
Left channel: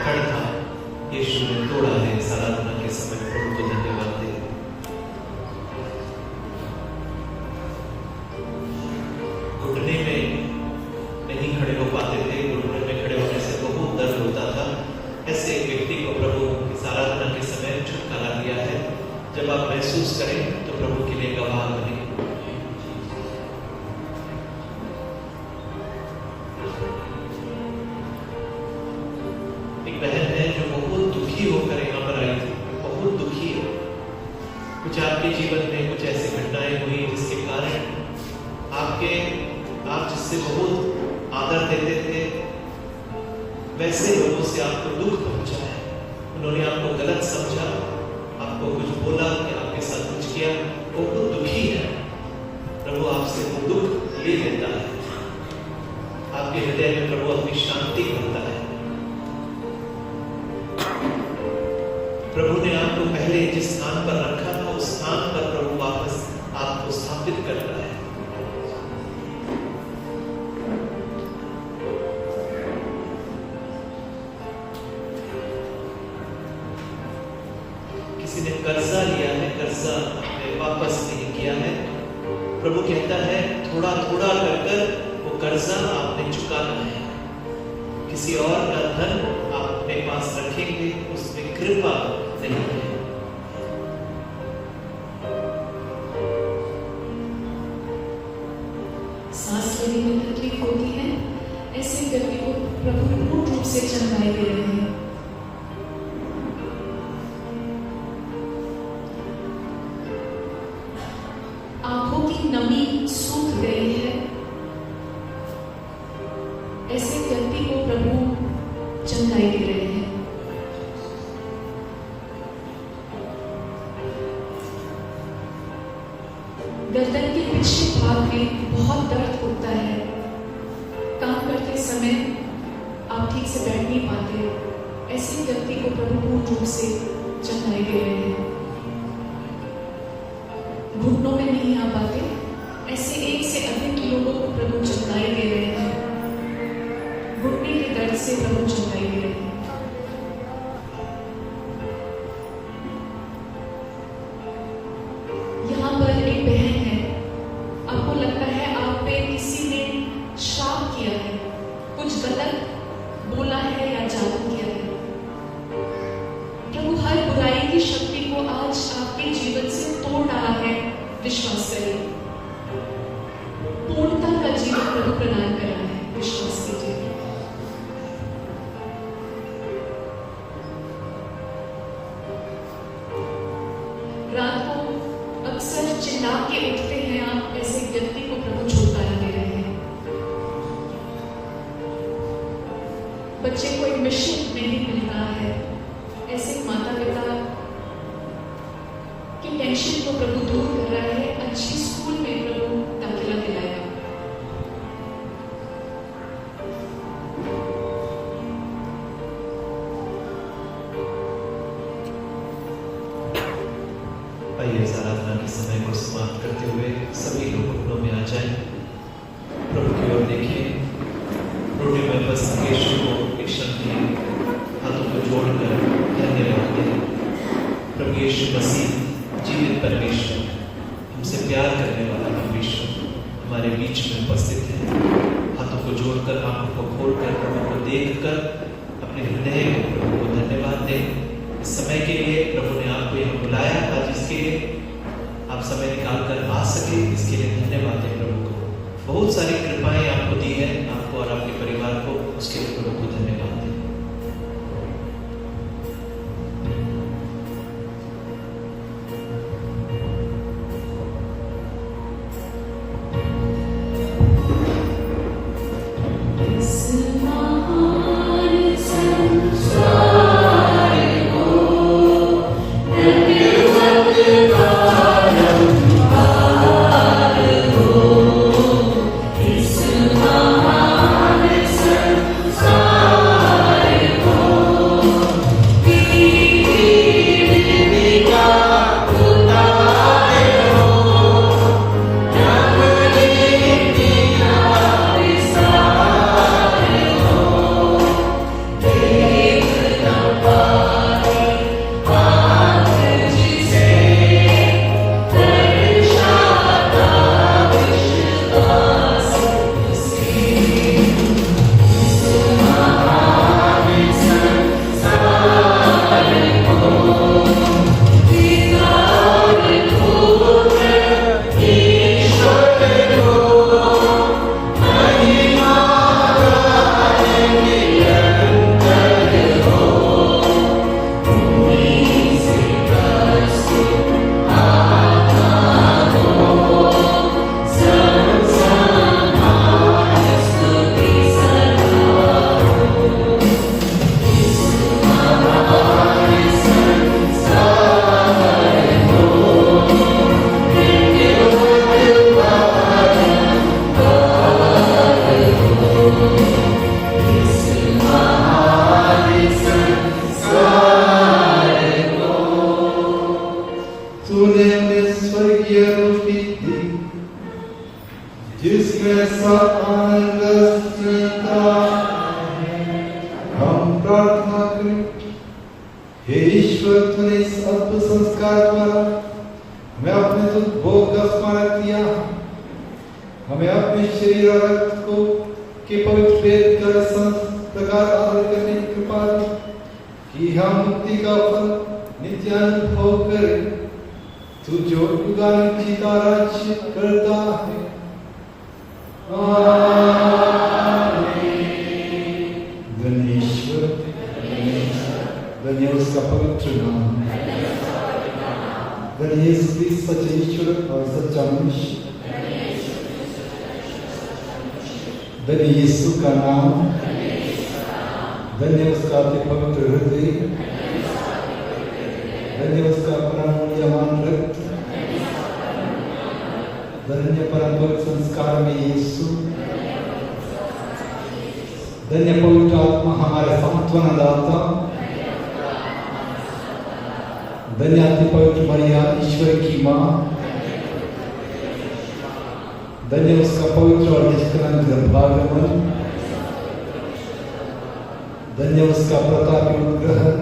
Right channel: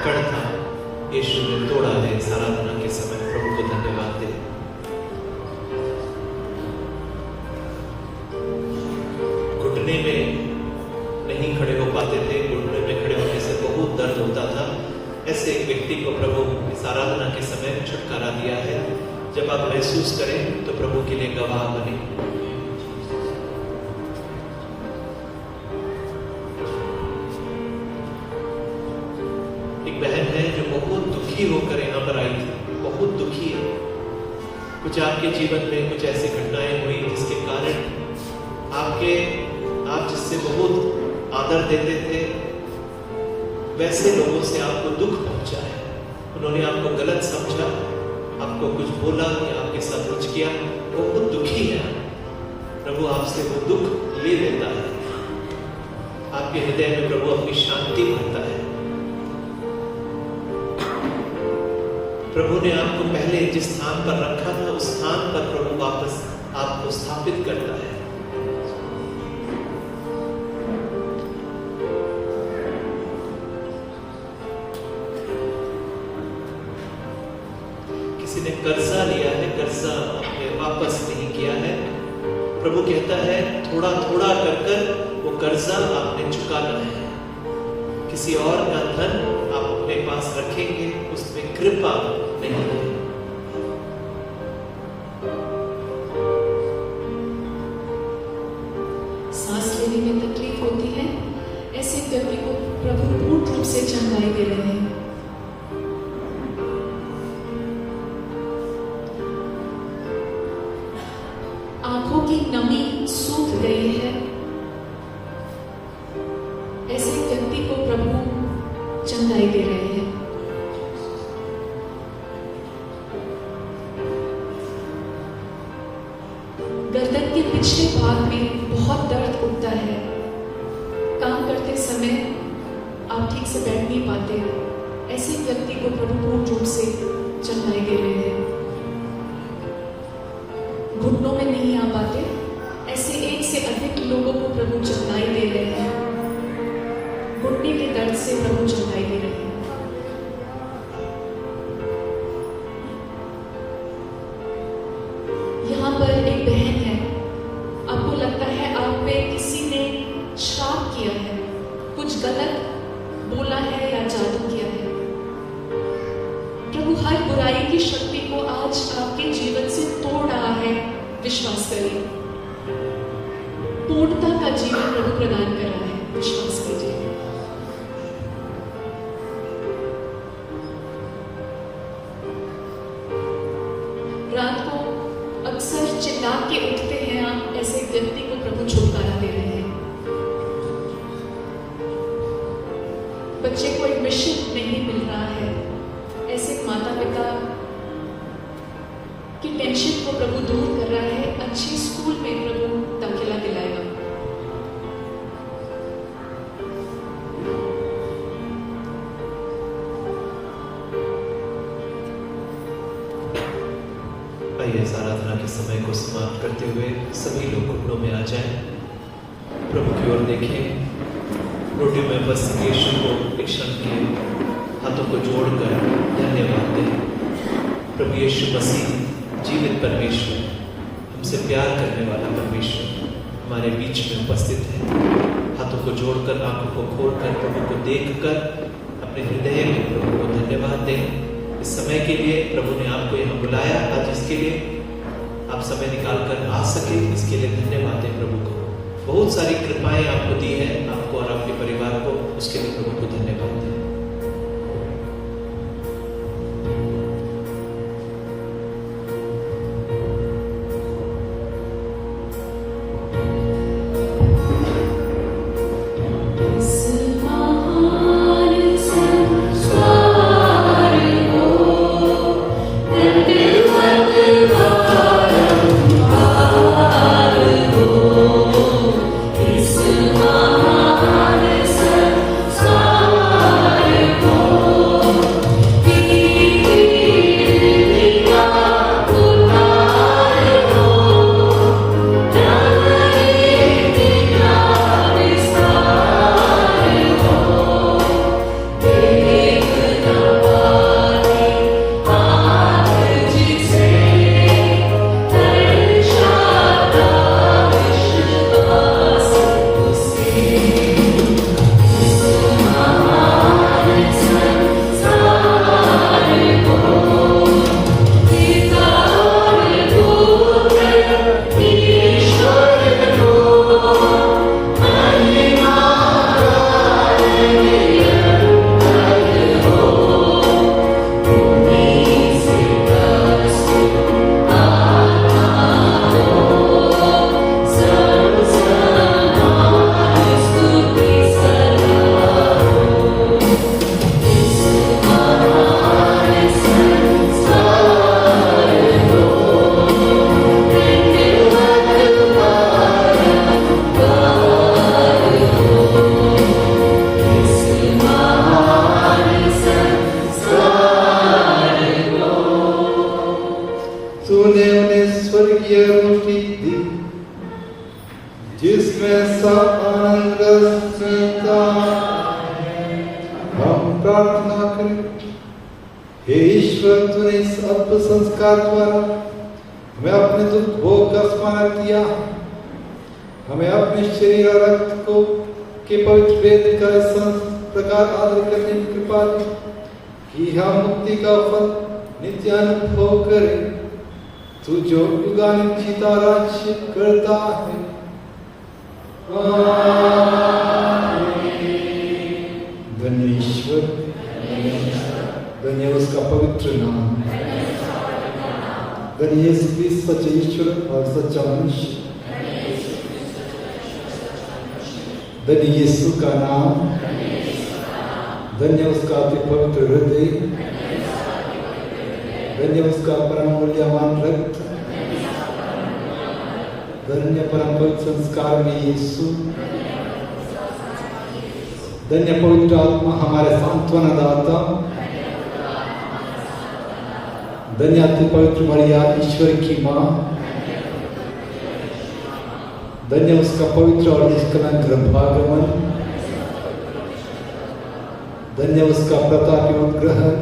पकड़ था, यीशु ने तोड़ा है। इस आराधना के समय प्रभु को धन्यवाद दे। घुटने में नहीं खड़े हो पाते थे, घुटने में खड़े होने से बहुत दर्द होता था। ऐसे एक व्यक्ति को प्रभु इस आराधना के समय छुटकारा दिया है। जब आप महसूस करें तो प्रभु के लिए गवाह बने। एक बहन है जो बहुत दुखी होकर यहाँ पर आई थी, बहुत दुखी है। कुछ आपके जीवन में कुछ ऐसी घटनाएं हुई जिसके कारण आप जिससे बहुत आदर देते थे, वैसे लोगों से आपको दुख पहुंचा है। उन्होंने आपको गलत समझा, आपको कुछ बोला कि आपके साथ कुछ किया, वो बहुत दुखी है। प्रभु आपसे वो दुख ले लेता है। आपके हृदय में प्रभु अपनी शांति करता है। प्रभु ने आपको पहले जिस स्थान पर रखा था, उस स्थान पर प्रभु वापस आपको स्थापित करता है। किसी ने कर्जा लिया है, कर्जा आपने वापस नहीं किया है, प्रभु कहता है थोड़ा थोड़ा कर वो कर्जा आपने चुकाना है। किसी और का धन आप अपने पास रखेंगे, उसमें कृपा नहीं है। सांस लेने में तकलीफ होती है, ऐसे व्यक्ति को प्रभु पूर्ण रूप से चंगाई दे रहे हैं। आंखों की नमी सूख गई है, ऐसे व्यक्ति को प्रभु चंगाई दे रहे हैं। गर्दन के पिछले भाग में बहुत दर्द होता है। काम करते समय आप ठीक से बैठ नहीं पाते, ऐसे व्यक्ति को प्रभु पूर्ण रूप से चंगाई दे रहे हैं। घुटनों में नहीं आ पाते, ऐसे एक से अधिक लोगों को प्रभु चंगाई दे रहे हैं। घुटने के दर्द से प्रभु चंगाई दे रहे हैं। यहाँ पर एक बहन है, आपको लगता है आप पे किसी ने श्राप किया है, कुछ गलत बोला है या जादू किया है। प्रभु हर बुराई की शक्ति को आज आपके जीवन से तोड़ डाला है। विश्वास करिए, पूर्णता का जीवन प्रभु प्रदान कर रहा है। विश्वास कीजिए। रात को अक्सर चिल्ला के उठते हैं आप, ऐसे व्यक्ति को प्रभु छुटकारा दे रहे हैं। बच्चे को एक मिशन नहीं मिल रहा है, ऐसे माता पिता की टेंशन को प्रभु दूर कर रहा है। अच्छी स्कूल में प्रभु दाखिला दिलाएगा। आइए इस आराधना के समय को समाप्त करते हुए सभी लोग घुटनों में आ जाएं, प्रभु की ओर देखें। रोटी में बस यीशु को एक क्षण के हाथों को जोड़कर धन्यवाद दें। प्रभु यीशु मसीह जीवित परमेश्वर, हमसे प्यार करने वाला परमेश्वर हमारे बीच में उपस्थित है। हाथों को जोड़कर, आंखों को खोलकर, प्रभु को देखकर अपने हृदय को प्रभु को धन्यवाद दें। इस समय के लिए प्रभु ने आपको यहाँ बुलाया था, जिसके लिए आप समय निकाल कर आ सके, इसके लिए धन्यवाद दें प्रभु को। बहुत सारी कृपाएं आपको दी है, आपको और आपके परिवार को, उसके लिए प्रभु को धन्यवाद दें। Sa हम प्रार्थना करें। हे ईश्वर, तूने इस अद्भुत संस्कार द्वारा हमें अपने दुख भोग का स्मरण किया। हमें अपने शरीर और रक्त को के पवित्र भेद का प्रकार आदर करने की कृपा दी कि हम मुक्ति का फल नित्य अनुभव करें। तू जो युगानुयुग जीता राज्य करता है। धन्य ईश्वर, धन्य उसका पवित्र नाम, धन्य यीशु क्रिस्त सच्चे ईश्वर और सच्चा मनुष्य, धन्य यीशु का नाम, धन्य उसका अति पवित्र हृदय, धन्य उसका परम मूल्यवान रक्त, धन्य परम पवित्र संस्कार में यीशु, धन्य पवित्र आत्मा हमारे सांत्वना दाता, धन्य अति पवित्र मरिया ईश्वर की माँ, धन्य उसका पवित्र और निष्कलंक गर्भागमन, धन्य उसका प्रतापी उद्ग्रहण,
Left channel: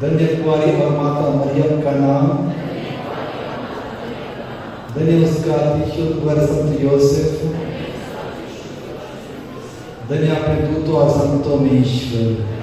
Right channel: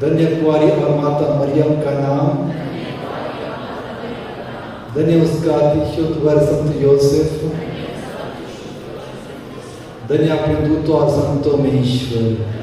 धन्य कुंवारी और माता मरियम का नाम, धन्य उसका अतिशुद्ध वर संत योसेफ, धन्य अपने दूतों और संतों में ईश्वर।